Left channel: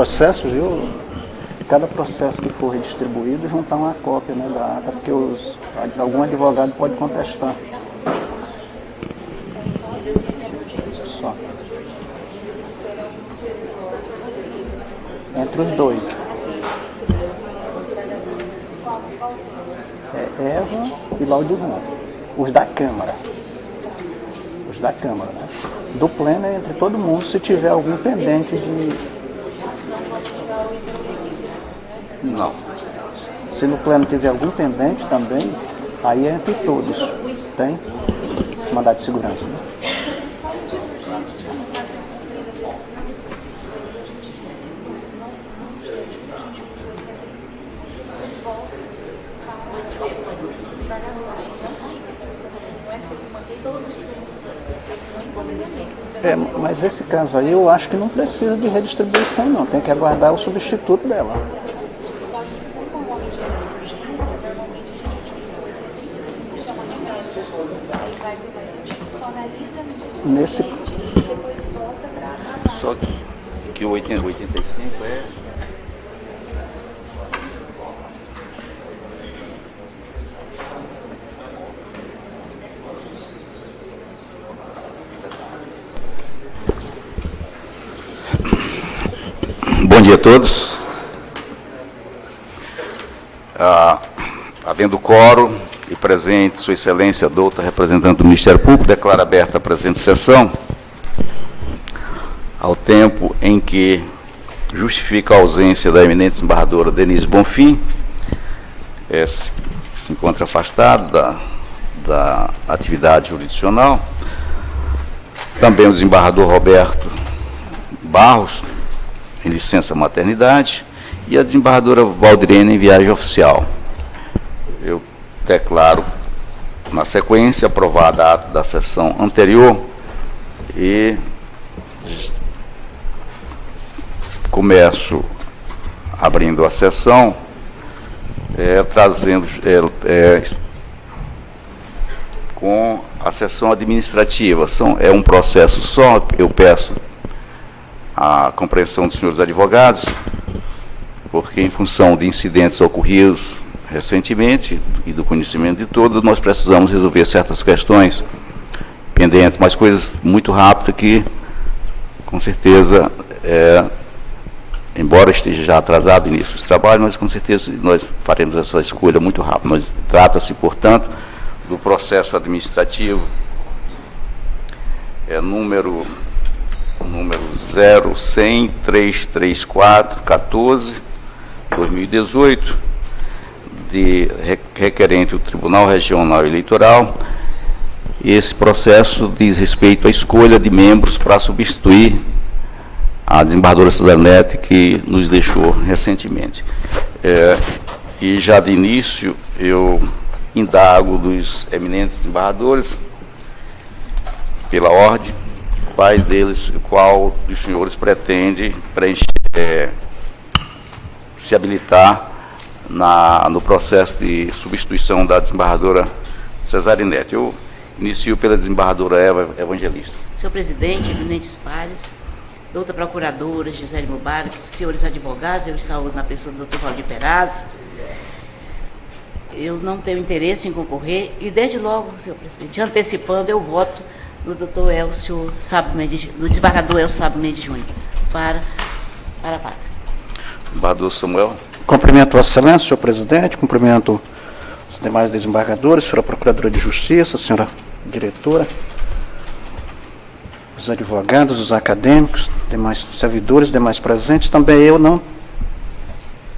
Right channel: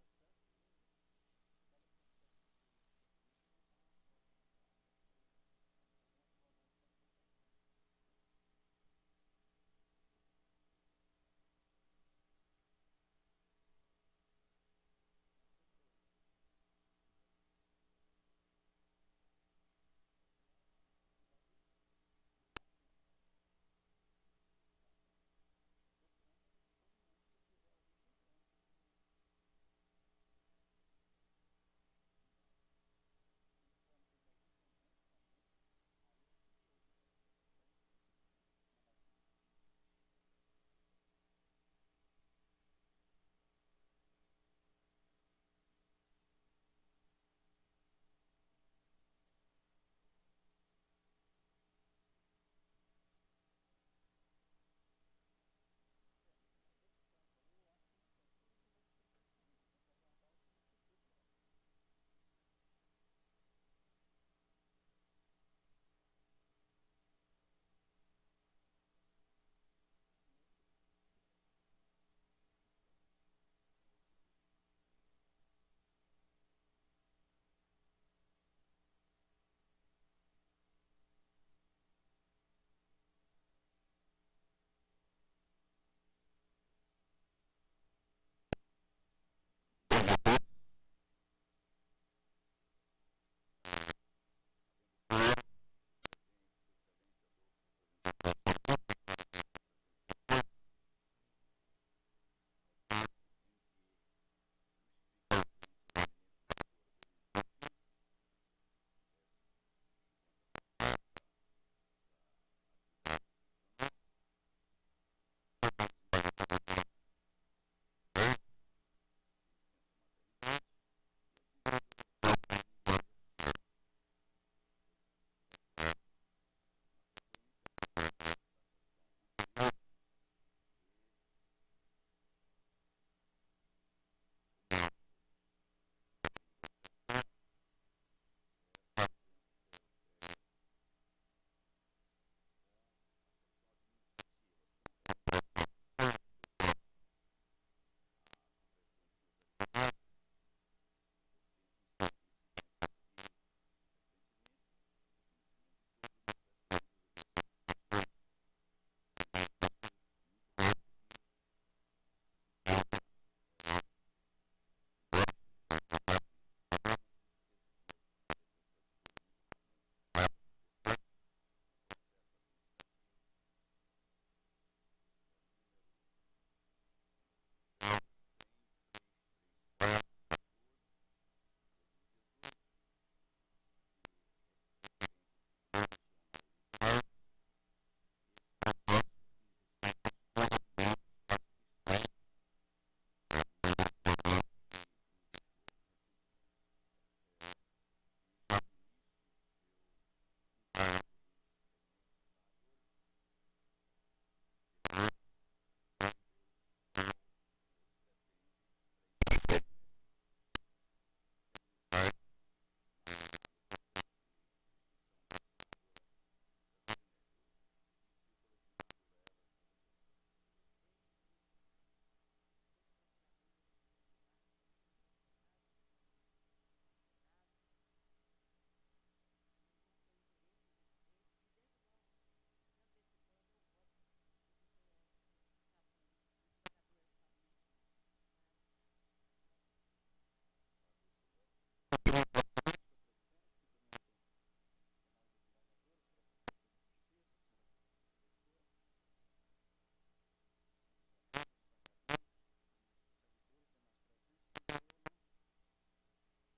processo, viu? Cada processo que for redistribuído, juntar uma cópia, né, da ata, porque algum advogado pode contestar. Só. Entre os dois. Eva e Laudivon. Os da Câmara. Os da Câmara, né? Do pleno é entre todo mundo, se tiver algum pendente de... Não. Se no pleno tiver algum pendente também, aí é entre todos. Tem mandado de segurança, né? Mas esse caso aí eu acho que não precisa de redistribuição não, tem que aguardar o substituto dela. Nesse... Só que o 85 é... Bom dia a todos. Havendo quórum e presente Sua Excelência, doutora representante do Ministério Público, declaro aberta a presente sessão, ao tempo em que justifica a ausência da eminente desembargadora Denise Bonfim, se encontra afastada da atividade jurisdicional, também o desembargador Roberto Barros, em licença maternidade, e a desembargadora Valdirene em viagem oficial. Eu declaro, na sequência, aprovada a ata da sessão anterior e começo abrindo a sessão, trazendo com a sessão administrativa. É um processo só, eu peço a compreensão dos senhores advogados, porque em função de incidentes ocorridos recentemente e do conhecimento de todos, nós precisamos resolver certas questões pendentes, mas coisas muito rápidas que, com certeza, embora esteja já atrasado o início dos trabalhos, mas com certeza nós faremos essa escolha muito rápido. Trata-se, portanto, do processo administrativo número 0.100.334/14/2018, de requerente o Tribunal Regional Eleitoral. Esse processo diz respeito à escolha de membros para substituir a desembargadora Suzanete, que nos deixou recentemente. E já de início eu indago dos eminentes desembargadores, pela ordem, quais deles, qual dos senhores pretende se habilitar no processo de substituição da desembargadora Cesarinete. Eu inicio pela desembargadora Eva Evangelista. Senhor presidente, eminentes pares, doutora procuradora Gisele Mubarak, senhores advogados, eu saúdo na pessoa do doutor Valdir Perazzo. Eu não tenho interesse em concorrer e, desde logo, senhor presidente, antecipando, eu voto no doutor Elcio Sábio Mendes, no desembargador Elcio Sábio Mendes Júnior, para a vaga. Desembargador Samuel. Cumprimento Vossa Excelência, senhor presidente, cumprimento os demais desembargadores, senhora procuradora de Justiça, senhora diretora, os advogados, os acadêmicos, demais servidores, demais presentes. Também eu não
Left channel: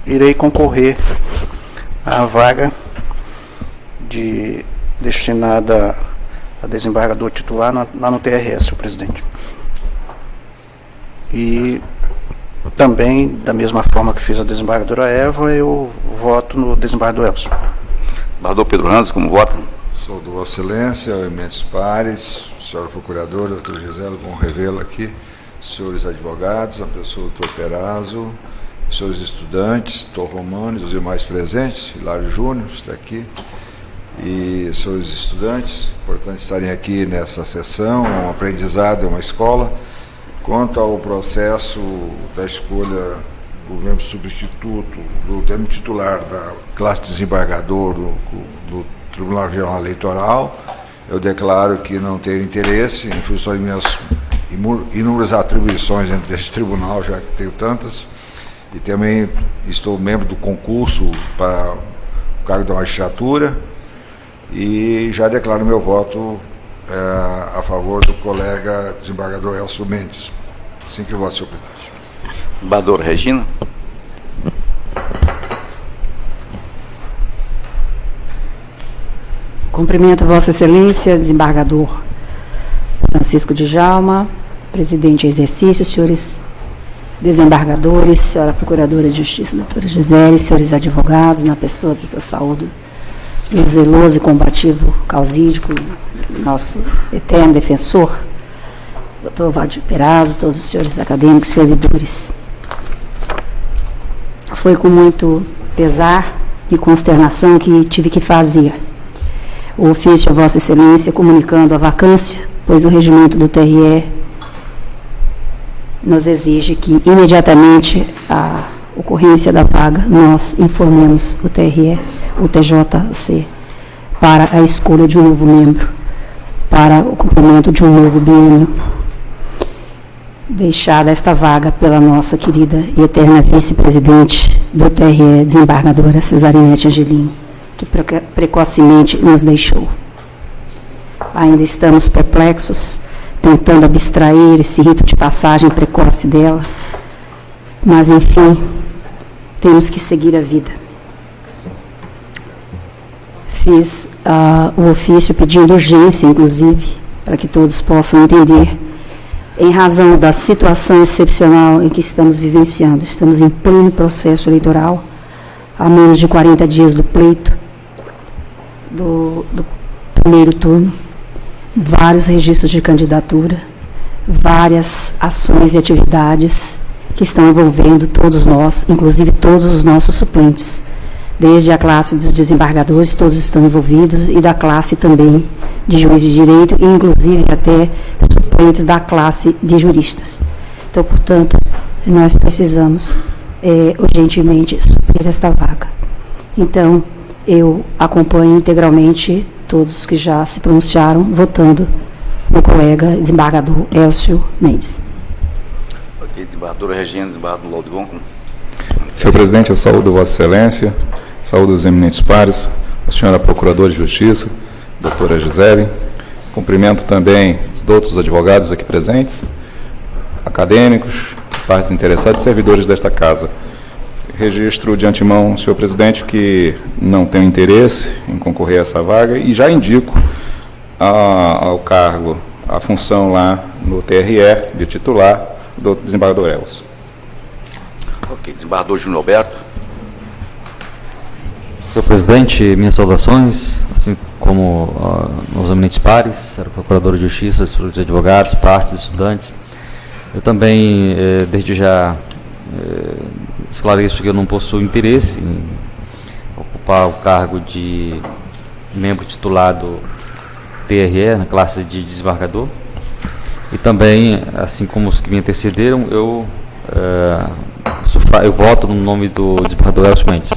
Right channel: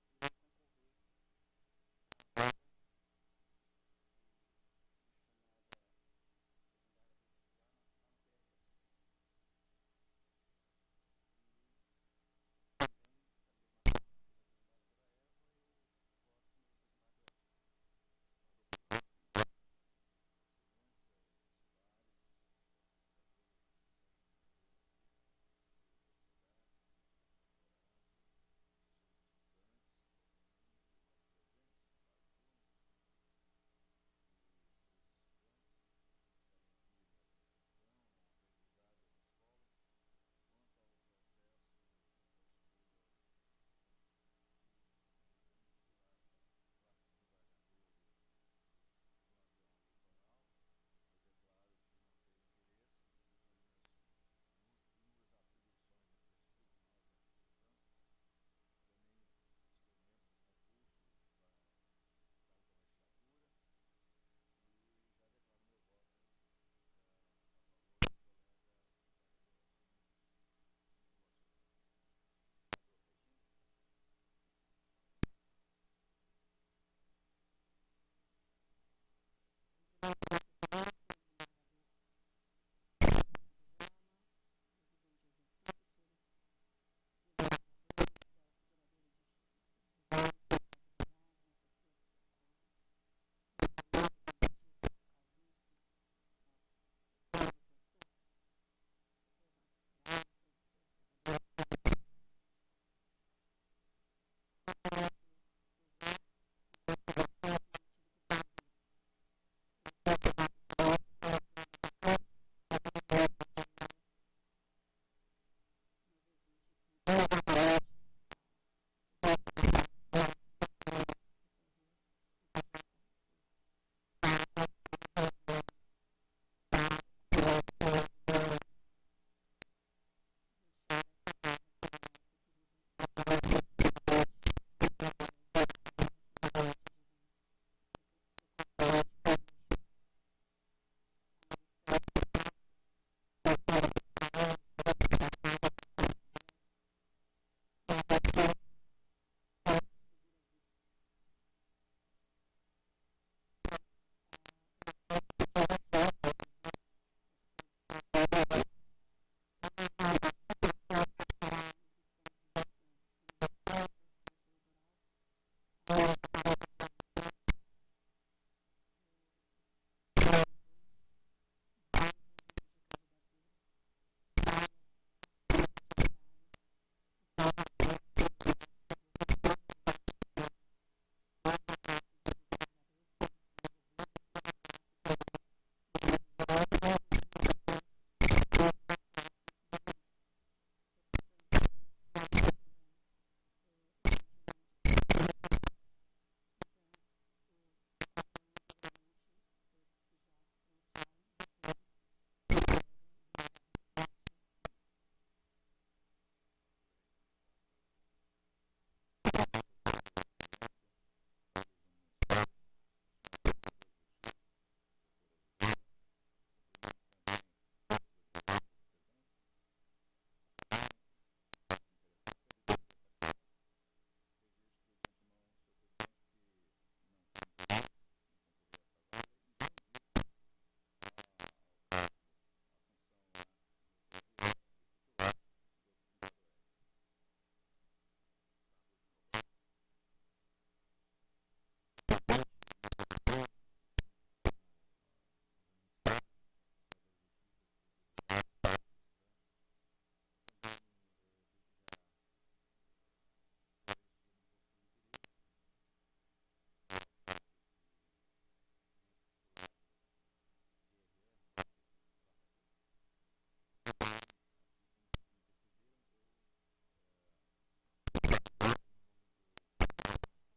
irei concorrer à vaga destinada a desembargador titular lá no TRS, senhor presidente. E também, da mesma forma que fiz a desembargadora Eva, eu voto no desembargador Elcio. Desembargador Pedro Ranz, como vota? Sou do Vossa Excelência, eminentes pares, senhora procuradora, doutor Gisele, bom revê-la aqui, senhores advogados, a pessoa do doutor Perazzo, senhores estudantes, doutor Romano e os demais presentes, Hilário Júnior está aqui, e senhores estudantes, importante estarem aqui nessa sessão, é um aprendizado, é uma escola. Quanto ao processo da escolha do membro substituto, do termo titular da classe desembargador do Tribunal Regional Eleitoral, eu declaro que não tenho interesse, em função de minhas inúmeras atribuições dentro desse tribunal, já que tenho tantas, e também estou membro do concurso para o cargo da magistratura, e já declaro meu voto a favor do colega desembargador Elcio Mendes. Assim que eu voto, senhor presidente. Desembargadora Regina. Cumprimento Vossa Excelência, desembargador Francisco Djalma, presidente em exercício, senhores desembargadores, senhora Procuradora de Justiça, doutora Gisele, senhores advogados, na pessoa aqui que eu saúdo, o zeloso e combativo causídico, nosso eterno defensor, doutor Valdir Perazzo, todos os senhores acadêmicos e servidores. Foi com muito pesar e consternação que tive que fazer o ofício a Vossa Excelência comunicando a vacância, pois o regimento do TRE nos exige que, imediatamente à ocorrência da vaga, nós informemos o TRE, o TJC, para a escolha de um novo membro, para o cumprimento de um novo biênio, deixada esta vaga pela nossa querida e eterna vice-presidente do TRE, desembargadora Cesarinete Angelim, que precocemente nos deixou. Ainda estamos perplexos, tentando abstrair esse rito de passagem precoce dela, mas, enfim, temos que seguir a vida. Fiz o ofício pedindo urgência, inclusive, para que todos possam entender, em razão da situação excepcional em que estamos vivenciando. Estamos em pleno processo eleitoral, a menos de 40 dias do pleito, do primeiro turno, vários registros de candidatura, várias ações e atividades que estão envolvendo todos nós, inclusive todos os nossos suplentes, desde a classe dos desembargadores, todos estão envolvidos, e da classe também de juiz de direito, e inclusive até suplentes da classe de juristas. Então, portanto, nós precisamos urgentemente suprir esta vaga. Então, eu acompanho integralmente todos que já se pronunciaram, votando no colega desembargador Elcio Mendes. Ok, desembargadora Regina, desembargador Laudivon. Senhor presidente, eu saúdo Vossa Excelência, saúdo os eminentes pares, a senhora Procuradora de Justiça, doutora Gisele, cumprimento também os outros advogados aqui presentes, acadêmicos, partes interessadas e servidores desta casa. Registro de antemão, senhor presidente, que não tenho interesse em concorrer a essa vaga e já indico ao cargo, a função lá no TRE de titular do desembargador Elcio. Ok, desembargador Júnior Alberto. Senhor presidente, minhas saudações, assim como aos eminentes pares, senhora Procuradora de Justiça, senhores advogados, partes, estudantes. Eu também, desde já, esclareço que eu não possuo interesse em ocupar o cargo de membro titular do TRE, na classe de desembargador. E também, assim como os que me antecederam, eu voto no nome do desembargador Elcio Mendes.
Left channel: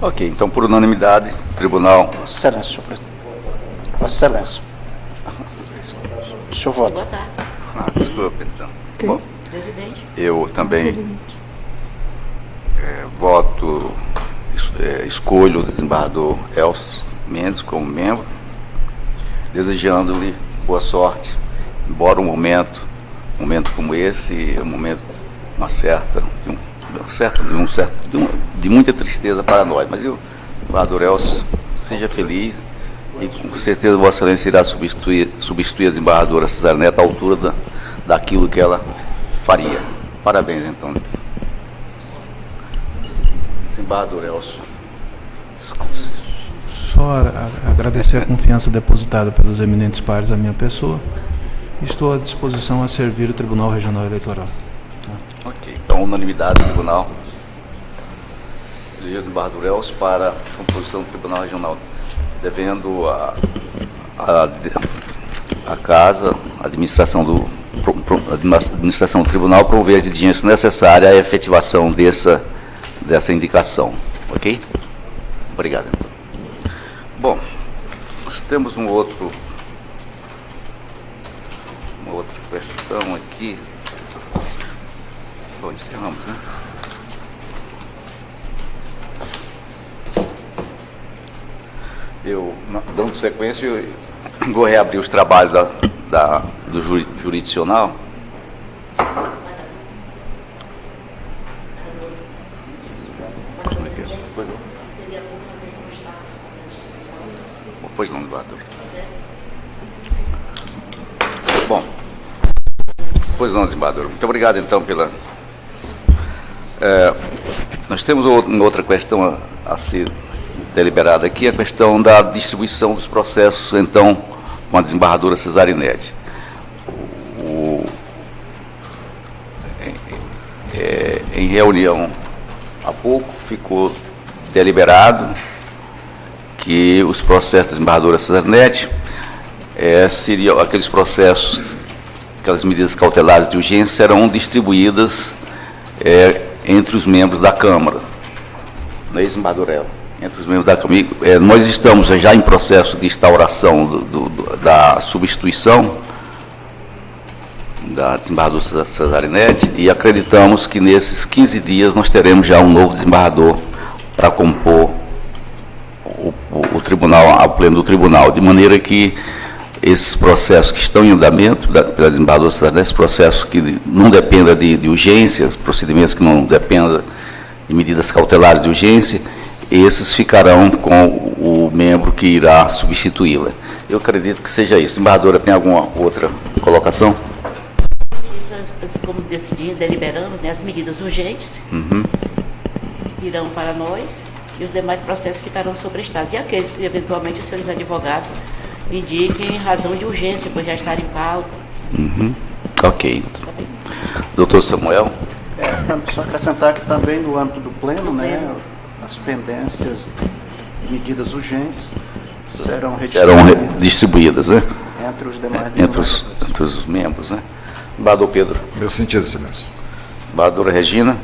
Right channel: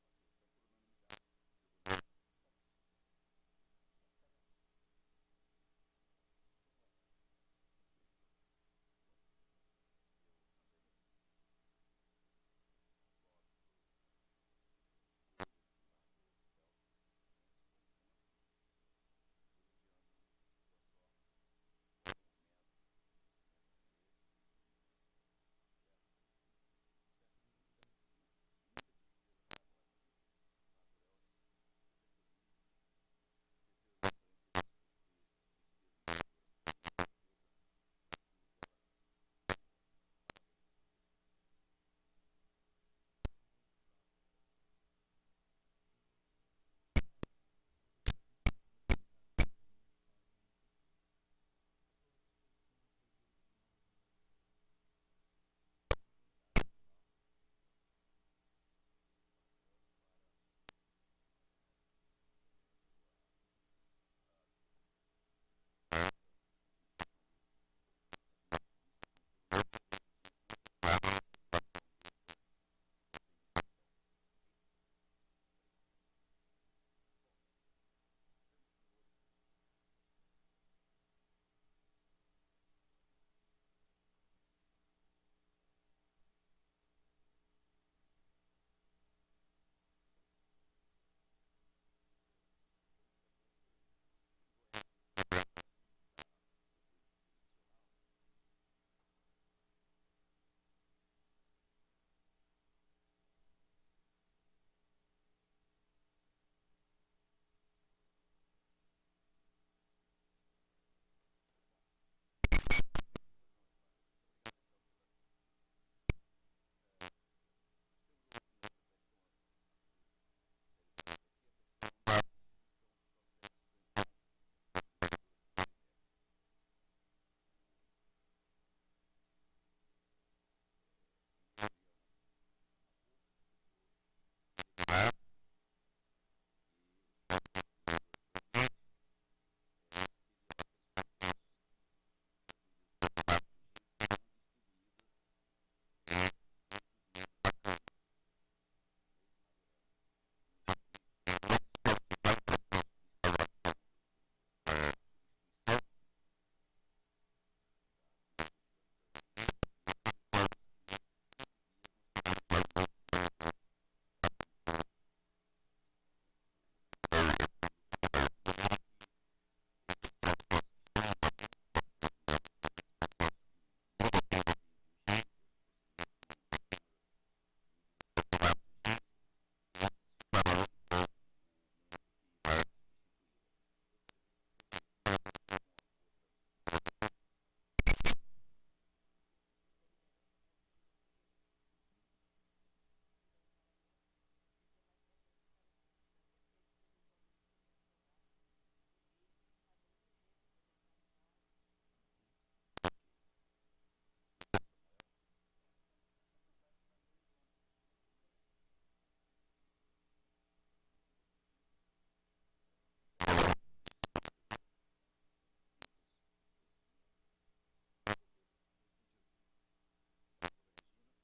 Ok, então, por unanimidade, o tribunal... Excelência, senhor presidente. Vossa Excelência. O senhor vota. Votar. Desculpa, então. Bom, Presidente. eu também voto, escolho o desembargador Elcio Mendes como membro, desejando-lhe boa sorte, embora um momento como esse é um momento de muita tristeza para nós, mas o desembargador Elcio seja feliz e com certeza Vossa Excelência irá substituir a desembargadora Cesarinete à altura daquilo que ela faria. Parabéns, então. Desembargador Elcio. Só agradecer a confiança depositada pelos eminentes pares à minha pessoa. Estou à disposição a servir o Tribunal Regional Eleitoral. Ok, então unanimidade do tribunal. Elegeu o desembargador Elcio para a composição do Tribunal Regional, devendo a casa, a administração do administração do tribunal prover as diligências necessárias à efetivação dessa indicação. Ok? Obrigado, então. Bom, nós temos uma outra questão aqui. Bom, encerramos, né? Dando sequência, eu vou reabrir os trabalhos do jurisdicional. Pois não, desembargador. Bom, pois não, desembargador. Muito obrigado, então, pela... nós temos uma outra questão a ser deliberada aqui, a questão da distribuição dos processos, então, com a desembargadora Cesarinete. Em reunião há pouco, ficou deliberado que os processos da desembargadora Cesarinete seriam aqueles processos, aquelas medidas cautelares de urgência serão distribuídas entre os membros da Câmara. Não é isso, desembargadora Eva? Entre os membros da Câmara. Nós estamos já em processo de instauração da substituição da desembargadora Cesarinete e acreditamos que nesses 15 dias nós teremos já um novo desembargador para compor o tribunal, ao pleno do tribunal, de maneira que esses processos que estão em andamento pela desembargadora Cesarinete, esses processos que não dependam de urgências, procedimentos que não dependam de medidas cautelares de urgência, esses ficarão com o membro que irá substituí-la. Eu acredito que seja isso. Desembargadora, tem alguma outra colocação? Isso, como decidimos, deliberamos, né, as medidas urgentes virão para nós e os demais processos ficarão sobrestados. E aqueles que, eventualmente, os senhores advogados indiquem razão de urgência, pois já estar em pauta. Ok. Doutor Samuel? Só acrescentar que também no âmbito do pleno, né, as pendências, medidas urgentes serão distribuídas, né? Entre os demais entre os membros, né? Desembargador Pedro. Meu sentido, excelência. Desembargadora Regina.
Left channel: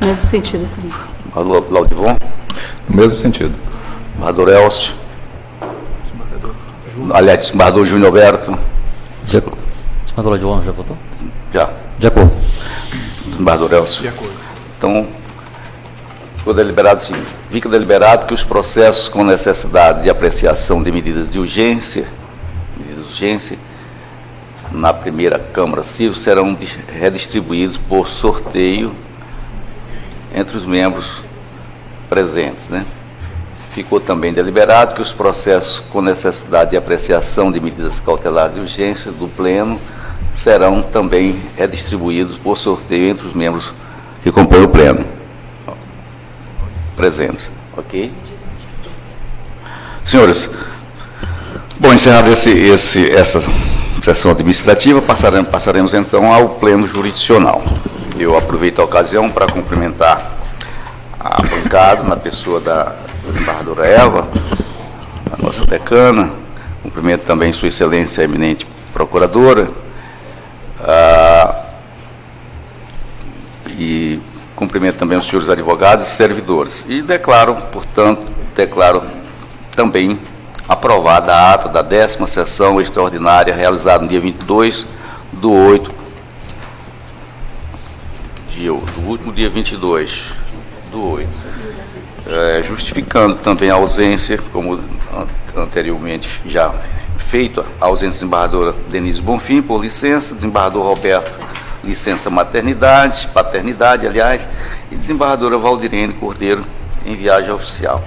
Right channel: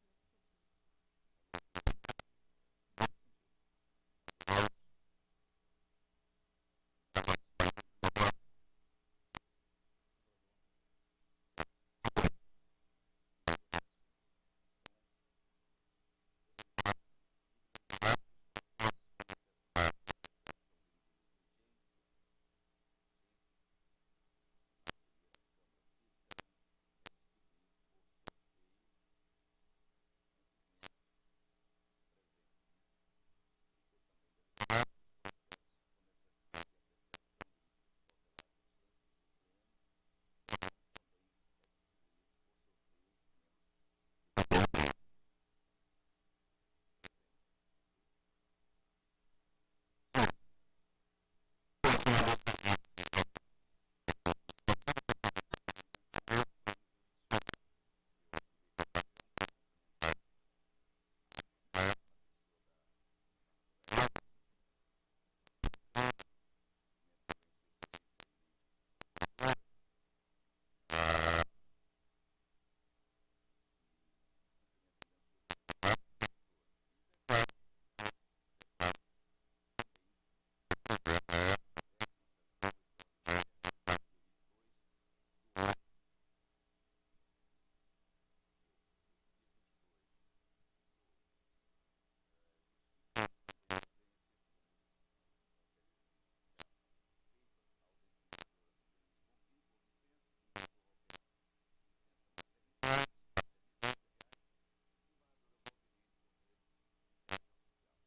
Mesmo sentido, excelência. Desembargador Laudivon. No mesmo sentido. Desembargador Elcio. Aliás, desembargador Júnior Alberto. Desembargador Laudivon, já votou? Já. De acordo. Desembargador Elcio. De acordo. Então, ficou deliberado sim. Fica deliberado que os processos com necessidade de apreciação de medidas de urgência, na primeira Câmara Civil, serão redistribuídos por sorteio entre os membros presentes, né? Ficou também deliberado que os processos com necessidade de apreciação de medidas cautelares de urgência do Pleno serão também redistribuídos por sorteio entre os membros que compõem o Pleno presentes. Ok? Senhores, bom, encerrada essa sessão administrativa, passaremos então ao Pleno Jurisdicional. Eu aproveito a ocasião para cumprimentar a bancada, na pessoa da desembargadora Eva, a nossa decana, cumprimento também Sua Excelência, a eminente procuradora, e cumprimento também os senhores advogados e servidores. E declaro, portanto, também aprovada a ata da 10ª sessão extraordinária realizada no dia 22/8, do último dia 22/8, justificando também a ausência, como anteriormente já feito, a ausência da desembargadora Denise Bonfim, por licença, desembargador Roberto, licença paternidade, aliás, e desembargadora Valdirene Cordeiro, em viagem oficial.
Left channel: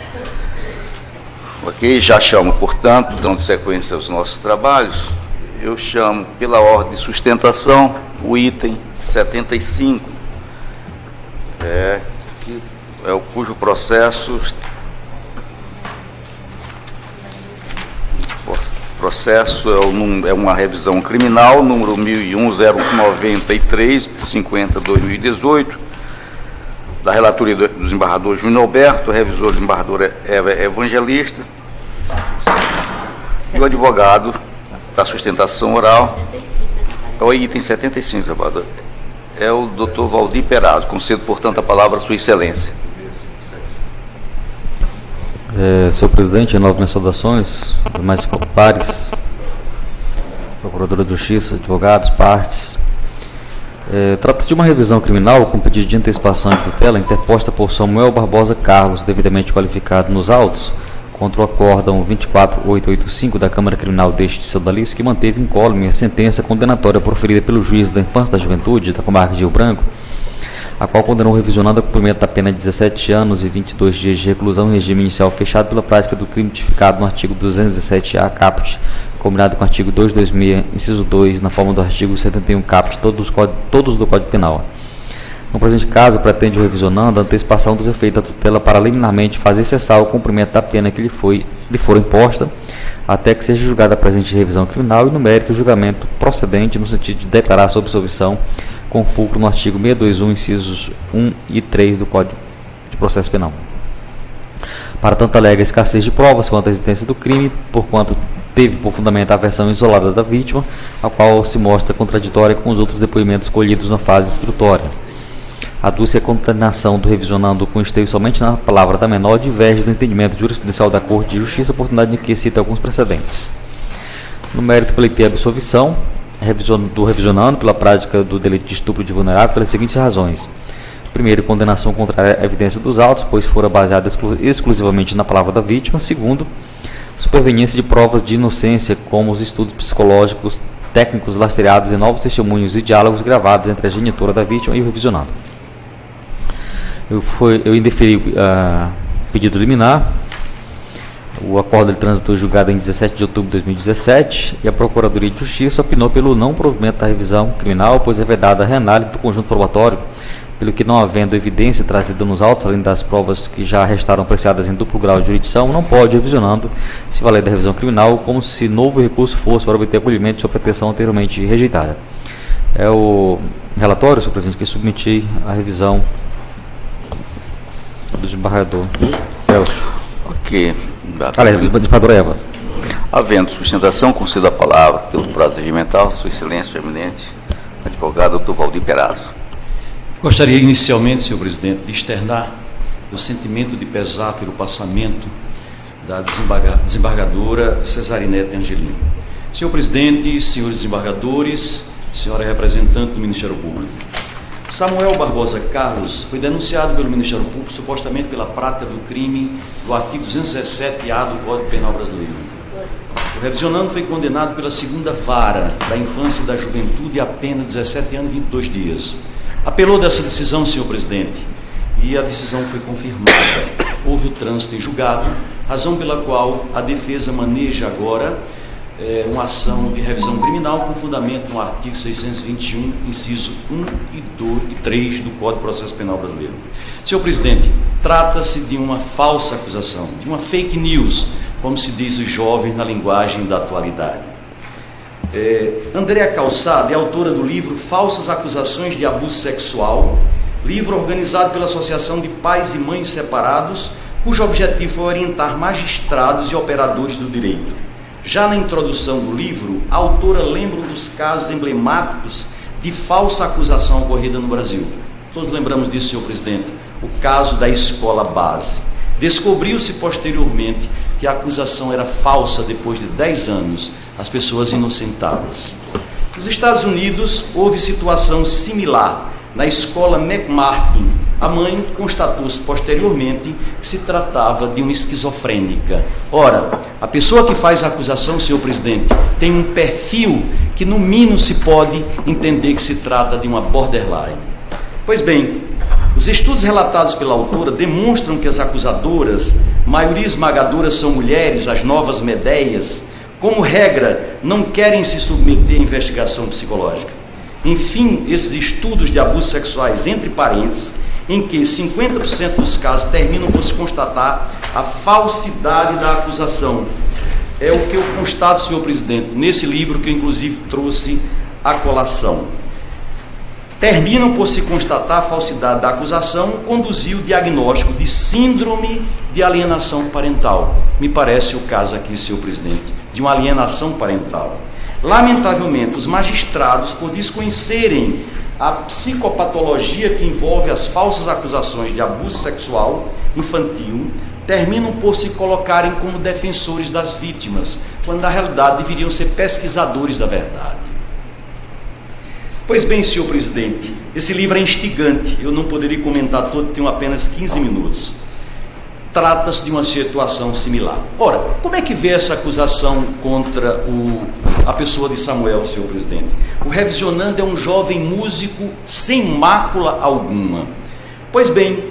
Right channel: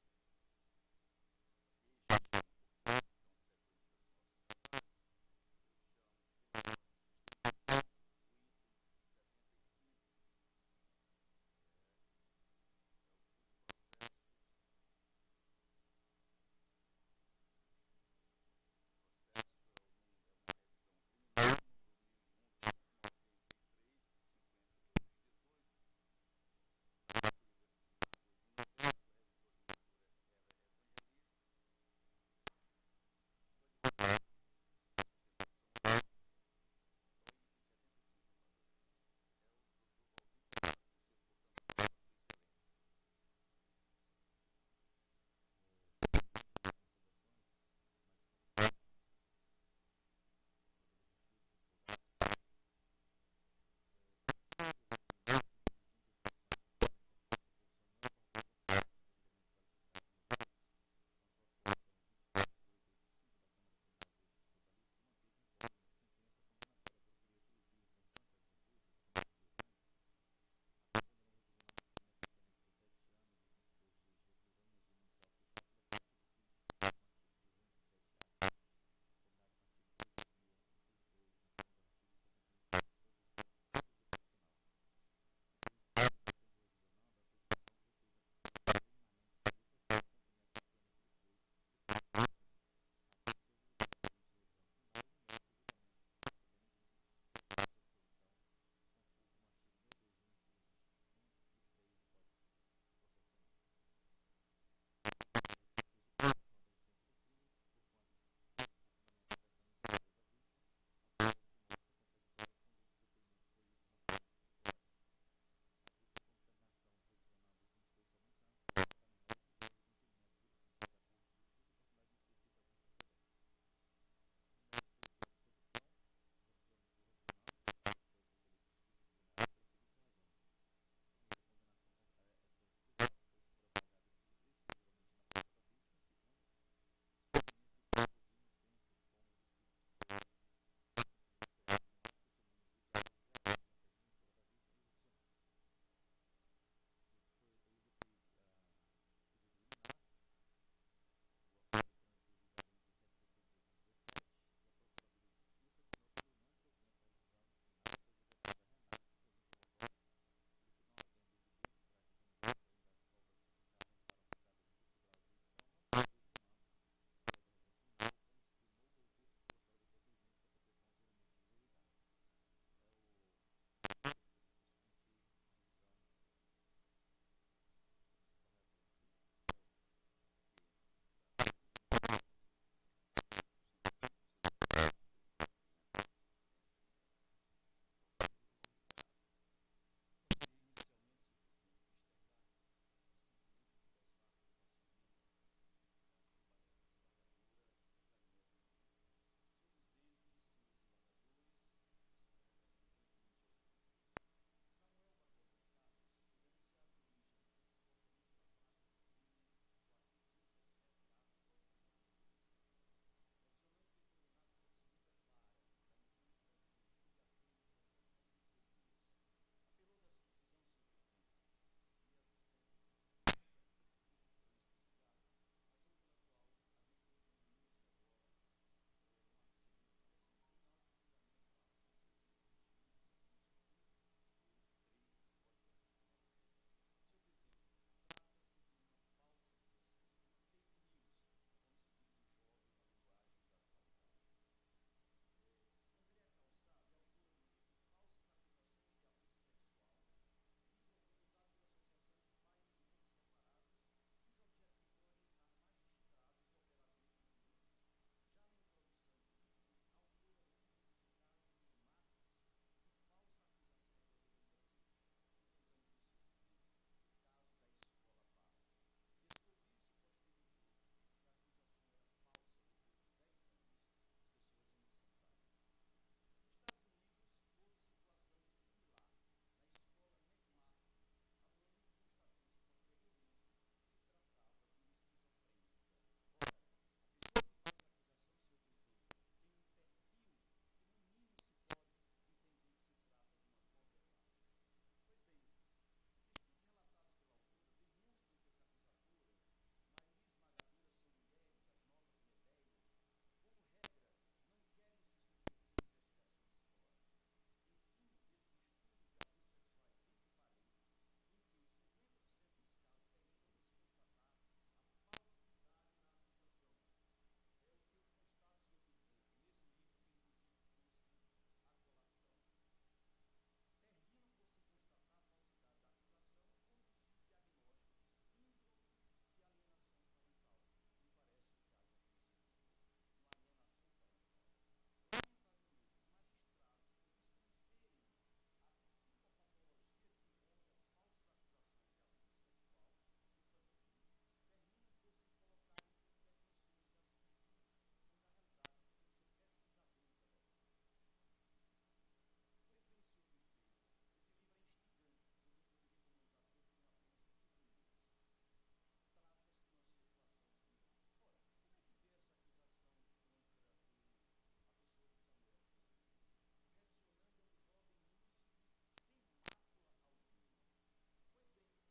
Ok? Já chamo, portanto, dando sequência aos nossos trabalhos, eu chamo pela ordem de sustentação o item 75, cujo processo é uma revisão criminal, número 1001-093-50/2018, da relatoria do desembargador Júnior Alberto, revisor desembargadora Eva Evangelista, e o advogado da sustentação oral, É o item 75, senador. É o doutor Valdir Perazzo. Concedo, portanto, a palavra à sua excelência. Senhor presidente, novas saudações, demais pares, procuradora de justiça, advogados, partes. Trata-se de uma revisão criminal com pedido de antecipação de tutela interposta por Samuel Barbosa Carlos, devidamente qualificado nos autos, contra o acórdão 24885 da Câmara Criminal deste Sodalice, que manteve incólume a sentença condenatória proferida pelo juiz da infância e da juventude da comarca de Rio Branco, a qual condenou o revisionando a cumprimento da pena de 17 anos e 22 dias de reclusão em regime inicial fechado pela prática do crime tipificado no artigo 217-A caput, combinado com o artigo 226, inciso 2, na forma do artigo 71 caput, todos do Código Penal. No presente caso, pretende o revisionando a antecipação dos efeitos da tutela para liminarmente fazer cessar o cumprimento da pena que lhe for imposta, até que seja julgada a presente revisão criminal e, no mérito, o julgamento procedente no sentido de declarar sua absolvição com fulcro no artigo 621, incisos 1 e 3 do Código de Processo Penal. Para tanto, alega escassez de provas quanto à existência do crime, porquanto teve por fundamento a versão isolada da vítima, a qual se mostra contraditória com os outros depoimentos colhidos na fase instrutória. Aduz-se a condenação do revisionando com esteio somente na palavra da menor, diverge do entendimento jurisprudencial da Corte de Justiça, oportunidade em que cita alguns precedentes. No mérito, pleiteia a absolvição do revisionando pela prática do delito de estupro de vulnerável pelas seguintes razões. Primeiro, condenação contrária à evidência dos autos, pois fora baseada exclusivamente na palavra da vítima. Segundo, superveniência de provas de inocência, como os estudos psicológicos técnicos lastreados em novos testemunhos e diálogos gravados entre a genitora da vítima e o revisionado. Eu indeferi pedido liminar. O acordo de trânsito julgado em 17 de outubro de 2017 e a Procuradoria de Justiça opinou pelo não provimento da revisão criminal, pois é vedada a reanálise do conjunto probatório, pelo que, não havendo evidência trazida nos autos, além das provas que já restaram apreciadas em duplo grau de jurisdição, não pode, revisionando, se valer da revisão criminal, como se novo recurso fosse para obter acolhimento de sua pretensão anteriormente rejeitada. É o relatório, senhor presidente, que submeti à revisão do desembargador Elcio. Ok. Desembargador Eva. Havendo sustentação, concedo a palavra pelo prazo regimental, sua excelência, eminente advogado, doutor Valdir Perazzo. Gostaria inicialmente, senhor presidente, de externar o sentimento de pesar pelo passamento da desembargadora Cesarinete Angelini. Senhor presidente, senhores desembargadores, senhora representante do Ministério Público, Samuel Barbosa Carlos foi denunciado pelo Ministério Público supostamente pela prática do crime do artigo 217-A do Código Penal Brasileiro. O revisionando foi condenado pela segunda vara da infância e da juventude a pena de 17 anos e 22 dias. Apelou dessa decisão, senhor presidente, e a decisão foi confirmada. Houve o trânsito em julgado, razão pela qual a defesa maneja agora uma ação de revisão criminal com fundamento no artigo 621, inciso 1 e 2 e 3 do Código de Processo Penal Brasileiro. Senhor presidente, trata-se de uma falsa acusação, de uma fake news, como se diz os jovens na linguagem da atualidade. Andréa Calçada é autora do livro Falsas Acusações de Abuso Sexual, livro organizado pela Associação de Pais e Mães Separados, cujo objetivo foi orientar magistrados e operadores do direito. Já na introdução do livro, a autora lembra um dos casos emblemáticos de falsa acusação ocorrida no Brasil. Todos lembramos disso, senhor presidente, o caso da escola base. Descobriu-se posteriormente que a acusação era falsa depois de 10 anos, as pessoas inocentadas. Nos Estados Unidos, houve situação similar. Na escola McMartin, a mãe constatou-se posteriormente que se tratava de uma esquizofrênica. Ora, a pessoa que faz a acusação, senhor presidente, tem um perfil que no mínimo se pode entender que se trata de uma borderline. Pois bem, os estudos relatados pela autora demonstram que as acusadoras, maioria esmagadora, são mulheres, as novas Medeias, como regra, não querem se submeter à investigação psicológica. Enfim, esses estudos de abusos sexuais entre parentes, em que 50% dos casos terminam por se constatar a falsidade da acusação. É o que eu constato, senhor presidente, nesse livro que eu inclusive trouxe à colação. Terminam por se constatar a falsidade da acusação, conduziu o diagnóstico de síndrome de alienação parental. Me parece o caso aqui, senhor presidente, de uma alienação parental. Lamentavelmente, os magistrados, por desconhecerem a psicopatologia que envolve as falsas acusações de abuso sexual infantil, terminam por se colocarem como defensores das vítimas, quando na realidade deveriam ser pesquisadores da verdade. Pois bem, senhor presidente, esse livro é instigante, eu não poderia comentar todo, tenho apenas 15 minutos. Trata-se de uma situação similar. Ora, como é que vê essa acusação contra a pessoa de Samuel, senhor presidente? O revisionando é um jovem músico sem mácula alguma. Pois bem,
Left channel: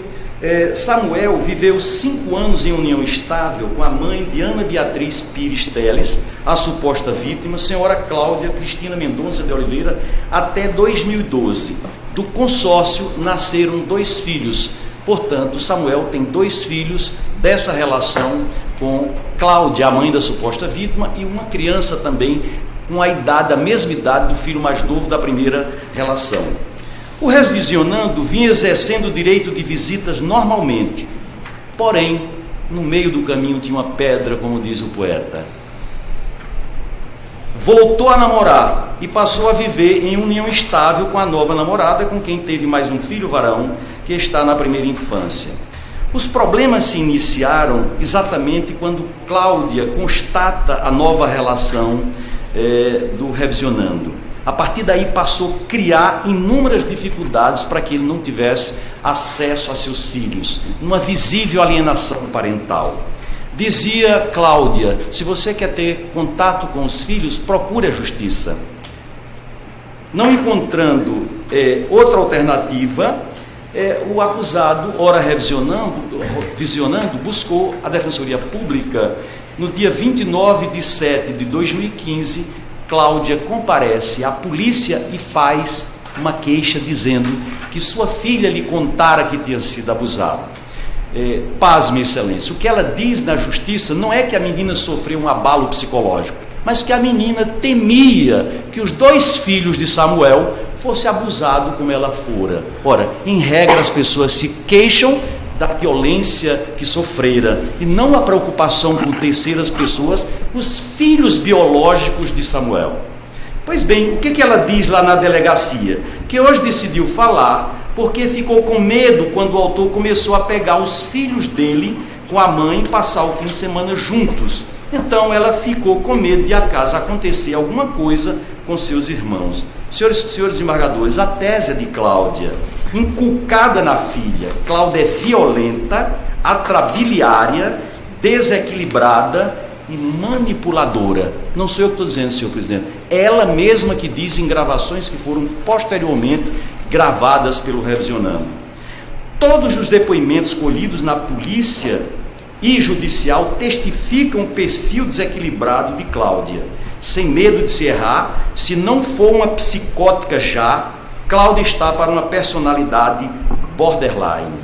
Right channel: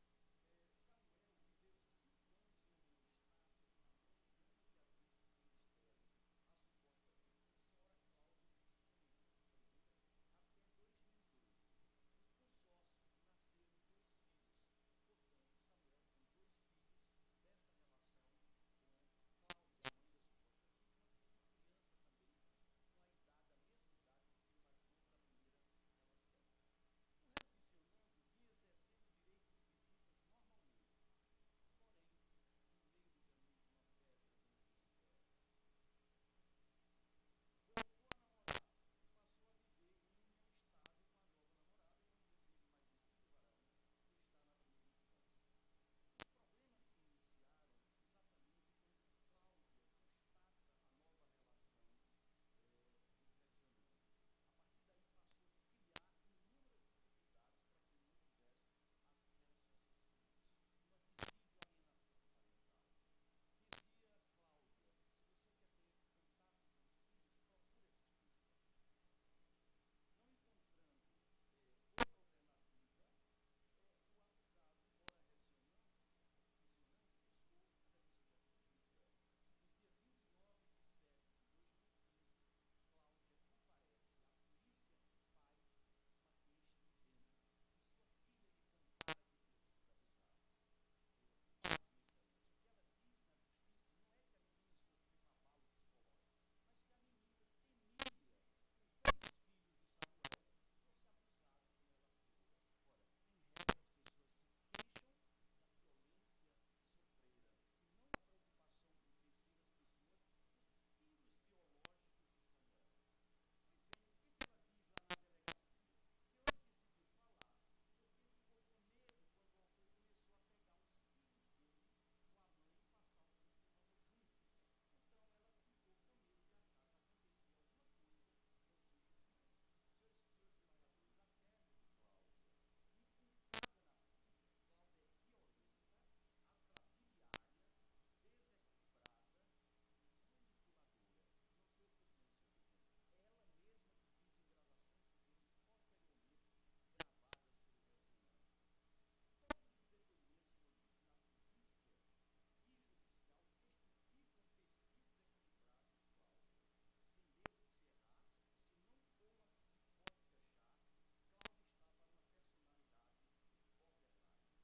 Samuel viveu 5 anos em união estável com a mãe de Ana Beatriz Pires Teles, a suposta vítima, senhora Cláudia Cristina Mendonça de Oliveira, até 2012. Do consórcio nasceram 2 filhos. Portanto, Samuel tem 2 filhos dessa relação com Cláudia, a mãe da suposta vítima, e uma criança também com a mesma idade do filho mais novo da primeira relação. O revisionando vinha exercendo o direito de visitas normalmente, porém, no meio do caminho tinha uma pedra, como diz o poeta. Voltou a namorar e passou a viver em união estável com a nova namorada, com quem teve mais um filho varão, que está na primeira infância. Os problemas se iniciaram exatamente quando Cláudia constata a nova relação do revisionando. A partir daí passou a criar inúmeras dificuldades para que ele não tivesse acesso a seus filhos, uma visível alienação parental. Dizia Cláudia: se você quer ter contato com os filhos, procure a justiça. Não encontrando outra alternativa, o acusado, ora revisionando, buscou a Defensoria Pública. No dia 29 de 7 de 2015, Cláudia comparece à polícia e faz uma queixa dizendo que sua filha lhe contara que tinha sido abusada. Pasme, excelência, o que ela diz na justiça não é que a menina sofreu um abalo psicológico, mas que a menina temia que os 2 filhos de Samuel fossem abusados como ela fora. Ora, em regra as pessoas se queixam da violência que sofrera e não a preocupação com terceiras pessoas, os filhos biológicos de Samuel. Pois bem, o que ela diz lá na delegacia? Que hoje decidiu falar porque ficou com medo quando o autor começou a pegar os filhos dele com a mãe e passar o fim de semana juntos. Então ela ficou com medo de acaso acontecer alguma coisa com seus irmãos. Senhores embargadores, a tese de Cláudia, inculcada na filha, Cláudia é violenta, atrabiliária, desequilibrada e manipuladora. Não sou eu que estou dizendo, senhor presidente, ela mesma que diz em gravações que foram posteriormente gravadas pelo revisionando. Todos os depoimentos colhidos na polícia e judicial testificam o perfil desequilibrado de Cláudia. Sem medo de se errar, se não for uma psicótica já, Cláudia está para uma personalidade borderline.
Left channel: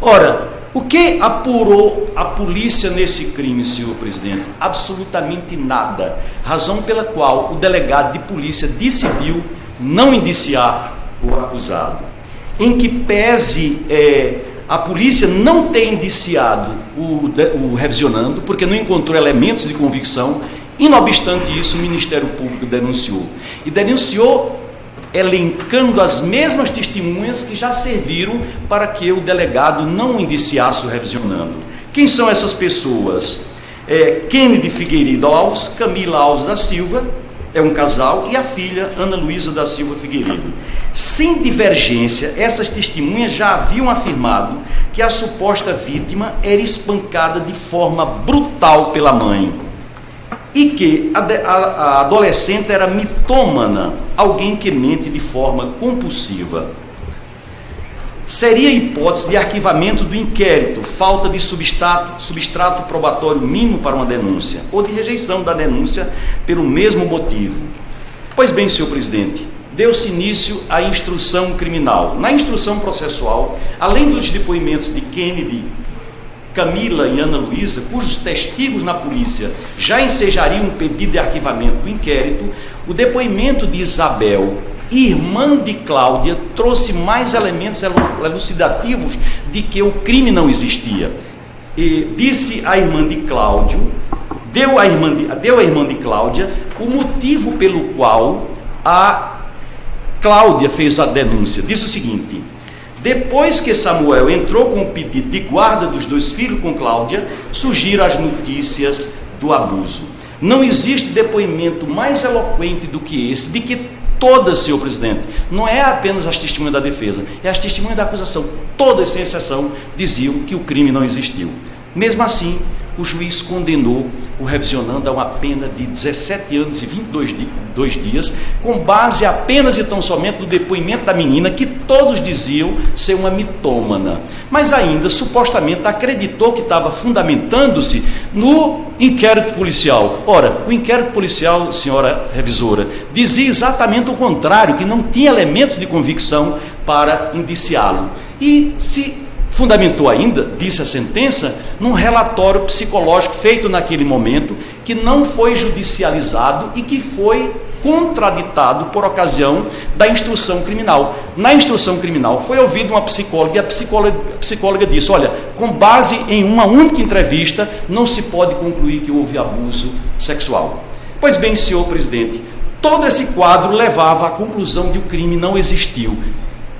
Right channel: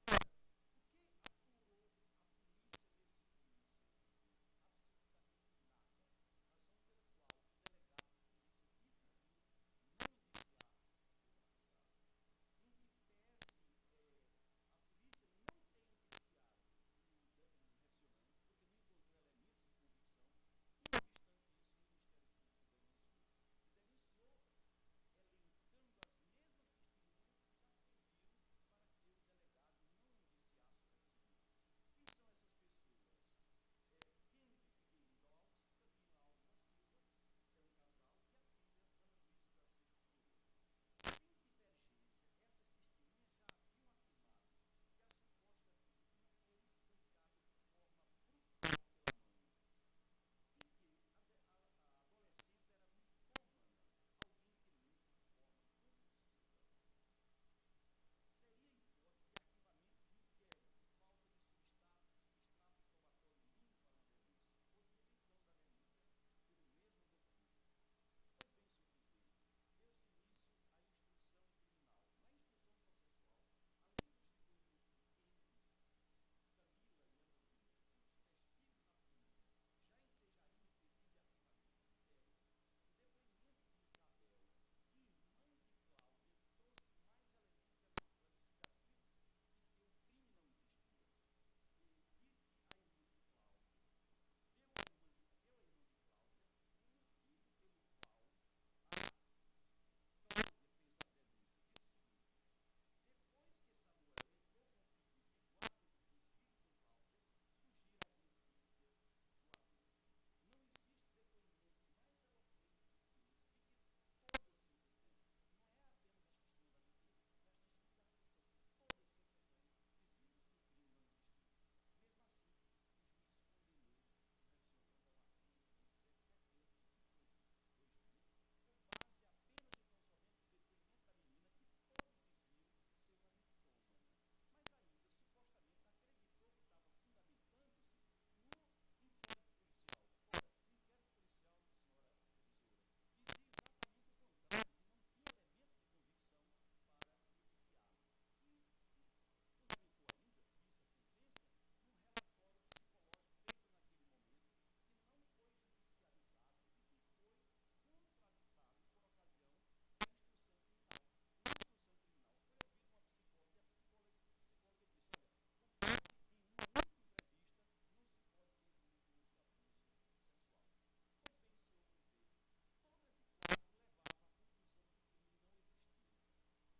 Ora, o que apurou a polícia nesse crime, senhor presidente? Absolutamente nada. Razão pela qual o delegado de polícia decidiu não indiciar o acusado. Em que pese a polícia não ter indiciado o revisionando, porque não encontrou elementos de convicção, e não obstante isso, o Ministério Público denunciou. E denunciou elencando as mesmas testemunhas que já serviram para que o delegado não indiciasse o revisionando. Quem são essas pessoas? Kennedy Figueiredo Alves, Camila Alves da Silva, é um casal, e a filha Ana Luísa da Silva Figueiredo. Sem divergência, essas testemunhas já haviam afirmado que a suposta vítima era espancada de forma brutal pela mãe e que a adolescente era mitômana, alguém que mente de forma compulsiva. Seria hipótese de arquivamento do inquérito, falta de substrato probatório mínimo para uma denúncia, ou de rejeição da denúncia pelo mesmo motivo. Pois bem, senhor presidente, deu-se início à instrução criminal. Na instrução processual, além dos depoimentos de Kennedy, Camila e Ana Luísa, cujos testigos na polícia já ensejariam um pedido de arquivamento do inquérito, o depoimento de Isabel, irmã de Cláudia, trouxe mais elementos elucidativos de que o crime não existia. E disse a irmã de Cláudio, deu à irmã de Cláudia o motivo pelo qual a Cláudia fez a denúncia. Disse o seguinte: depois que Samuel entrou com o pedido de guarda dos 2 filhos com Cláudia, surgiram as notícias do abuso. Não existe depoimento mais eloquente do que esse, de que todas, senhor presidente, não é apenas as testemunhas da defesa, é as testemunhas da acusação, todas sem exceção diziam que o crime não existiu. Mesmo assim, o juiz condenou o revisionando a uma pena de 17 anos e 22 dias, com base apenas e tão somente no depoimento da menina, que todos diziam ser uma mitômana, mas ainda supostamente acreditou que estava fundamentando-se no inquérito policial. Ora, o inquérito policial, senhora revisora, dizia exatamente o contrário, que não tinha elementos de convicção para indiciá-lo. E se fundamentou ainda, disse a sentença, num relatório psicológico feito naquele momento, que não foi judicializado e que foi contraditado por ocasião da instrução criminal. Na instrução criminal foi ouvida uma psicóloga e a psicóloga disse: olha, com base em uma única entrevista, não se pode concluir que houve abuso sexual. Pois bem, senhor presidente, todo esse quadro levava à conclusão de que o crime não existiu.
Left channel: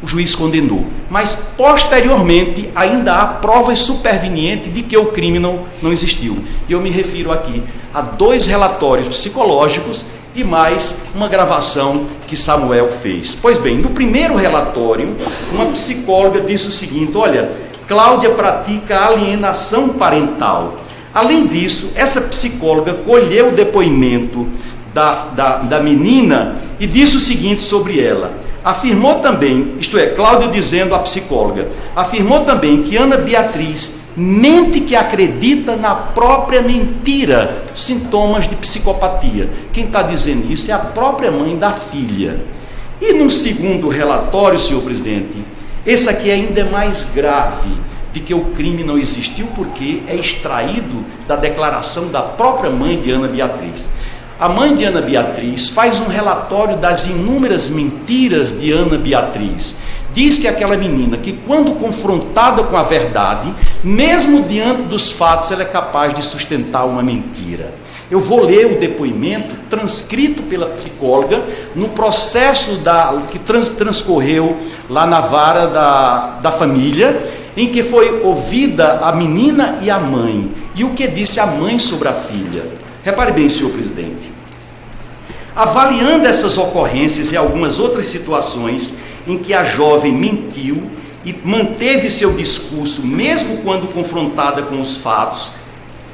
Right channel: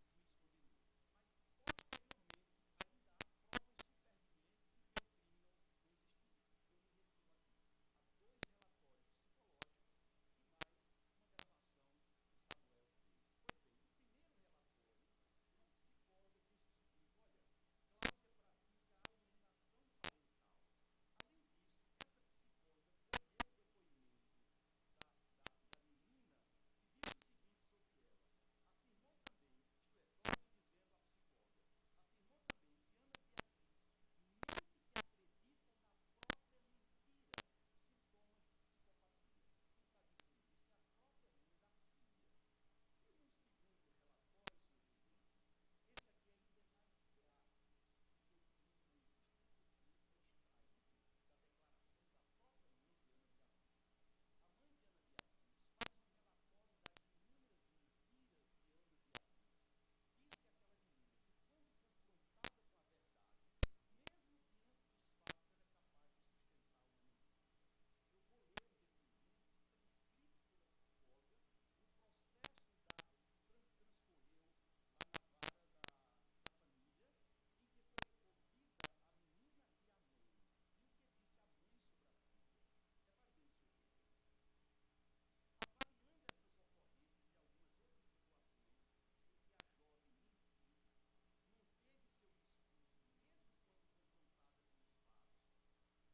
O juiz condenou, mas posteriormente ainda há provas supervenientes de que o crime não existiu. E eu me refiro aqui a 2 relatórios psicológicos e mais uma gravação que Samuel fez. Pois bem, no primeiro relatório, uma psicóloga disse o seguinte: olha, Cláudia pratica alienação parental. Além disso, essa psicóloga colheu o depoimento da menina e disse o seguinte sobre ela. Afirmou também, isto é, Cláudia dizendo à psicóloga, afirmou também que Ana Beatriz mente, que acredita na própria mentira, sintomas de psicopatia. Quem está dizendo isso é a própria mãe da filha. E num segundo relatório, senhor presidente, esse aqui ainda é mais grave, de que o crime não existiu, porque é extraído da declaração da própria mãe de Ana Beatriz. A mãe de Ana Beatriz faz um relatório das inúmeras mentiras de Ana Beatriz. Diz que aquela menina, que quando confrontada com a verdade, mesmo diante dos fatos, ela é capaz de sustentar uma mentira. Eu vou ler o depoimento transcrito pela psicóloga no processo que transcorreu lá na vara da família, em que foi ouvida a menina e a mãe. E o que disse a mãe sobre a filha? Repare bem, senhor presidente. Avaliando essas ocorrências e algumas outras situações em que a jovem mentiu e manteve seu discurso mesmo quando confrontada com os fatos,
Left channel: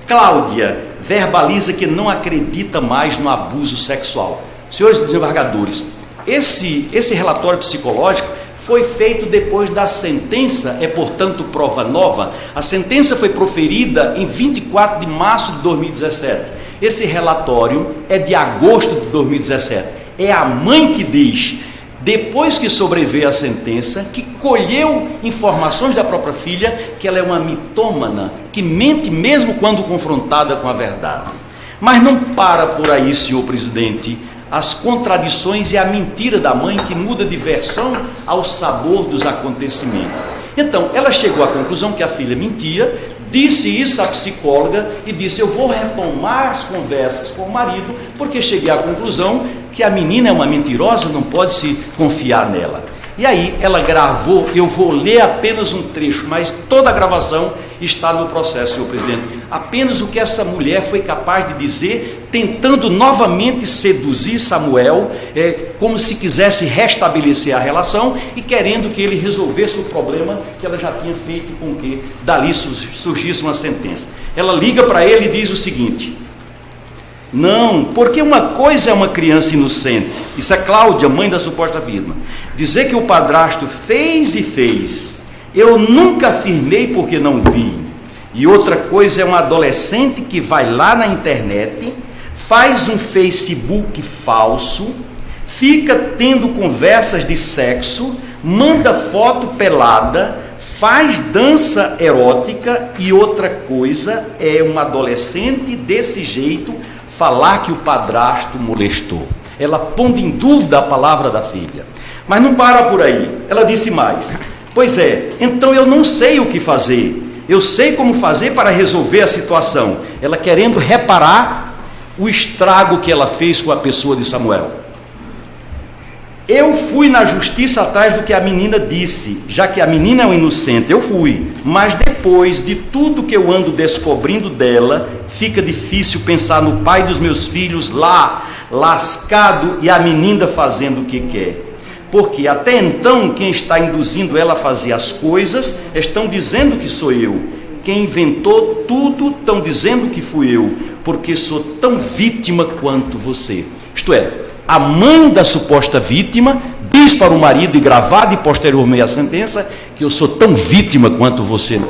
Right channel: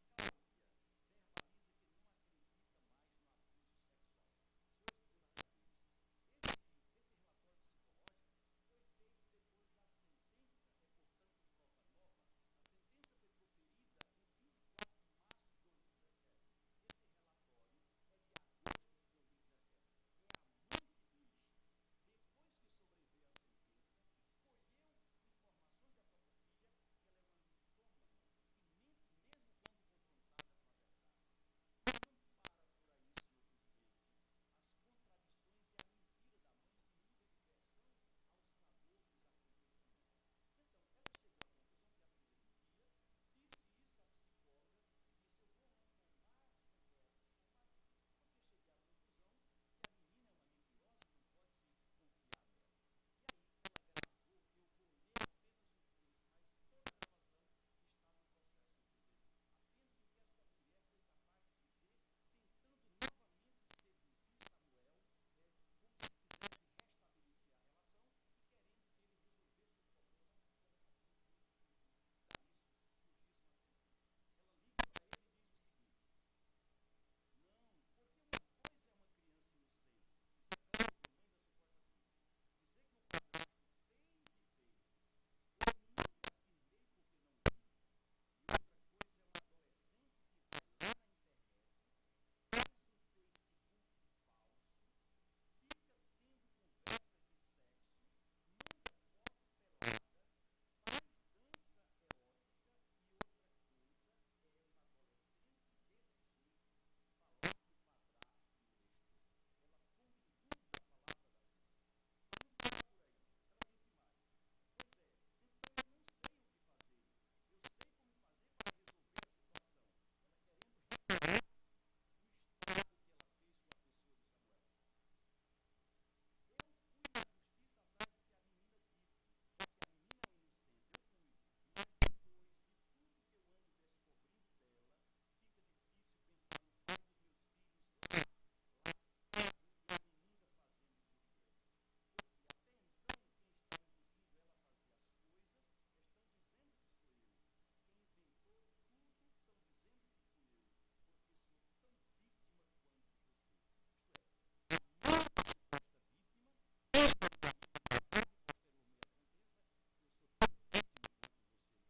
Cláudia verbaliza que não acredita mais no abuso sexual. Senhores desembargadores, esse relatório psicológico foi feito depois da sentença, é portanto prova nova. A sentença foi proferida em 24 de março de 2017. Esse relatório é de agosto de 2017. É a mãe que diz, depois que sobreveio a sentença, que colheu informações da própria filha, que ela é uma mitômana, que mente mesmo quando confrontada com a verdade. Mas não para por aí, senhor presidente, as contradições e a mentira da mãe, que muda de versão ao sabor dos acontecimentos. Então, ela chegou à conclusão que a filha mentia, disse isso à psicóloga e disse: eu vou retomar as conversas com o marido, porque cheguei à conclusão que a menina é uma mentirosa, não pode se confiar nela. E aí ela gravou, eu vou ler apenas um trecho, mas toda a gravação está no processo, senhor presidente. Apenas o que essa mulher foi capaz de dizer, tentando novamente seduzir Samuel, como se quisesse restabelecer a relação e querendo que ele resolvesse o problema que ela já tinha feito com que dali surgisse uma sentença. Ela liga para ele e diz o seguinte: não, porque uma coisa é uma criança inocente, isso é Cláudia, mãe da suposta vítima, dizer que o padrasto fez e fez, eu nunca afirmei porque não vi. E outra coisa é um adolescente que vai lá na internet, faz um Facebook falso, fica tendo conversas de sexo, manda foto pelada, faz dança erótica. E outra coisa é um adolescente desse jeito falar que o padrasto molestou. Ela pondo em dúvida a palavra da filha. Mas não para por aí. Ela disse mais: pois é, então eu não sei o que fazer. Eu sei como fazer para resolver a situação. Ela querendo reparar o estrago que ela fez com a pessoa de Samuel. Eu fui na justiça atrás do que a menina disse, já que a menina é um inocente, eu fui. Mas depois de tudo que eu ando descobrindo dela, fica difícil pensar no pai dos meus filhos lá, lascado, e a menina fazendo o que quer. Porque até então, quem está induzindo ela a fazer as coisas, estão dizendo que sou eu. Quem inventou tudo, estão dizendo que fui eu, porque sou tão vítima quanto você. Isto é, a mãe da suposta vítima diz para o marido, e gravado e posteriormente a sentença, que eu sou tão vítima quanto você.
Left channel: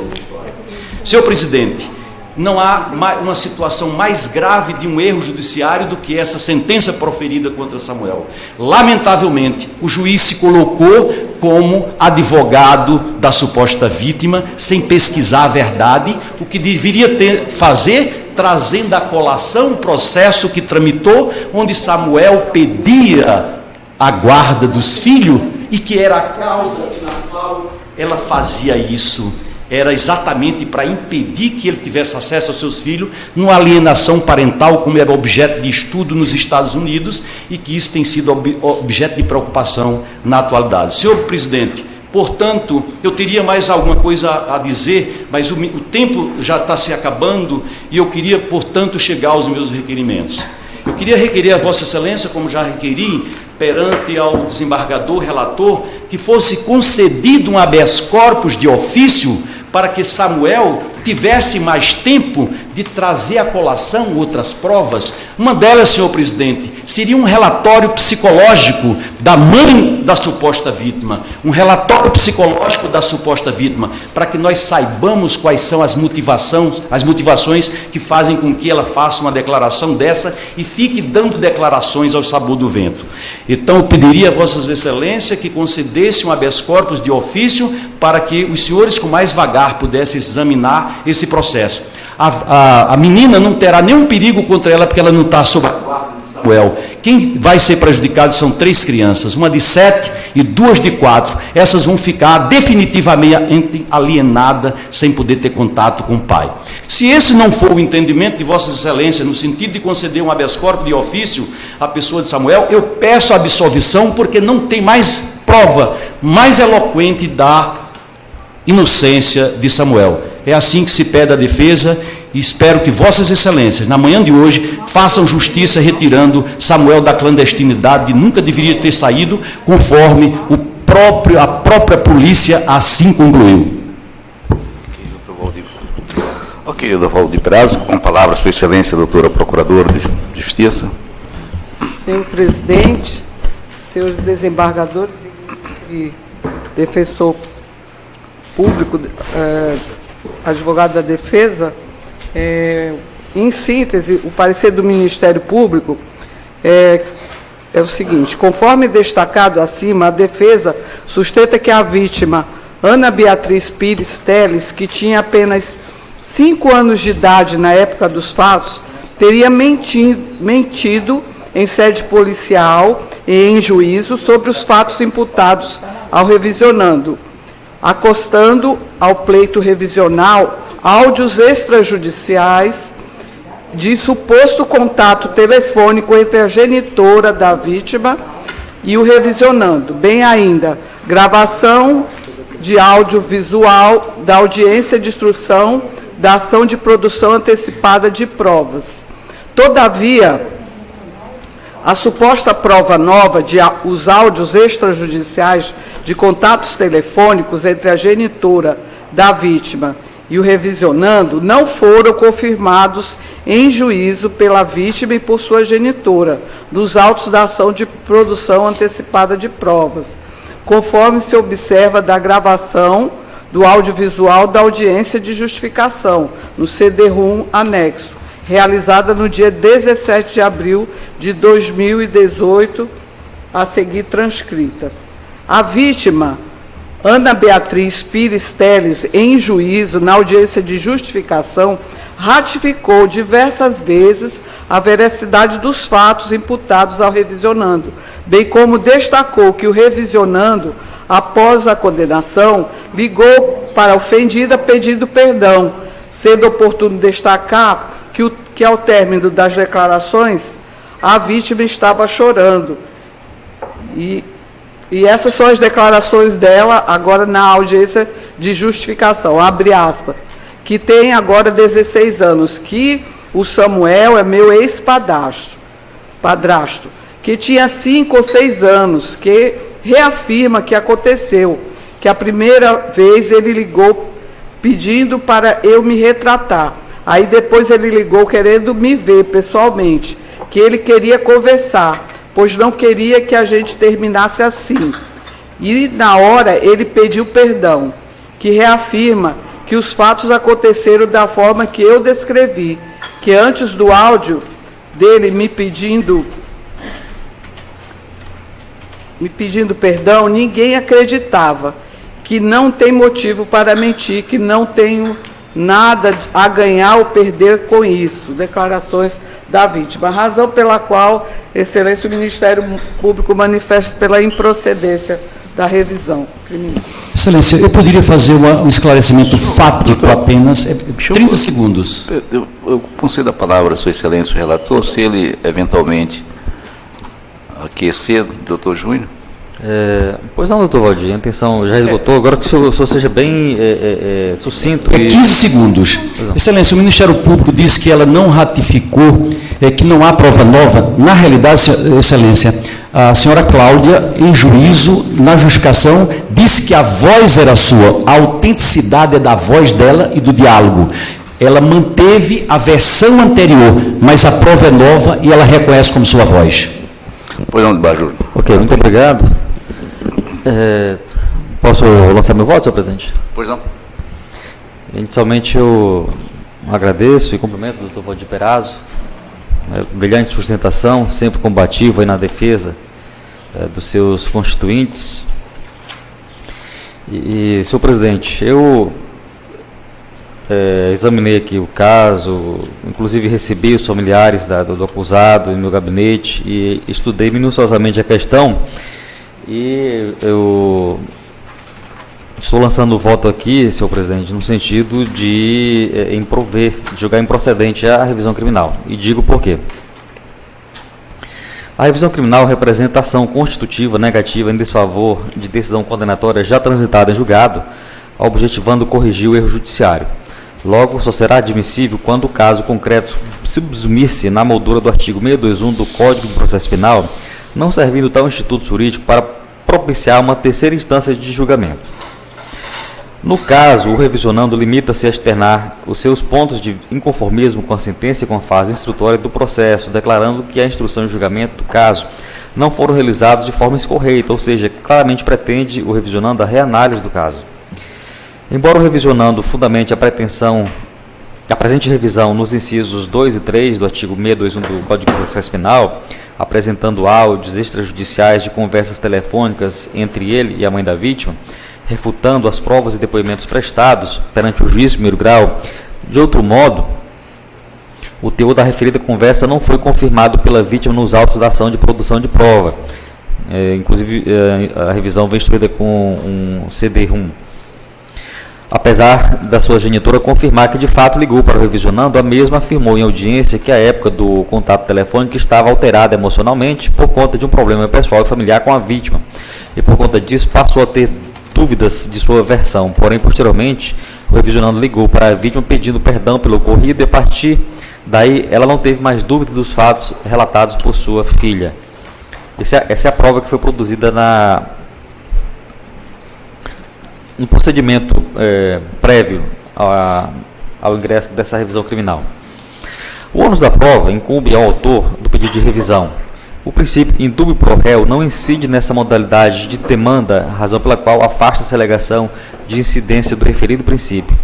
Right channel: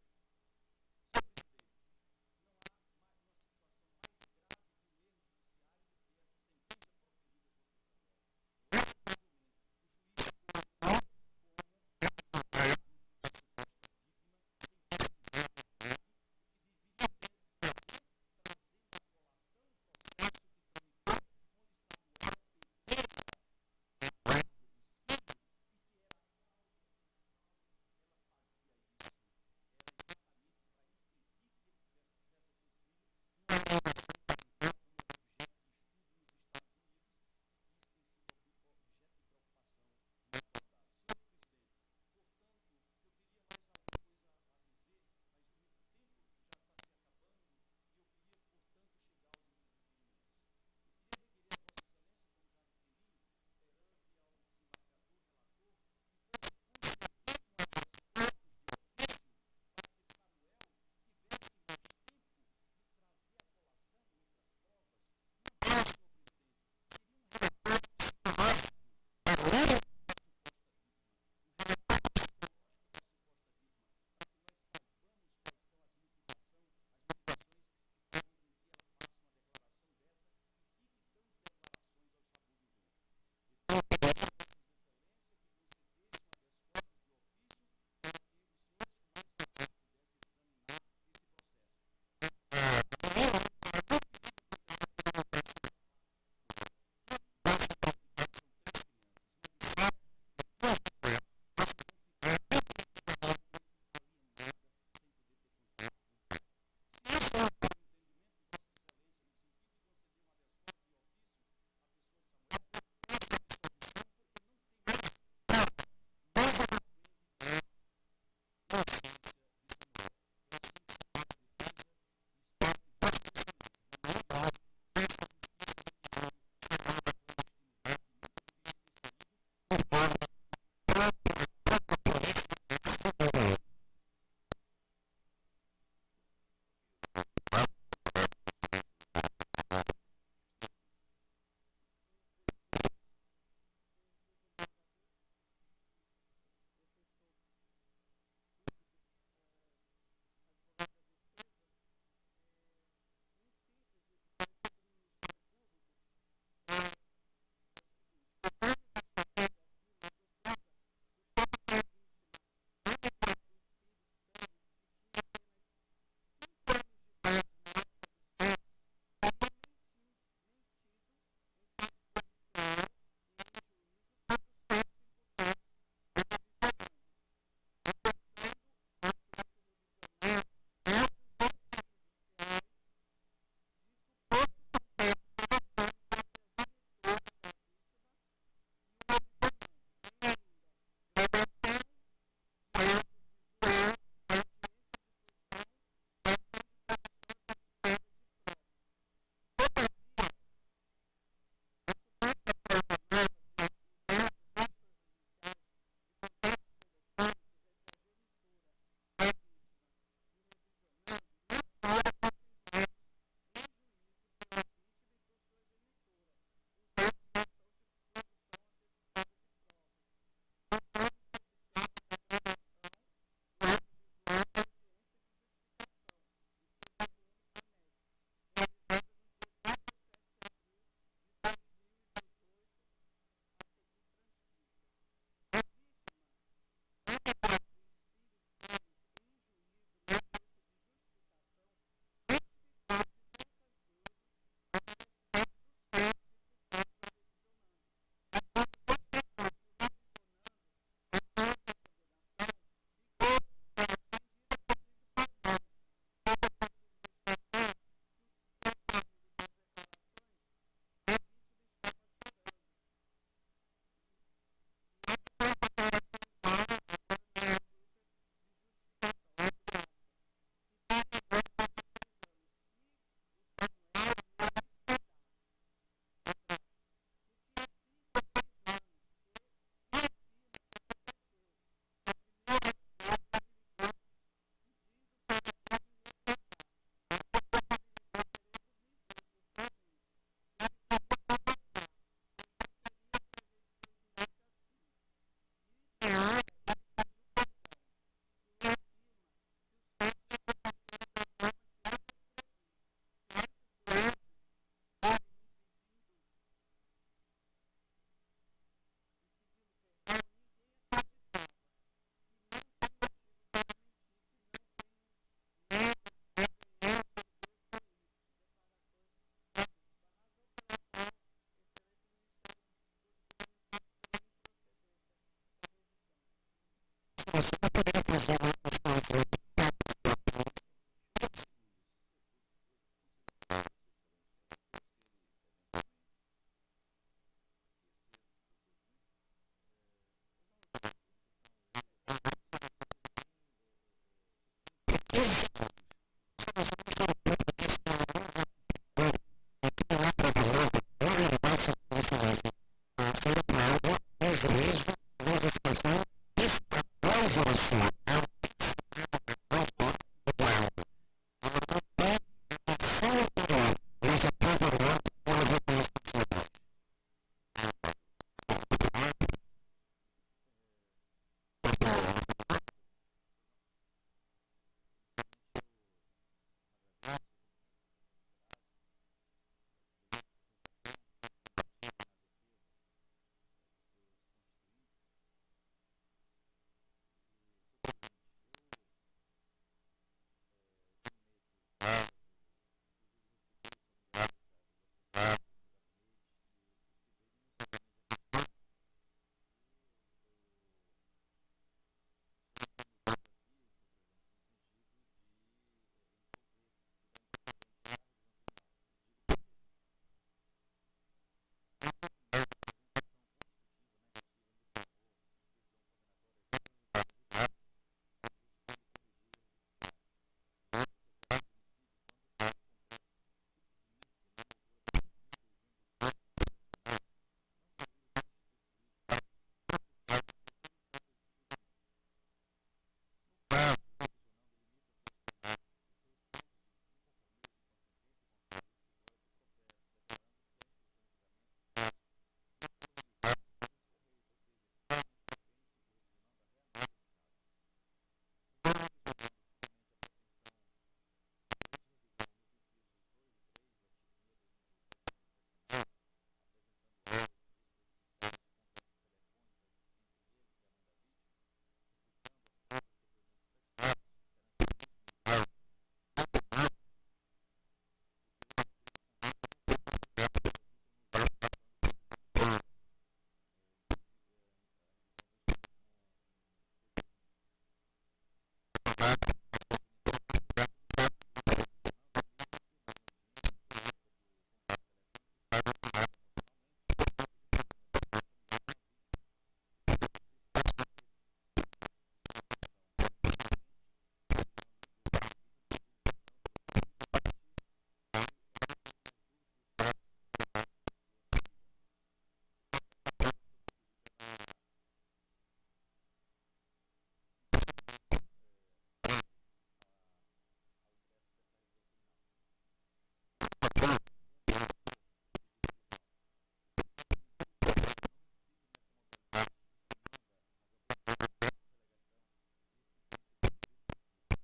Senhor presidente, não há uma situação mais grave de um erro judiciário do que essa sentença proferida contra Samuel. Lamentavelmente, o juiz se colocou como advogado da suposta vítima, sem pesquisar a verdade, o que deveria fazer, trazendo à colação o processo que tramitou, onde Samuel pedia a guarda dos filhos, e que era a causa na qual ela fazia isso. Era exatamente para impedir que ele tivesse acesso aos seus filhos, numa alienação parental, como era objeto de estudo nos Estados Unidos, e que isso tem sido objeto de preocupação na atualidade. Senhor presidente, portanto, eu teria mais alguma coisa a dizer, mas o tempo já está se acabando, e eu queria, portanto, chegar aos meus requerimentos. Eu queria requerer a Vossa Excelência, como já requeri, perante ao desembargador relator, que fosse concedido um habeas corpus de ofício, para que Samuel tivesse mais tempo de trazer à colação outras provas. Uma delas, senhor presidente, seria um relatório psicológico da mãe da suposta vítima, um relatório psicológico da suposta vítima, para que nós saibamos quais são as motivações que fazem com que ela faça uma declaração dessa e fique dando declarações ao sabor do vento. Então, eu pediria a Vossas Excelências que concedesse um habeas corpus de ofício para que os senhores com mais vagar pudessem examinar esse processo. A menina não terá nenhum perigo contra ela, porque ela não está sob a guarda de Samuel. Quem vai ser prejudicado são 3 crianças, uma de 7 e 2 de 4. Essas vão ficar definitivamente alienadas, sem poder ter contato com o pai. Se esse não for o entendimento de Vossas Excelências, no sentido de conceder um habeas corpus de ofício à pessoa de Samuel, eu peço a absolvição, porque não tem mais prova mais eloquente da inocência de Samuel. É assim que se pede a defesa, e espero que Vossas Excelências, na manhã de hoje, façam justiça retirando Samuel da clandestinidade, que nunca deveria ter saído, conforme a própria polícia assim concluiu. Ok, doutor Valdir Perazzo, com a palavra Sua Excelência, doutora Procuradora de Justiça. Senhor presidente, senhores desembargadores e defensor público, advogado da defesa, em síntese, o parecer do Ministério Público é o seguinte: conforme destacado acima, a defesa sustenta que a vítima, Ana Beatriz Pires Teles, que tinha apenas 5 anos de idade na época dos fatos, teria mentido em sede policial e em juízo sobre os fatos imputados ao revisionando, acostando ao pleito revisional áudios extrajudiciais de suposto contato telefônico entre a genitora da vítima e o revisionando, bem ainda gravação de audiovisual da audiência de instrução da ação de produção antecipada de provas. Todavia, a suposta prova nova de os áudios extrajudiciais de contatos telefônicos entre a genitora da vítima e o revisionando não foram confirmados em juízo pela vítima e por sua genitora, nos autos da ação de produção antecipada de provas, conforme se observa da gravação do audiovisual da audiência de justificação, no CD-ROM anexo, realizada no dia 17 de abril de 2018, a seguir transcrita. A vítima, Ana Beatriz Pires Teles, em juízo, na audiência de justificação, ratificou diversas vezes a veracidade dos fatos imputados ao revisionando, bem como destacou que o revisionando após a condenação, ligou para a ofendida pedindo perdão, sendo oportuno destacar que ao término das declarações, a vítima estava chorando. E essas são as declarações dela agora na audiência de justificação, abre aspas, que tem agora 16 anos, que o Samuel é meu ex-padrasto, que tinha 5 ou 6 anos, que reafirma que aconteceu, que a primeira vez ele ligou pedindo para eu me retratar. Aí depois ele ligou querendo me ver pessoalmente, que ele queria conversar, pois não queria que a gente terminasse assim. E na hora ele pediu perdão, que reafirma que os fatos aconteceram da forma que eu descrevi, que antes do áudio dele me pedindo perdão, ninguém acreditava, que não tem motivo para mentir, que não tenho nada a ganhar ou perder com isso. Declarações da vítima. A razão pela qual, Excelência, o Ministério Público manifesta pela improcedência da revisão criminal. Excelência, eu poderia fazer um esclarecimento fático apenas, 30 segundos. Eu concedo a palavra a Sua Excelência, o relator, se ele eventualmente aquecer, doutor Júnior. Pois não, doutor Valdir, a intenção já esgotou, agora que o senhor seja bem sucinto. 15 segundos. Excelência, o Ministério Público disse que ela não ratificou, que não há prova nova. Na realidade, Excelência, a senhora Cláudia, em juízo, na justificação, disse que a voz era sua, a autenticidade é da voz dela e do diálogo. Ela manteve a versão anterior, mas a prova é nova e ela reconhece como sua voz. Pois não, de Bajur. Ok, muito obrigado. Posso lançar meu voto, senhor presidente? Pois não. Inicialmente eu agradeço e cumprimento o doutor Valdir Perazzo, brilhante sustentação, sempre combativo aí na defesa dos seus constituintes. E senhor presidente, eu examinei aqui o caso, inclusive recebi os familiares do acusado em meu gabinete e estudei minuciosamente a questão. E eu estou lançando o voto aqui, senhor presidente, no sentido de julgar improcedente a revisão criminal. E digo por quê. A revisão criminal representa ação constitutiva negativa em desfavor de decisão condenatória já transitada em julgado, objetivando corrigir o erro judiciário. Logo, só será admissível quando o caso concreto subsumir-se na moldura do artigo 621 do Código de Processo Penal, não servindo tal instituto jurídico para propiciar uma terceira instância de julgamento. No caso, o revisionando limita-se a externar os seus pontos de inconformismo com a sentença e com a fase instrutória do processo, declarando que a instrução e julgamento do caso não foram realizados de forma escorreita, ou seja, claramente pretende o revisionando a reanálise do caso. Embora o revisionando fundamente a presente revisão nos incisos 2 e 3 do artigo 621 do Código de Processo Penal, apresentando áudios extrajudiciais de conversas telefônicas entre ele e a mãe da vítima, refutando as provas e depoimentos prestados perante o juiz de primeiro grau, de outro modo, o teor da referida conversa não foi confirmado pela vítima nos autos da ação de produção de prova. Inclusive, a revisão vem instruída com um CD-ROM. Apesar da sua genitora confirmar que de fato ligou para o revisionando, a mesma afirmou em audiência que a época do contato telefônico estava alterada emocionalmente por conta de um problema pessoal e familiar com a vítima, e por conta disso passou a ter dúvidas de sua versão. Porém, posteriormente, o revisionando ligou para a vítima pedindo perdão pelo ocorrido e a partir daí ela não teve mais dúvidas dos fatos relatados por sua filha. Essa é a prova que foi produzida no procedimento prévio ao ingresso dessa revisão criminal. O ônus da prova incumbe ao autor do pedido de revisão. O princípio indúbio pro réu não incide nessa modalidade de demanda, razão pela qual afasta-se a alegação de incidência do referido princípio.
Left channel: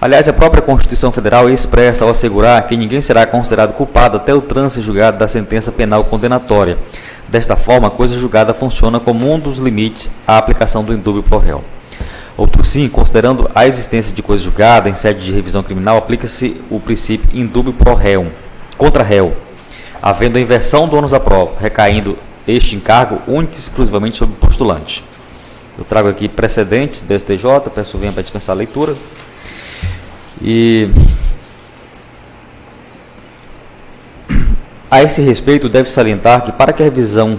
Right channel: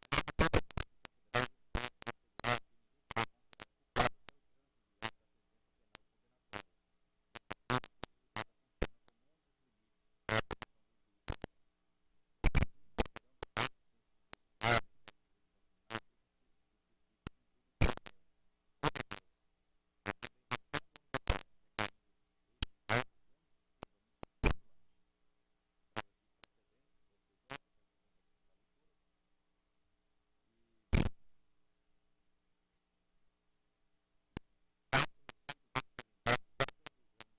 Aliás, a própria Constituição Federal é expressa ao assegurar que ninguém será considerado culpado até o trânsito julgado da sentença penal condenatória. Desta forma, a coisa julgada funciona como um dos limites à aplicação do indúbio pro réu. Outro sim, considerando a existência de coisa julgada em sede de revisão criminal, aplica-se o princípio indúbio pro réu, contra réu, havendo a inversão do ônus da prova, recaindo este encargo único e exclusivamente sobre o postulante. Eu trago aqui precedentes do STJ, peço venha para dispensar a leitura. E a esse respeito, deve salientar que para que a revisão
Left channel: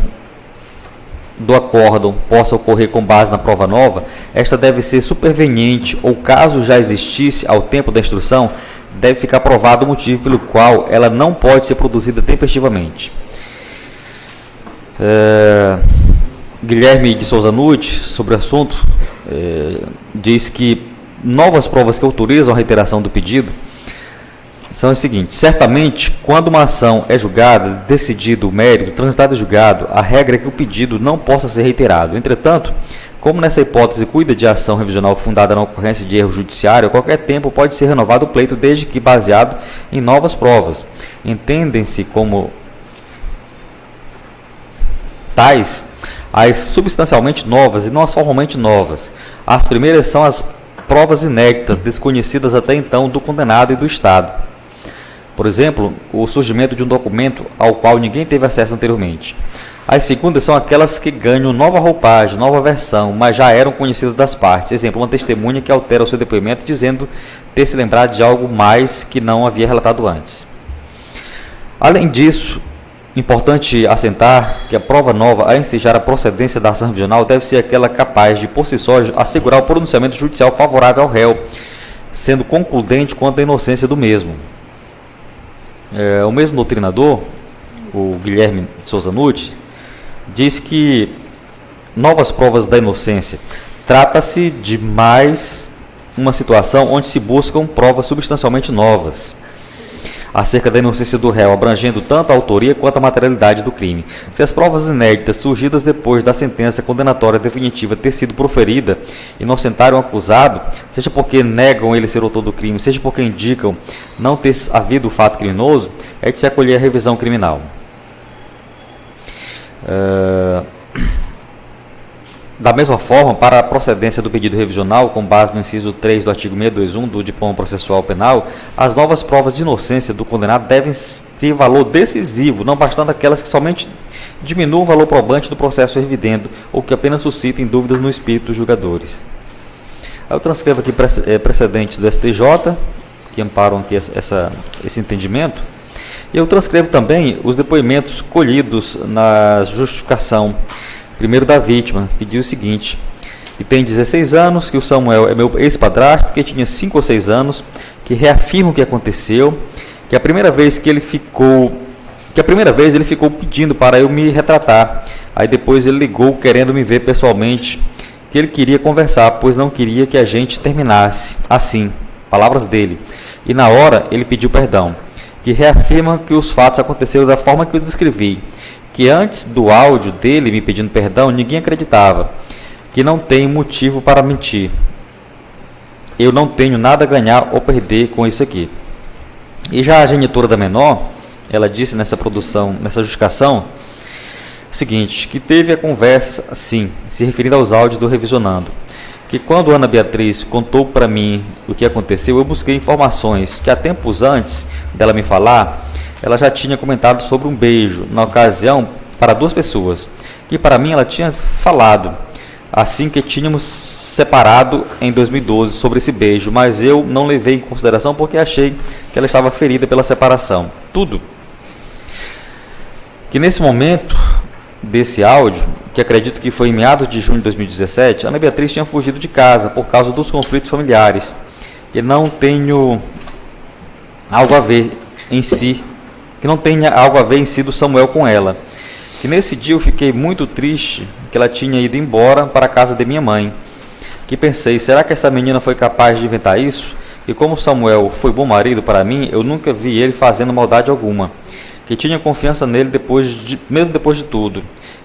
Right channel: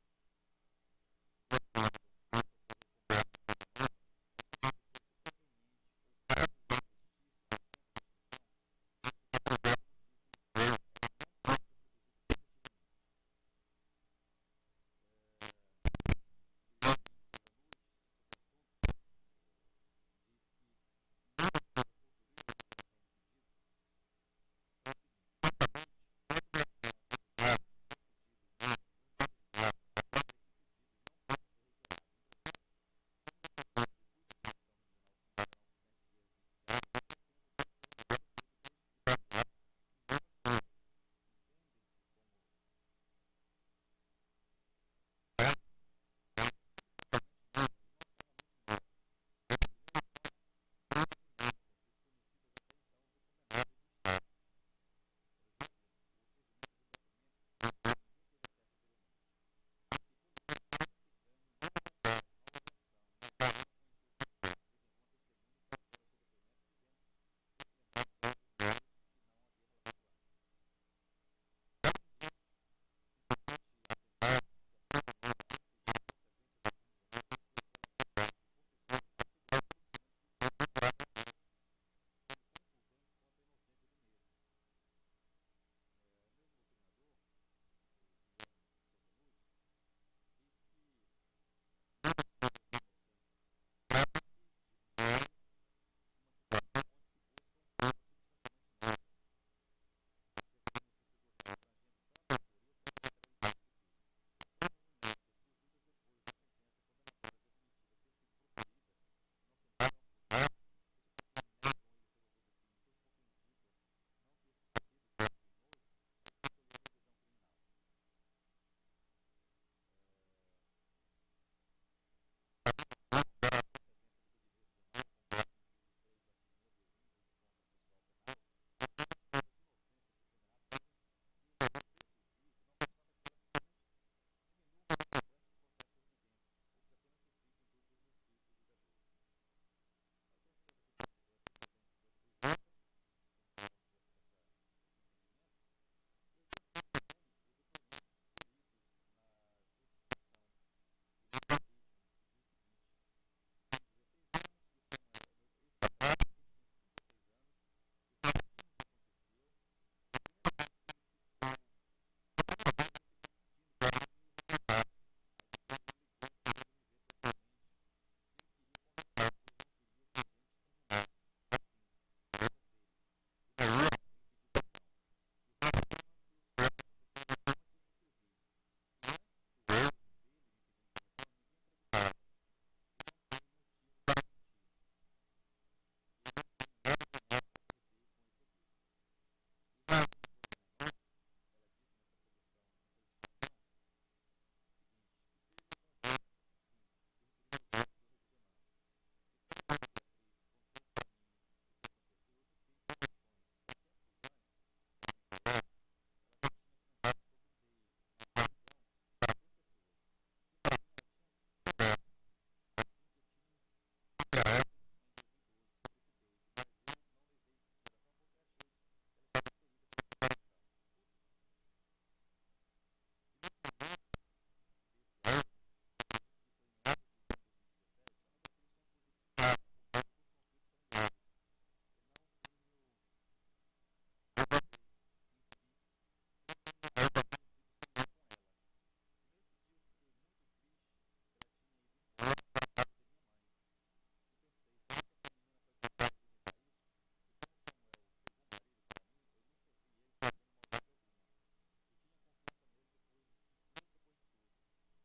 do acórdão possa ocorrer com base na prova nova, esta deve ser superveniente ou, caso já existisse ao tempo da instrução, deve ficar provado o motivo pelo qual ela não pode ser produzida tempestivamente. Guilherme de Souza Nutti, sobre o assunto, diz que novas provas que autorizam a reiteração do pedido são as seguintes: certamente, quando uma ação é julgada, decidido o mérito, transitado e julgado, a regra é que o pedido não possa ser reiterado. Entretanto, como nessa hipótese cuida de ação revisional fundada na ocorrência de erro judiciário, a qualquer tempo pode ser renovado o pleito, desde que baseado em novas provas. Entendem-se como tais as substancialmente novas e não as formalmente novas. As primeiras são as provas inéditas, desconhecidas até então do condenado e do Estado. Por exemplo, o surgimento de um documento ao qual ninguém teve acesso anteriormente. As segundas são aquelas que ganham nova roupagem, nova versão, mas já eram conhecidas das partes. Exemplo, uma testemunha que altera o seu depoimento dizendo ter se lembrado de algo mais que não havia relatado antes. Além disso, importante assentar que a prova nova a ensejar a procedência da ação revisional deve ser aquela capaz de, por si só, assegurar o pronunciamento judicial favorável ao réu, sendo concludente quanto à inocência do mesmo. O mesmo doutrinador, o Guilherme de Souza Nutti, diz que novas provas da inocência trata-se de mais uma situação onde se buscam provas substancialmente novas acerca da inocência do réu, abrangendo tanto a autoria quanto a materialidade do crime. Se as provas inéditas surgidas depois da sentença condenatória definitiva ter sido proferida inocentarem o acusado, seja porque negam ele ser autor do crime, seja porque indicam não ter havido o fato criminoso, é de se acolher a revisão criminal. Da mesma forma, para a procedência do pedido revisional, com base no inciso 3 do artigo 621 do Diploma Processual Penal, as novas provas de inocência do condenado devem ter valor decisivo, não bastando aquelas que somente diminuam o valor probante do processo revidendo ou que apenas suscitem dúvidas no espírito dos julgadores. Eu transcrevo aqui precedentes do STJ, que amparam aqui esse entendimento, e eu transcrevo também os depoimentos colhidos na justificação primeiro da vítima, que diz o seguinte: que tem 16 anos, que o Samuel é meu ex-padrasto, que tinha 5 ou 6 anos, que reafirma o que aconteceu, que a primeira vez ele ficou pedindo para eu me retratar. Aí depois ele ligou querendo me ver pessoalmente, que ele queria conversar, pois não queria que a gente terminasse assim, palavras dele. E na hora ele pediu perdão, que reafirma que os fatos aconteceram da forma que eu descrevi, que antes do áudio dele me pedindo perdão, ninguém acreditava, que não tem motivo para mentir. Eu não tenho nada a ganhar ou perder com isso aqui. E já a genitora da menor, ela disse nessa justificação, o seguinte, que teve a conversa assim, se referindo aos áudios do Revisionando, que quando Ana Beatriz contou para mim o que aconteceu, eu busquei informações que há tempos antes dela me falar, ela já tinha comentado sobre um beijo, na ocasião, para 2 pessoas, que para mim ela tinha falado, assim que tínhamos separado em 2012 sobre esse beijo, mas eu não levei em consideração porque achei que ela estava ferida pela separação. Tudo. Que nesse momento desse áudio, que acredito que foi em meados de junho de 2017, Ana Beatriz tinha fugido de casa por causa dos conflitos familiares, e não tenho algo a ver em si, que não tenha algo a ver em si do Samuel com ela. Que nesse dia eu fiquei muito triste que ela tinha ido embora para a casa de minha mãe. Que pensei, será que essa menina foi capaz de inventar isso? E como Samuel foi bom marido para mim, eu nunca vi ele fazendo maldade alguma. Que tinha confiança nele mesmo depois de tudo.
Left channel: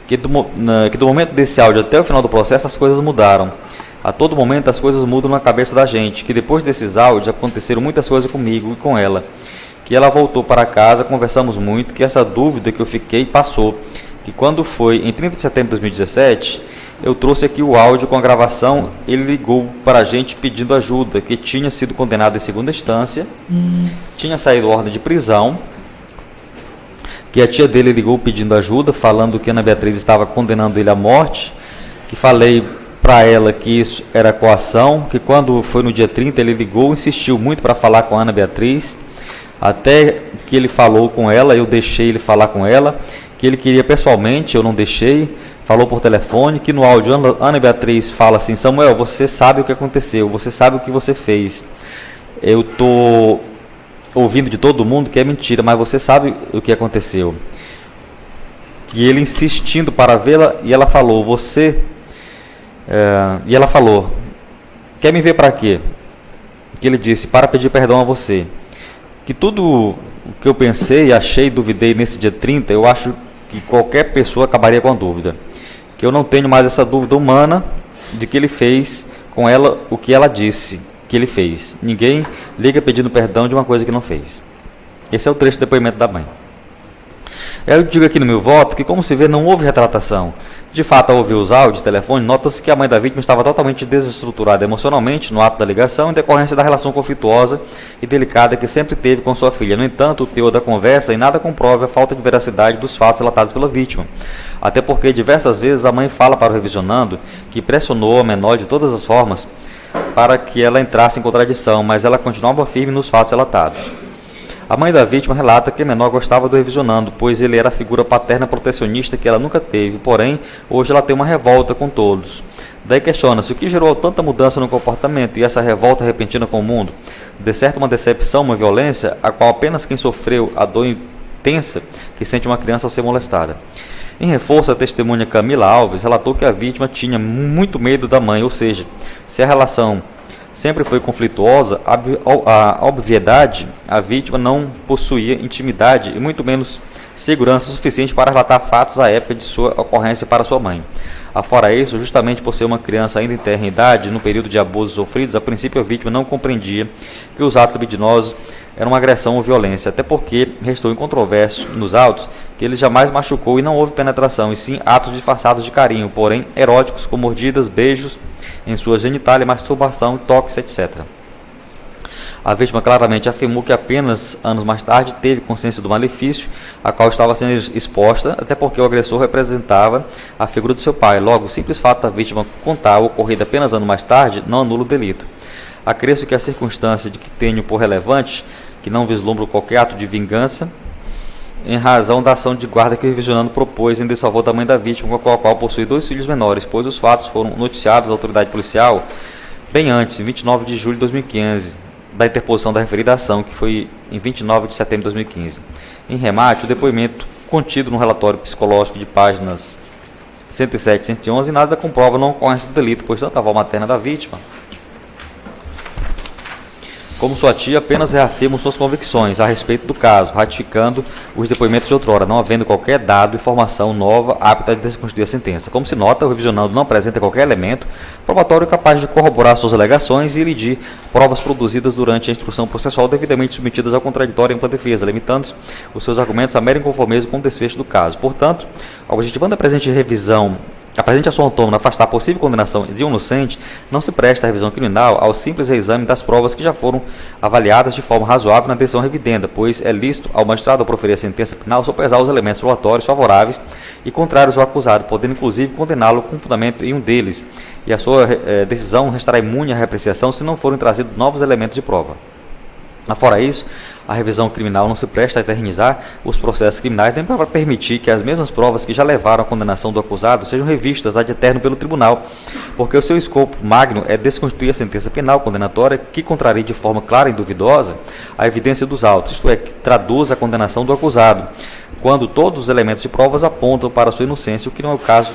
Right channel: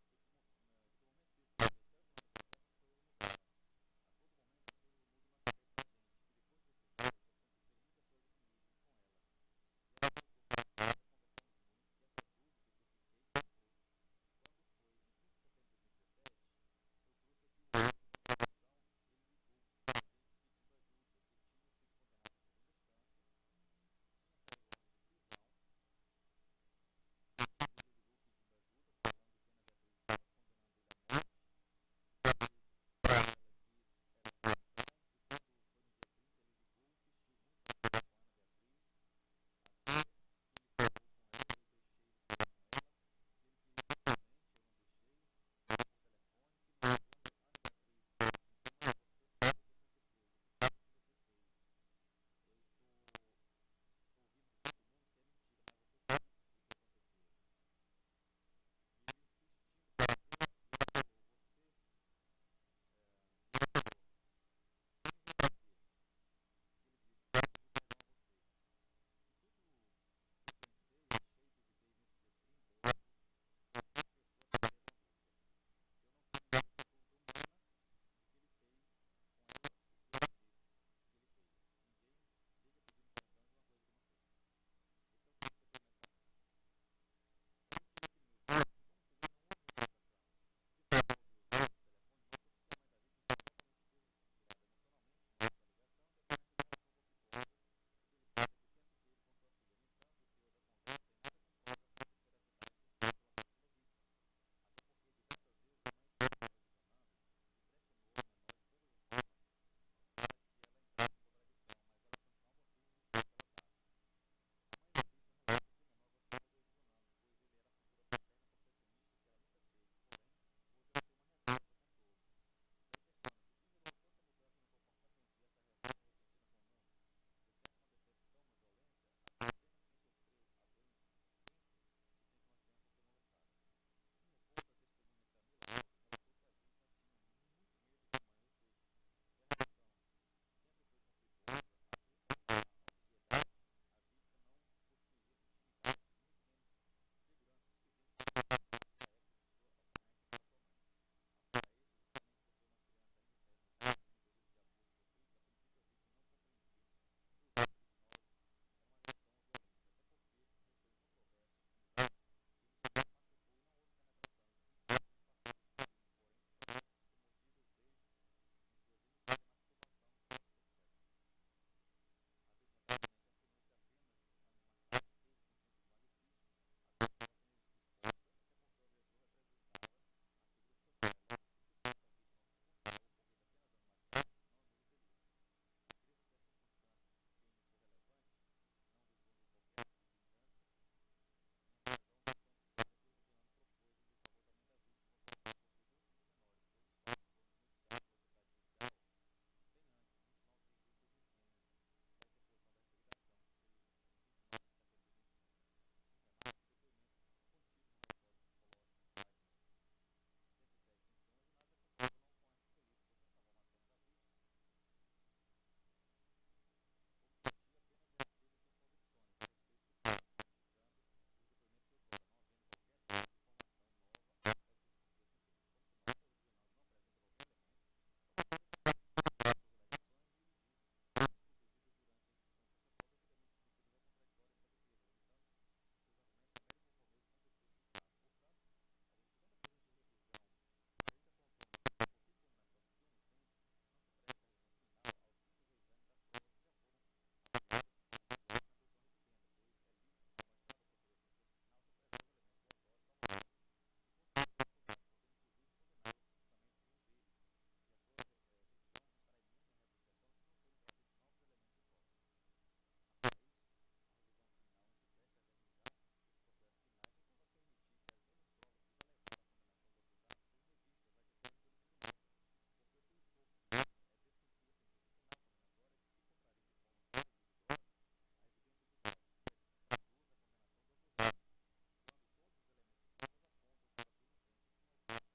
Que do momento desse áudio até o final do processo as coisas mudaram. A todo momento as coisas mudam na cabeça da gente. Que depois desses áudios aconteceram muitas coisas comigo e com ela. Que ela voltou para casa, conversamos muito, que essa dúvida que eu fiquei passou. Que quando foi em 30 de setembro de 2017, eu trouxe aqui o áudio com a gravação, ele ligou para a gente pedindo ajuda, que tinha sido condenado em segunda instância, tinha saído ordem de prisão, que a tia dele ligou pedindo ajuda, falando que Ana Beatriz estava condenando ele à morte, que falei para ela que isso era coação, que quando foi no dia 30 ele ligou, insistiu muito para falar com a Ana Beatriz, até que ele falou com ela, eu deixei ele falar com ela, que ele queria pessoalmente, eu não deixei, falou por telefone, que no áudio Ana Beatriz fala assim: Samuel, você sabe o que aconteceu, você sabe o que você fez, eu estou ouvindo de todo mundo que é mentira, mas você sabe o que aconteceu. E ele insistindo para vê-la, e ela falou: e ela falou: quer me ver para quê? Que ele disse: para pedir perdão a você. Que tudo o que eu pensei, achei, duvidei nesse dia 30, eu acho que qualquer pessoa acabaria com a dúvida. Que eu não tenho mais essa dúvida humana de que ele fez com ela o que ela disse que ele fez. Ninguém liga pedindo perdão de uma coisa que não fez. Esse é o trecho do depoimento da mãe. Eu digo aqui no meu voto que, como se vê, não houve retratação. De fato, ao ouvir os áudios de telefone, nota-se que a mãe da vítima estava totalmente desestruturada emocionalmente no ato da ligação, em decorrência da relação conflituosa e delicada que sempre teve com sua filha. No entanto, o teor da conversa em nada comprove a falta de veracidade dos fatos relatados pela vítima. Até porque, diversas vezes, a mãe fala para o revisionando que pressionou a menor de todas as formas para que ela entrasse em contradição, mas ela continuava firme nos fatos relatados. A mãe da vítima relata que a menor gostava do revisionando, pois ele era a figura paterna protecionista que ela nunca teve, porém, hoje ela tem uma revolta com todos. Daí questiona-se o que gerou tanta mudança no comportamento e essa revolta repentina com o mundo. De certo, uma decepção, uma violência, a qual apenas quem sofreu a dor intensa que sente uma criança ao ser molestada. Em reforço, a testemunha Camila Alves relatou que a vítima tinha muito medo da mãe, ou seja, se a relação sempre foi conflituosa, a obviedade, a vítima não possuía intimidade e muito menos segurança suficiente para relatar fatos à época de sua ocorrência para sua mãe. Afora isso, justamente por ser uma criança ainda em tenra idade, no período de abusos sofridos, a princípio a vítima não compreendia que os atos libidinosos eram uma agressão ou violência, até porque restou incontroverso nos autos que ele jamais machucou e não houve penetração, e sim atos disfarçados de carinho, porém eróticos, com mordidas, beijos em sua genitália, masturbação, toques, etc. A vítima claramente afirmou que apenas anos mais tarde teve consciência do malefício a qual estava sendo exposta, até porque o agressor representava a figura do seu pai. Logo, o simples fato da vítima contar o ocorrido apenas anos mais tarde não anula o delito. Acresço que a circunstância de que tenho por relevante que não vislumbro qualquer ato de vingança em razão da ação de guarda que o revisionando propôs em desfavor da mãe da vítima, com a qual possui 2 filhos menores, pois os fatos foram noticiados à autoridade policial bem antes, em 29 de julho de 2015, da interposição da referida ação, que foi em 29 de setembro de 2015. Em remate, o depoimento contido no relatório psicológico de páginas 107 e 111 nada comprova não ocorrência do delito, pois tanto a avó materna da vítima como sua tia apenas reafirmam suas convicções a respeito do caso, ratificando os depoimentos de outrora, não havendo qualquer dado, informação nova apta a desconstituir a sentença. Como se nota, o revisionando não apresenta qualquer elemento probatório capaz de corroborar suas alegações e elidir provas produzidas durante a instrução processual devidamente submetidas ao contraditório e ampla defesa, limitando os seus argumentos a mero inconformismo com o desfecho do caso. Portanto, objetivando a presente revisão, a presente ação autônoma afastar a possível condenação de um inocente, não se presta a revisão criminal ao simples reexame das provas que já foram avaliadas de forma razoável na decisão revidenda, pois é lícito ao magistrado ao proferir a sentença penal sopesar os elementos probatórios favoráveis e contrários ao acusado, podendo inclusive condená-lo com fundamento em um deles, e a sua decisão restará imune à reapreciação se não forem trazidos novos elementos de prova. Afora isso, a revisão criminal não se presta a eternizar os processos criminais nem para permitir que as mesmas provas que já levaram à condenação do acusado sejam revistas ad eterno pelo tribunal, porque o seu escopo magno é desconstituir a sentença penal condenatória que contraria de forma clara e duvidosa a evidência dos autos, isto é, que traduz a condenação do acusado, quando todos os elementos de provas apontam para a sua inocência, o que não é o caso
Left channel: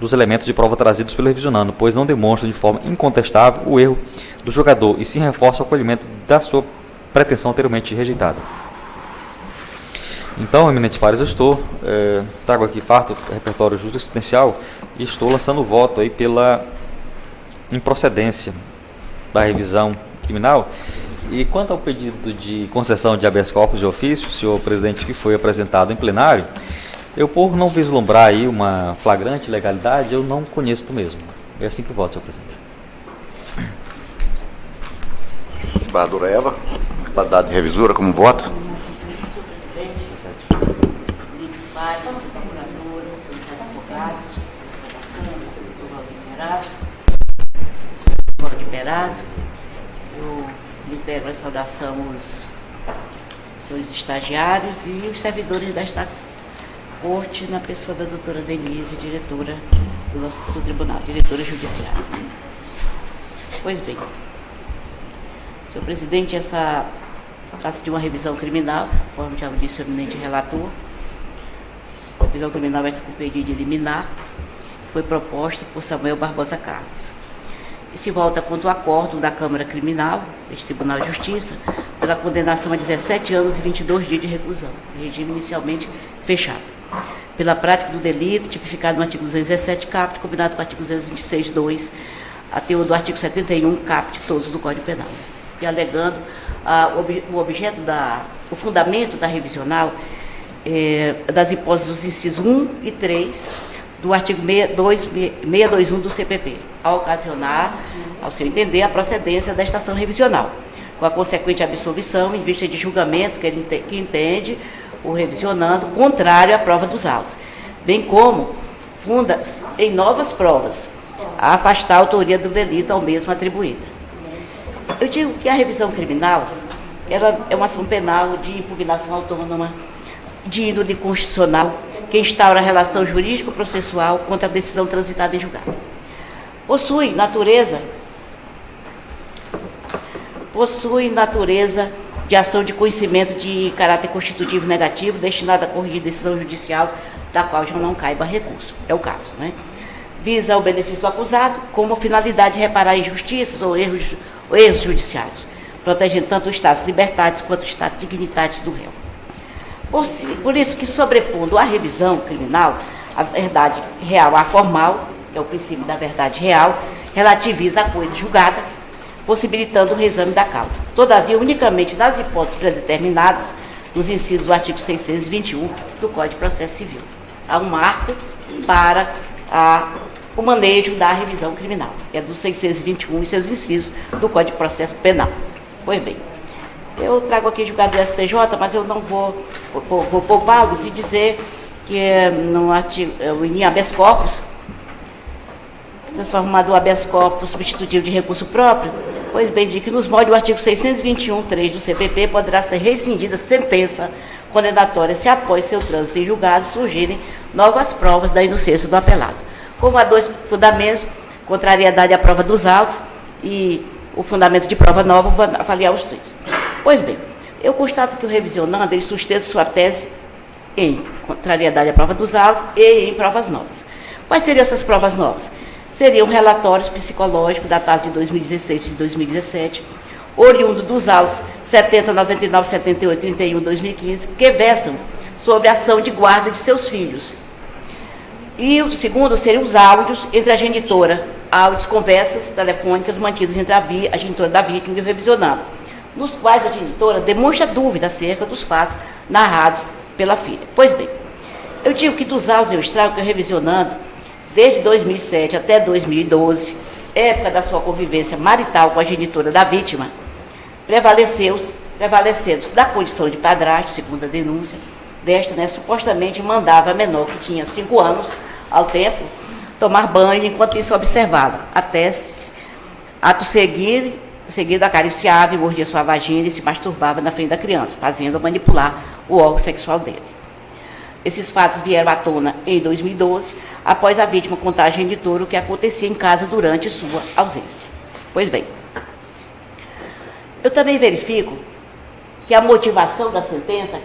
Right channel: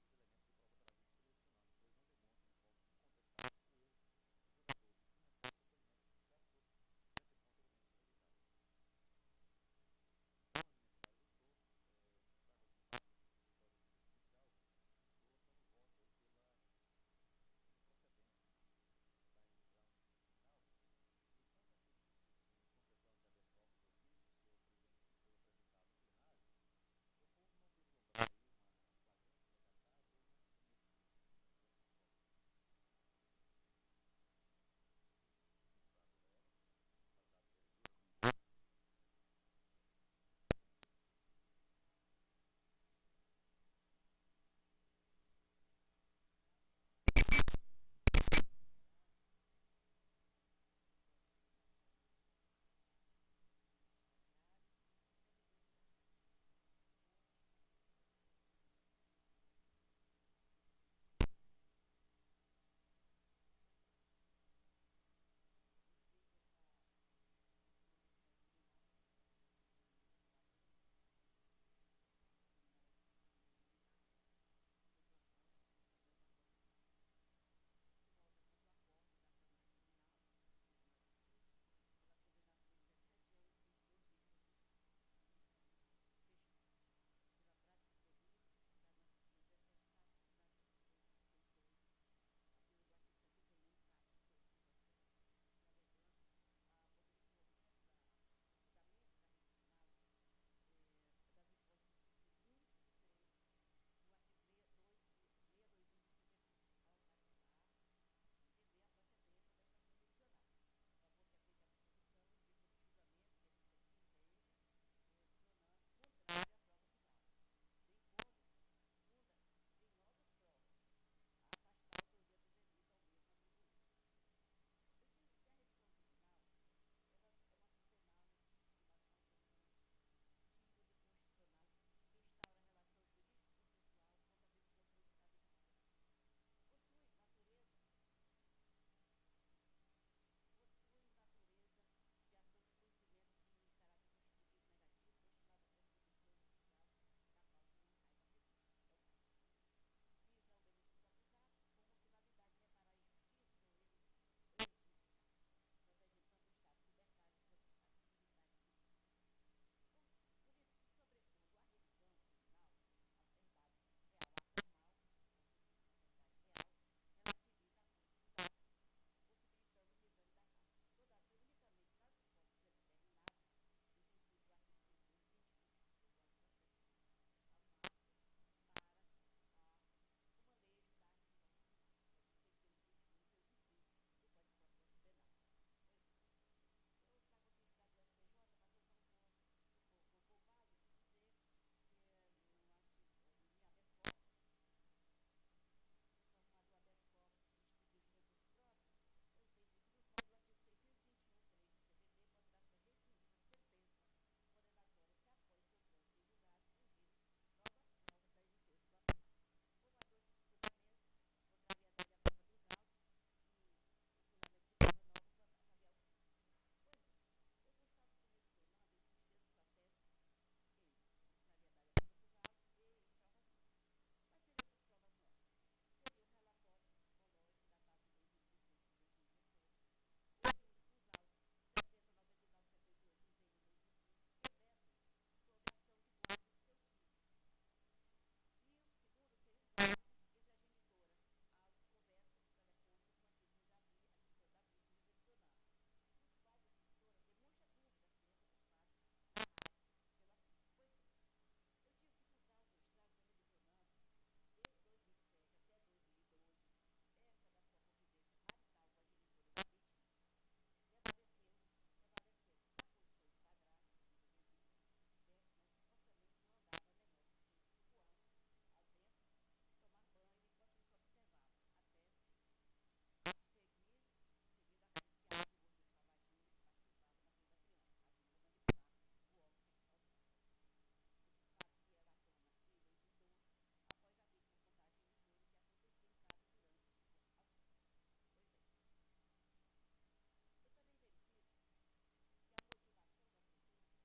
dos elementos de prova trazidos pelo revisionando, pois não demonstram de forma incontestável o erro do julgador e sim reforçam o acolhimento da sua pretensão anteriormente rejeitada. Então, eminentes pares, eu trago aqui farto repertório jurisprudencial e estou lançando voto aí pela improcedência da revisão criminal. E quanto ao pedido de concessão de habeas corpus de ofício, senhor presidente, que foi apresentado em plenário, eu, por não vislumbrar aí uma flagrante legalidade, eu não conheço mesmo. É assim que eu voto, senhor presidente. Desembargadora Eva, qualidade de revisora, como voto? Perazzo. Eu integro a saudação os senhores estagiários e os servidores desta corte, na pessoa da doutora Denise, diretora do tribunal, diretora judiciária. Pois bem, senhor presidente, essa trata-se de uma revisão criminal, conforme já disse o eminente relator. A revisão criminal vai ser com pedido de liminar, foi proposta por Samuel Barbosa Carlos. E se volta contra o acordo da Câmara Criminal, deste Tribunal de Justiça, pela condenação a 17 anos e 22 dias de reclusão, regime inicialmente fechado, pela prática do delito tipificado no artigo 217 caput, combinado com o artigo 226.2, a teor do artigo 71 caput, todos do Código Penal. E alegando o fundamento da revisional das hipóteses dos incisos 1 e 3 do artigo 621 do CPP, a ocasionar, ao seu entender, a procedência da estação revisional, com a consequente absolvição em vista de julgamento que entende o revisionando contrário à prova dos autos, bem como funda em novas provas a afastar a autoria do delito ao mesmo atribuída. Eu digo que a revisão criminal ela é uma ação penal de impugnação autônoma de índole constitucional que instaura a relação jurídico-processual contra a decisão transitada em julgado. Possui natureza de ação de conhecimento de caráter constitutivo negativo destinada a corrigir decisão judicial da qual já não caiba recurso. É o caso, né? Visa o benefício do acusado como finalidade de reparar injustiças ou erros judiciários, protegendo tanto o status de libertatis quanto o status de dignitatis do réu. Por isso que, sobrepondo à revisão criminal, a verdade real à formal, é o princípio da verdade real, relativiza a coisa julgada, possibilitando o reexame da causa. Todavia, unicamente das hipóteses predeterminadas nos incisos do artigo 621 do Código de Processo Civil. Há um marco para o manejo da revisão criminal, é do 621 e seus incisos do Código de Processo Penal. Pois bem, eu trago aqui julgado do STJ, mas eu não vou poupá-los e dizer que no artigo, em habeas corpus, transformado o habeas corpus substitutivo de recurso próprio, pois bem, de que nos moldes do artigo 621.3 do CPP poderá ser rescindida sentença condenatória se após seu trânsito em julgado surgirem novas provas da inocência do apelado. Como há dois fundamentos, contrariedade à prova dos autos e o fundamento de prova nova, vou avaliar os três. Pois bem, eu constato que o revisionando, ele sustenta sua tese em contrariedade à prova dos autos e em provas novas. Quais seriam essas provas novas? Seriam relatórios psicológicos datados de 2016 e 2017, oriundo dos autos 70, 99, 78, 31, 2015, que versam sobre a ação de guarda de seus filhos. E o segundo seriam os áudios entre a genitora, áudios, conversas telefônicas mantidas entre a genitora da vítima e o revisionado, nos quais a genitora demonstra dúvida acerca dos fatos narrados pela filha. Pois bem, eu digo que dos autos eu extrago que o revisionando, desde 2007 até 2012, época da sua convivência marital com a genitora da vítima, prevalecendo-se da condição de padrasto, segundo a denúncia, desta, né, supostamente mandava a menor, que tinha 5 anos ao tempo, tomar banho enquanto isso observava, até ato seguido acariciava e mordia sua vagina e se masturbava na frente da criança, fazendo-a manipular o órgão sexual dele. Esses fatos vieram à tona em 2012, após a vítima contar à genitora o que acontecia em casa durante sua ausência. Pois bem, eu também verifico que a motivação da sentença,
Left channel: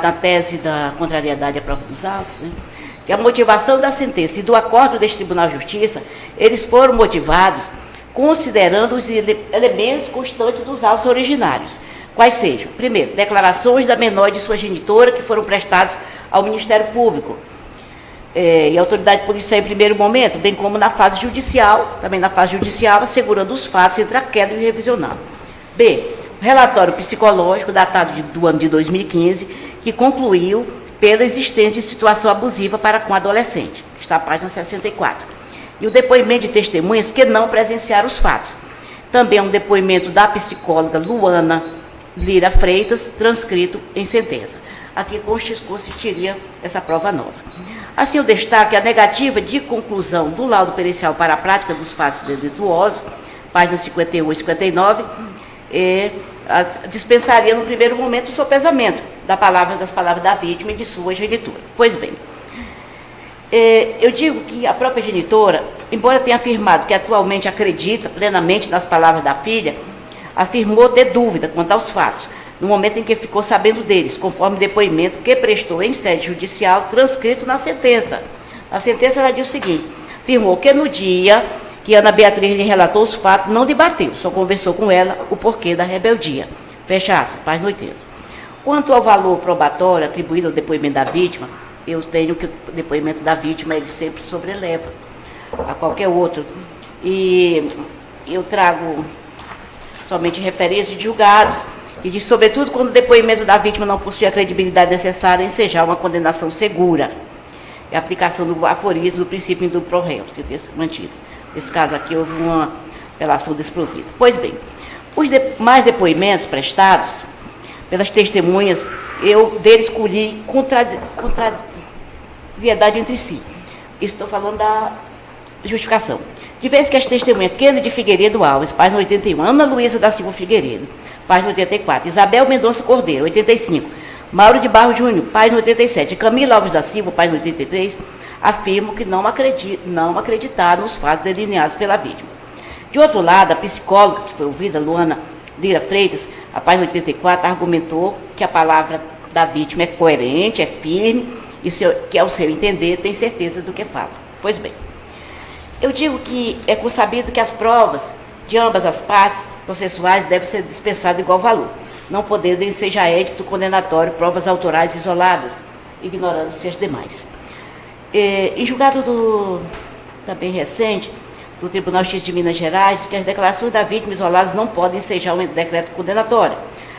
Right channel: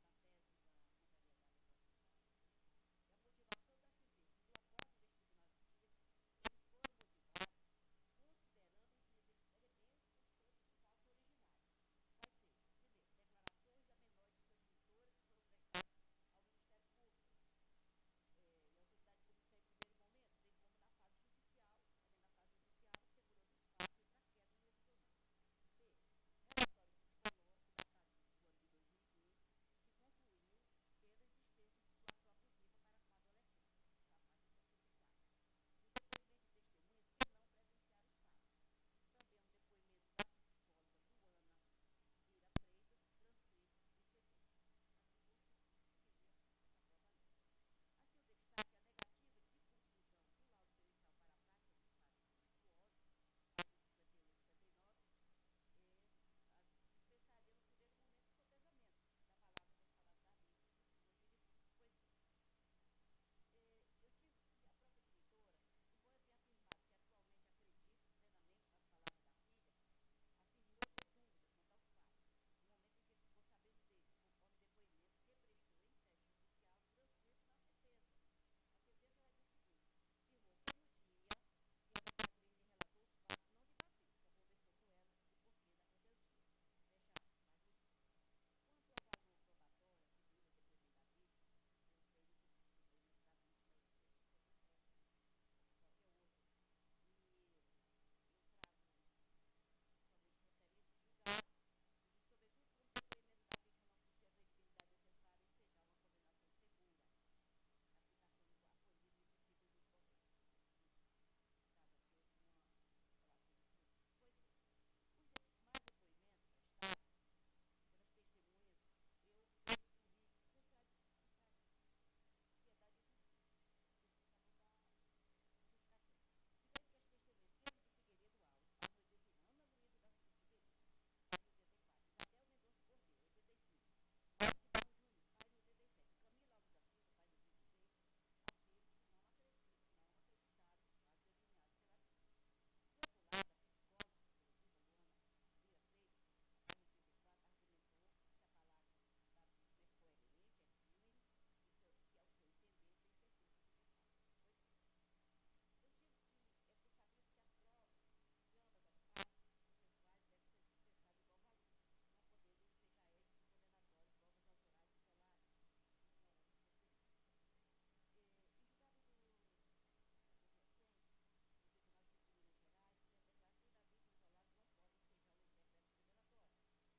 na tese da contrariedade à prova dos autos, né, que a motivação da sentença e do acordo deste Tribunal de Justiça, eles foram motivados considerando os elementos constantes dos autos originários. Quais sejam? Primeiro, declarações da menor e de sua genitora que foram prestados ao Ministério Público e à autoridade policial em primeiro momento, bem como na fase judicial, assegurando os fatos entre aquela e o revisionado. B, o relatório psicológico datado do ano de 2015, que concluiu pela existência de situação abusiva para com adolescente, que está na página 64. E o depoimento de testemunhas que não presenciaram os fatos. Também é um depoimento da psicóloga Luana Lira Freitas, transcrito em sentença. Aqui consistiria essa prova nova. Assim, eu destaco a negativa de conclusão do laudo pericial para a prática dos fatos delituosos páginas 51 e 59, dispensaria no primeiro momento o sopesamento das palavras da vítima e de sua genitora. Pois bem, eu digo que a própria genitora, embora tenha afirmado que atualmente acredita plenamente nas palavras da filha, afirmou ter dúvida quanto aos fatos, no momento em que ficou sabendo deles, conforme depoimento que prestou em sede judicial, transcrito na sentença. Na sentença ela diz o seguinte: afirmou que no dia que Ana Beatriz lhe relatou os fatos, não debateu, só conversou com ela o porquê da rebeldia. Fecha aspas, página 80. Quanto ao valor probatório atribuído ao depoimento da vítima, eu tenho que o depoimento da vítima ele sempre sobreleva a qualquer outro. E eu trago somente referências de julgados, e diz, sobretudo, quando o depoimento da vítima não possui a credibilidade necessária em ensejar uma condenação segura. É a aplicação do aforismo do princípio indúbio pro réu, se ter mantido. Nesse caso aqui, houve uma apelação desprovida. Pois bem, os demais depoimentos prestados pelas testemunhas, eu deles colhi contrariedade entre si. Estou falando da justificação. De vez que as testemunhas Kennedy Figueiredo Alves, página 81, Ana Luísa da Silva Figueiredo, página 84, Isabel Mendonça Cordeiro, 85, Mauro de Barro Júnior, página 87, Camila Alves da Silva, página 83, afirmam que não acreditaram nos fatos delineados pela vítima. De outro lado, a psicóloga que foi ouvida, Luana Lira Freitas, a página 84, argumentou que a palavra da vítima é coerente, é firme, e que, ao seu entender, tem certeza do que fala. Pois bem, eu digo que é consabido que as provas de ambas as partes processuais devem ser dispensadas de igual valor, não podendo ensejar édito condenatório provas autorais isoladas, ignorando-se as demais. Em julgado também recente, do Tribunal de Justiça de Minas Gerais, que as declarações da vítima isoladas não podem ensejar um decreto condenatório.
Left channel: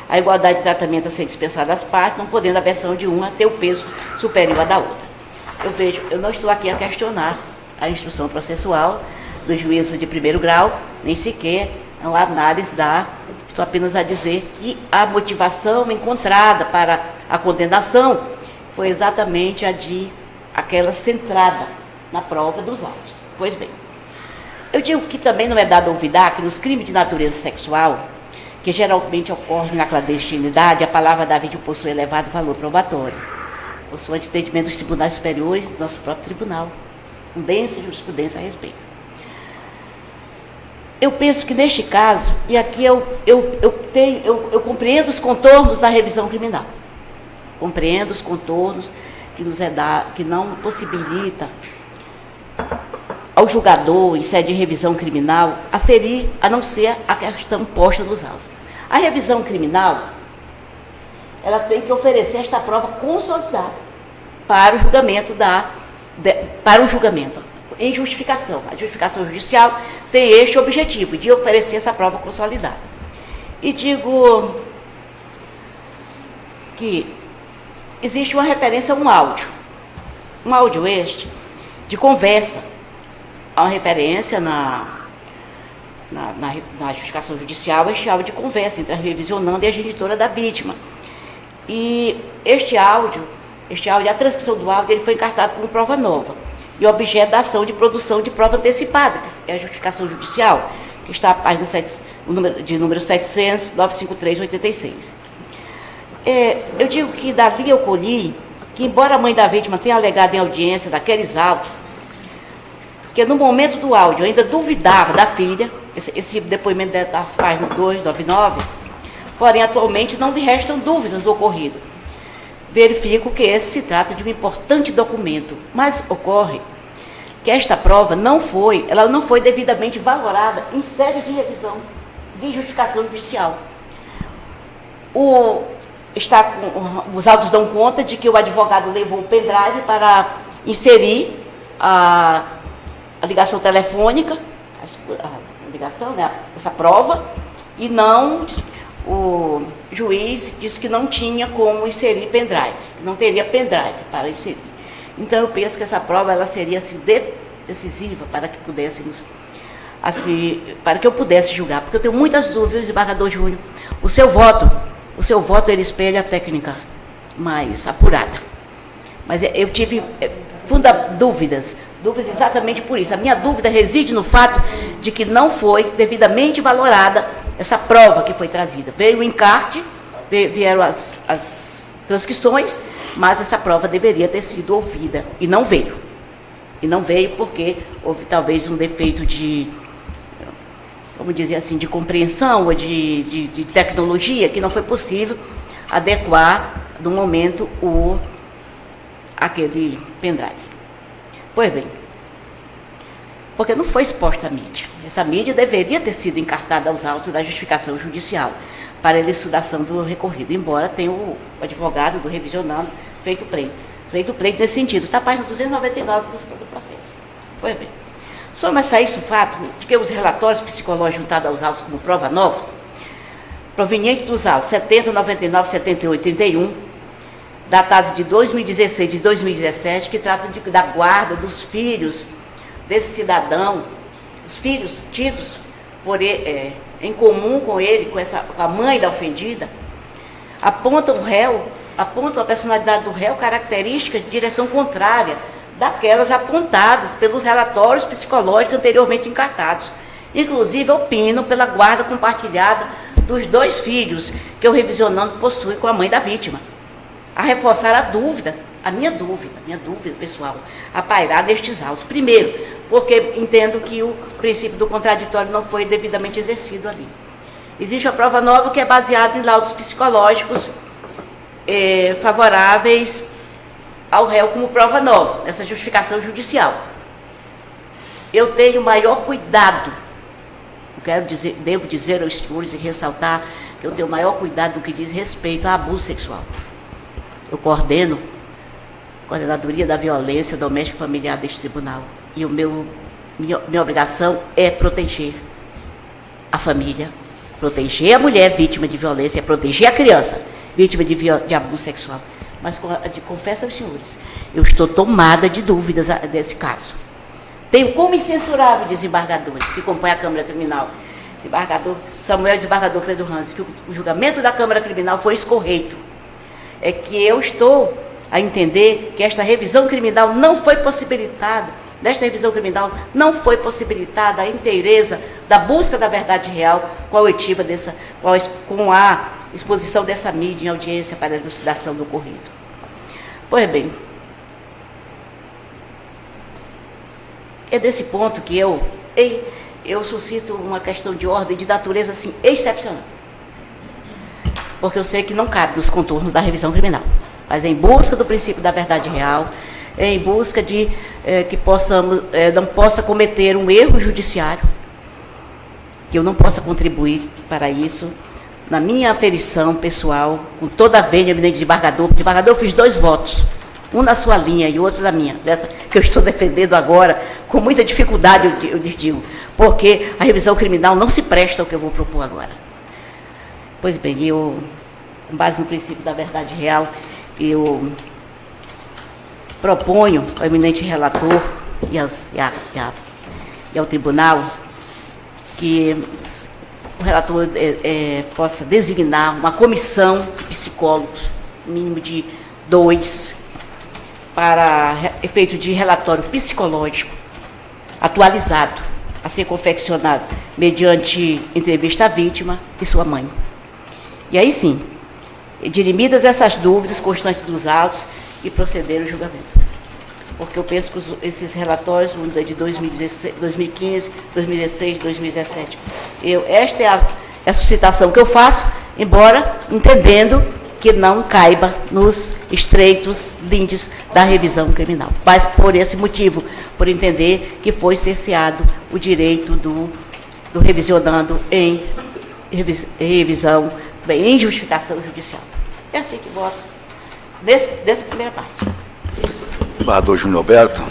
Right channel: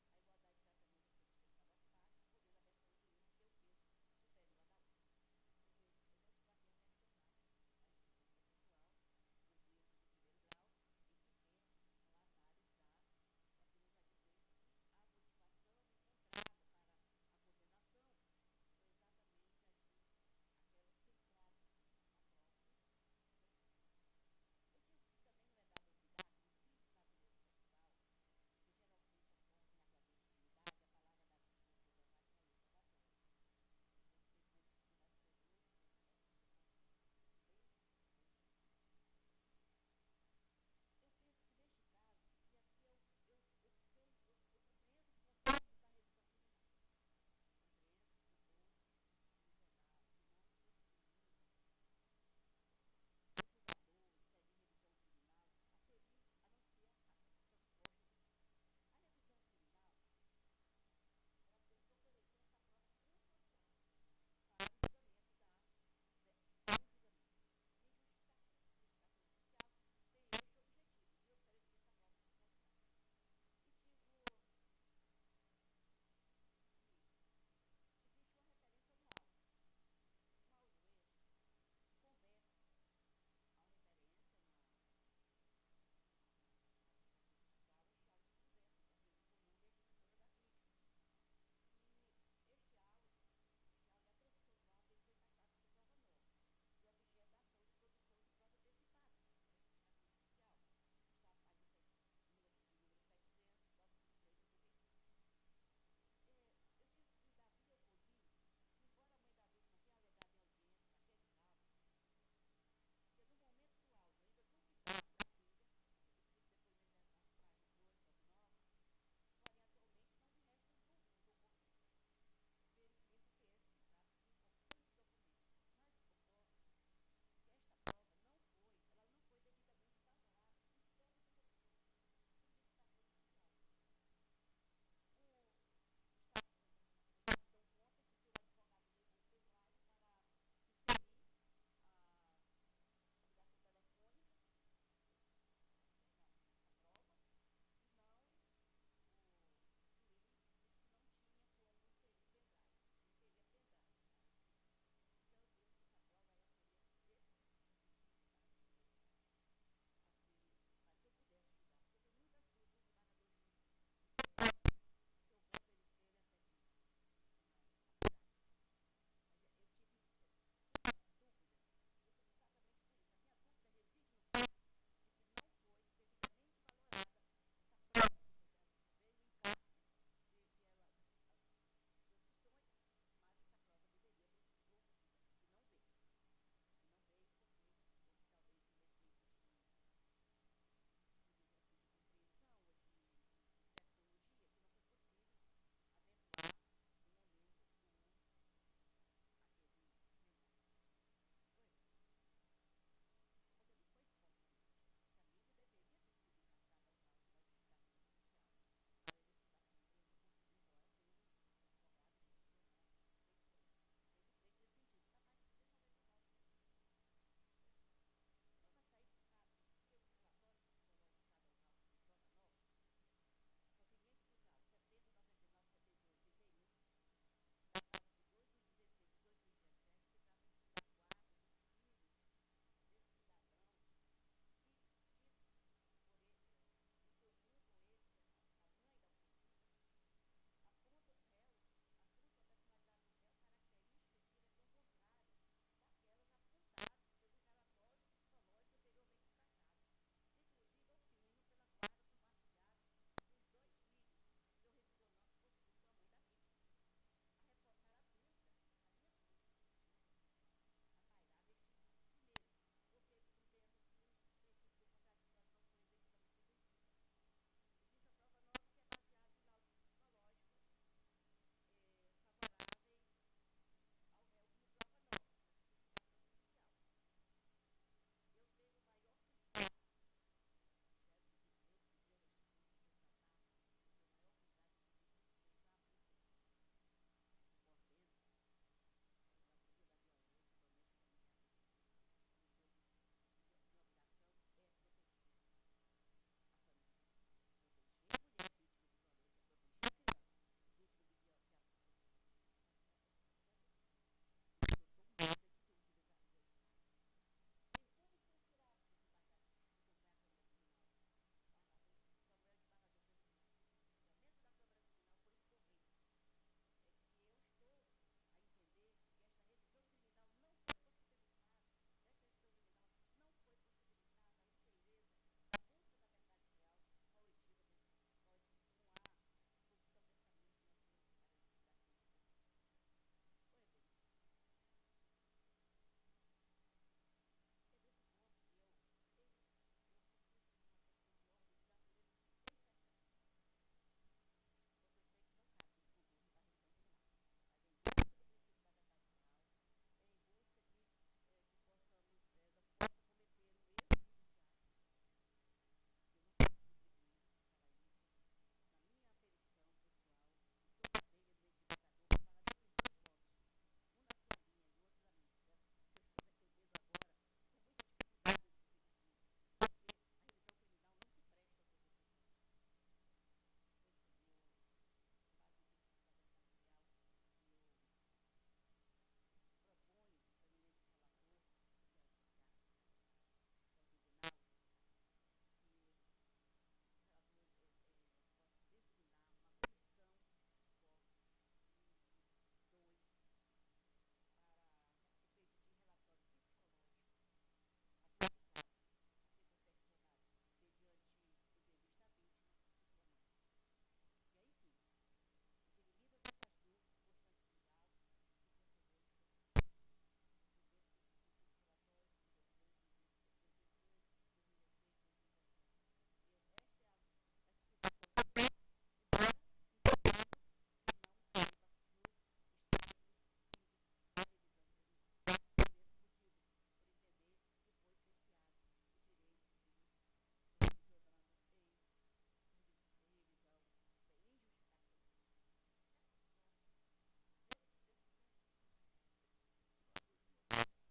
A igualdade de tratamento a ser dispensada às partes, não podendo a versão de uma ter o peso superior à da outra. Eu não estou aqui a questionar a instrução processual do juízo de primeiro grau, nem sequer a análise estou apenas a dizer que a motivação encontrada para a condenação foi exatamente aquela centrada na prova dos autos. Pois bem, eu digo que também não é dado olvidar que nos crimes de natureza sexual, que geralmente ocorrem na clandestinidade, a palavra da vítima possui elevado valor probatório, possui entendimento dos tribunais superiores e do nosso próprio tribunal, com densa jurisprudência a respeito. Eu penso que neste caso, e aqui eu compreendo os contornos da revisão criminal, compreendo os contornos que não possibilita ao julgador, em sede de revisão criminal, aferir, a não ser a questão posta nos autos. A revisão criminal, ela tem que oferecer esta prova consolidada para o julgamento em justificação. A justificação judicial tem este objetivo, de oferecer essa prova consolidada. E digo que existe uma referência a um áudio este, de conversa, há uma referência na justificação judicial, este áudio de conversa entre a revisionanda e a genitora da vítima. E este áudio, a transcrição do áudio, ele foi encartado como prova nova e objeto da ação de produção de prova antecipada, que é a justificação judicial, que está na página de número 700, 953, 86. Eu digo que dali eu colhi que, embora a mãe da vítima tenha alegado em audiência daqueles autos, que no momento do áudio ainda duvidava da filha, esse depoimento das páginas 299, porém atualmente não lhe restam dúvidas do ocorrido. Verifico que esse se trata de um importante documento, mas ocorre que esta prova não foi devidamente valorada em sede de revisão de justificação judicial. Os autos dão conta de que o advogado levou o pendrive para inserir a ligação telefônica, essa prova, e o juiz disse que não tinha como inserir pendrive, não teria pendrive para inserir. Então, eu penso que essa prova ela seria assim, decisiva para que eu pudesse julgar, porque eu tenho muitas dúvidas, desembargador Júnior. O seu voto ele espelha a técnica mais apurada. Mas eu tive dúvidas exatamente por isso. A minha dúvida reside no fato de que não foi devidamente valorada essa prova que foi trazida. Veio o encarte, vieram as transcrições, mas essa prova deveria ter sido ouvida, e não veio. E não veio porque houve talvez um defeito de, vamos dizer assim, de compreensão ou de tecnologia, que não foi possível adequar, no momento, aquele pendrive. Pois bem, porque não foi exposta à mídia. Essa mídia deveria ter sido encartada aos autos da justificação judicial para a elucidação do recorrido, embora tenha o advogado do revisionando feito pleito nesse sentido. Está a página 299 do processo. Pois bem, soma-se a isso o fato de que os relatórios psicológicos juntados aos autos como prova nova, provenientes dos autos 70, 99, 78 e 31, datados de 2016 e 2017, que tratam da guarda dos filhos desse cidadão, os filhos tidos por ele, em comum com ele, com a mãe da ofendida, apontam a personalidade do réu característica de direção contrária daquelas apontadas pelos relatórios psicológicos anteriormente encartados. Inclusive, opinam pela guarda compartilhada dos 2 filhos que o revisionando possui com a mãe da vítima. A reforçar a minha dúvida pessoal, a pairar nestes autos. Primeiro, porque entendo que o princípio do contraditório não foi devidamente exercido ali. Existe uma prova nova que é baseada em laudos psicológicos favoráveis ao réu como prova nova, nessa justificação judicial. Eu tenho maior cuidado, devo dizer aos senhores e ressaltar que eu tenho maior cuidado no que diz respeito a abuso sexual. Eu coordeno a Coordenadoria da Violência Doméstica e Familiar deste tribunal. E minha obrigação é proteger a família, proteger a mulher vítima de violência, proteger a criança vítima de abuso sexual. Mas, confesso aos senhores, eu estou tomada de dúvidas desse caso. Tenho como incensurável desembargadores que compõem a Câmara Criminal, desembargador Samuel e desembargador Pedro Ranzi, que o julgamento da Câmara Criminal foi escorreito. É que eu estou a entender que esta revisão criminal não foi possibilitada, a inteireza da busca da verdade real com a exposição dessa mídia em audiência para a elucidação do ocorrido. Pois bem, é desse ponto que eu suscito uma questão de ordem de natureza assim, excepcional. Porque eu sei que não cabe nos contornos da revisão criminal, mas em busca do princípio da verdade real, em busca de que não possa cometer um erro judiciário, que eu não possa contribuir para isso, na minha aferição pessoal, com toda a vênia, eminente desembargador, eu fiz 2 votos, um na sua linha e outro na minha, dessa que eu estou defendendo agora, com muita dificuldade, eu lhes digo, porque a revisão criminal não se presta ao que eu vou propor agora. Pois bem, com base no princípio da verdade real, eu proponho ao eminente relator e ao tribunal que o relator possa designar uma comissão de psicólogos, mínimo de 2, para efeito de relatório psicológico atualizado, a ser confeccionado mediante entrevista à vítima e sua mãe. E aí sim, dirimidas essas dúvidas constantes dos autos, e proceder ao julgamento. Porque eu penso que esses relatórios, de 2016, 2015, 2016, 2017, esta é a suscitação que eu faço, embora entendendo que não caiba nos estreitos lindes da revisão criminal. Mas por esse motivo, por entender que foi cerceado o direito do revisionando em revisão, em justificação judicial. É assim que voto, dessa primeira parte. Desembargador Júnior Alberto.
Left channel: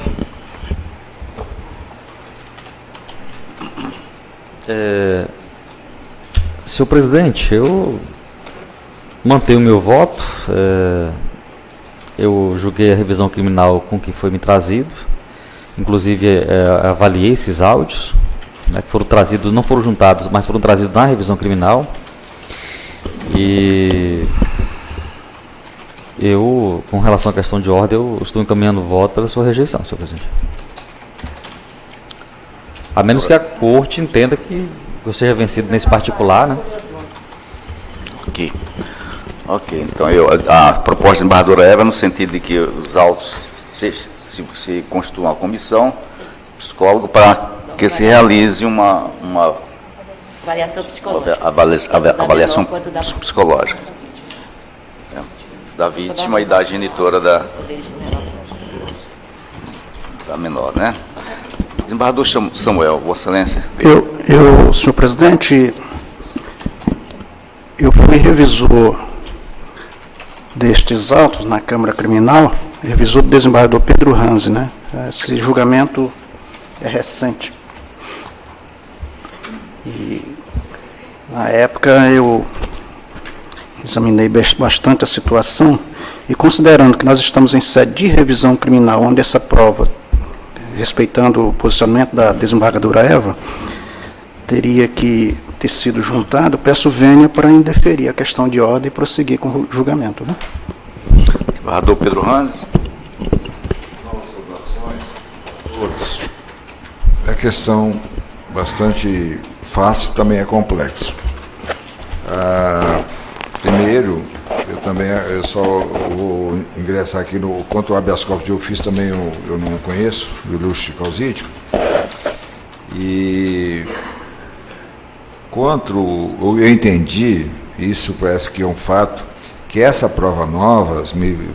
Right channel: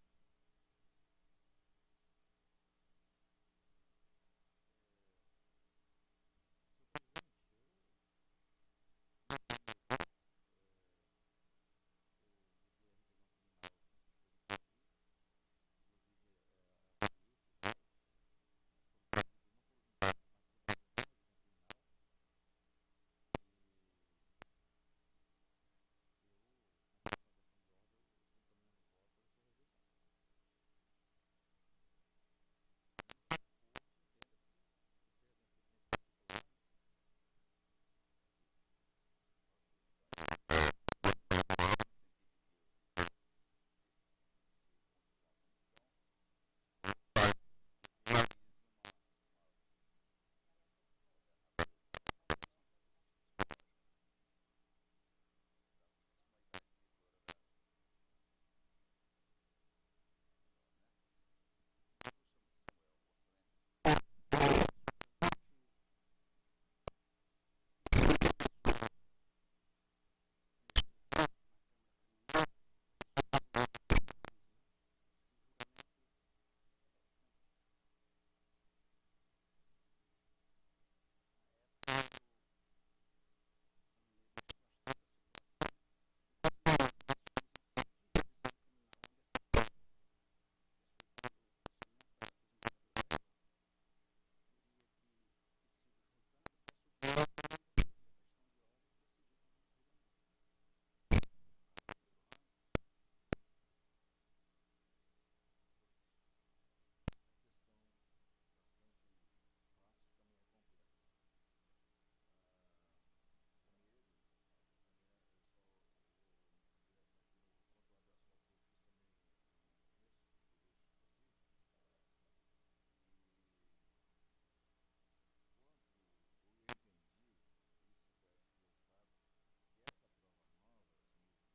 Senhor presidente, eu mantenho o meu voto. Eu julguei a revisão criminal com que foi me trazido. Inclusive, avaliei esses áudios, né, que foram trazidos, não foram juntados, mas foram trazidos na revisão criminal. E Eu, com relação à questão de ordem, eu estou encaminhando o voto pela sua rejeição, senhor presidente. A menos que a corte entenda que eu seja vencido nesse particular, né? Ok, então a proposta da desembargadora Eva, no sentido de que os autos se constituam uma comissão, psicólogo, para que se realize uma Avaliação psicológica. Avaliação psicológica da vítima e da genitora da menor, né? Desembargador Samuel, Vossa Excelência. Senhor presidente, eu fui revisor destes autos na Câmara Criminal, revisor do desembargador Pedro Ranzi, né? Esse julgamento é recente. E, na época, eu examinei bastante a situação e, considerando que nós estamos em sede de revisão criminal, onde essa prova, respeitando o posicionamento da desembargadora Eva, teria que ter sido juntado, peço vênia para indeferir a questão de ordem e prosseguir com o julgamento. Né? Desembargador Pedro Ranzi. É questão bastante fácil, também é complexo. Primeiro, eu só vou ingressar aqui no quanto ao habeas corpus de ofício, também eu não conheço, do ilustre causídico. E quanto eu entendi, isso parece que é um fato, que essa prova nova,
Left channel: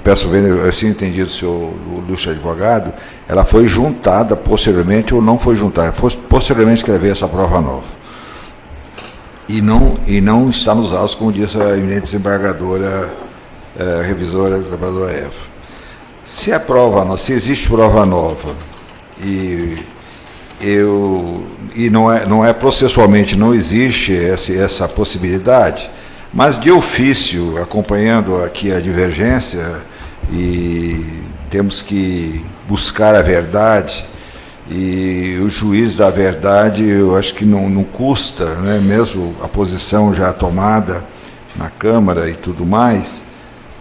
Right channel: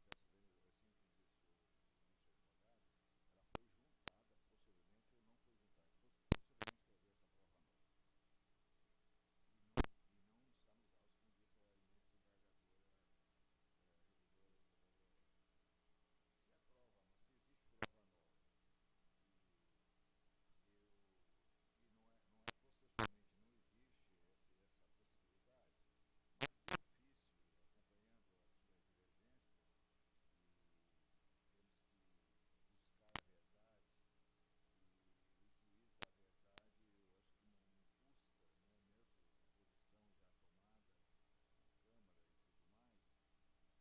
peço ver, assim entendi do senhor ilustre advogado, ela foi juntada posteriormente ou não foi juntada, foi posteriormente que veio essa prova nova. E não está nos autos, como disse a eminente desembargadora, revisora, desembargadora Eva. Se existe prova nova não é processualmente, não existe essa possibilidade, mas de ofício, acompanhando aqui a divergência, e temos que buscar a verdade, e o juiz da verdade, eu acho que não custa, né, mesmo a posição já tomada na Câmara e tudo mais,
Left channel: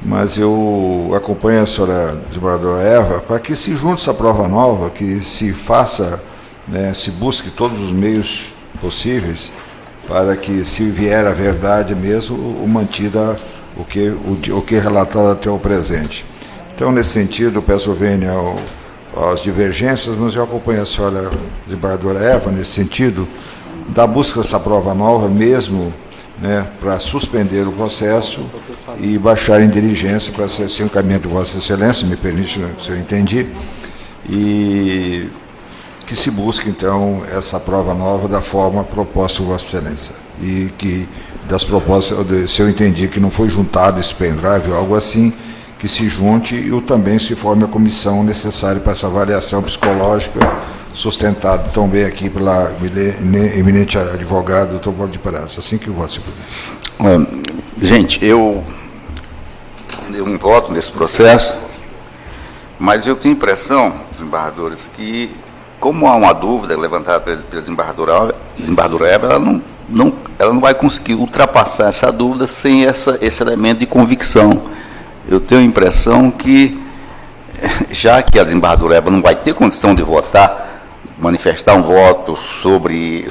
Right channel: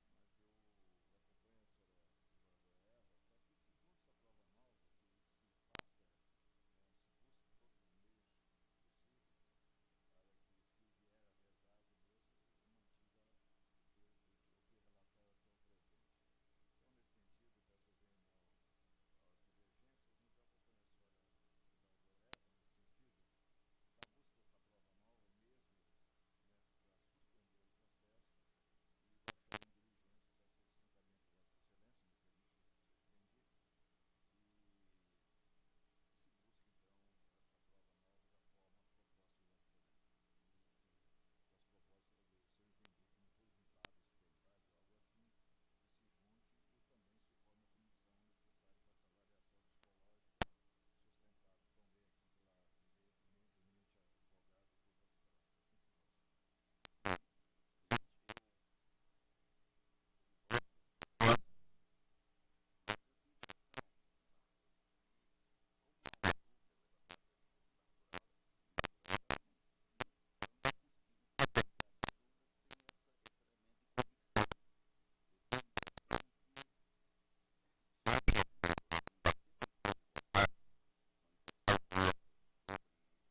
mas eu acompanho a senhora desembargadora Eva para que se junte essa prova nova, que se faça, né, se busque todos os meios possíveis para que, se vier a verdade mesmo, mantida o que é relatado até o presente. Então, nesse sentido, eu peço vênia às divergências, mas eu acompanho a senhora desembargadora Eva nesse sentido, da busca dessa prova nova mesmo, né, para suspender o processo e baixar em diligência para ser o encaminhamento de Vossa Excelência, me permite, se eu entendi, e que se busque, então, essa prova nova da forma proposta por Vossa Excelência. E que das propostas, se eu entendi que não foi juntado esse pendrive ou algo assim, que se junte e também se forme a comissão necessária para essa avaliação psicológica, sustentada também aqui pela eminente advogada, doutor Valdo de Perazzo. Assim que eu voto, senhor presidente. Gente, eu não voto nesse processo, mas eu tenho a impressão, desembargadores, que, como há uma dúvida levantada pela desembargadora Eva, ela não vai conseguir ultrapassar essa dúvida sem esse elemento de convicção. Eu tenho a impressão que, já que a desembargadora Eva não vai ter condição de votar, manifestar um voto sobre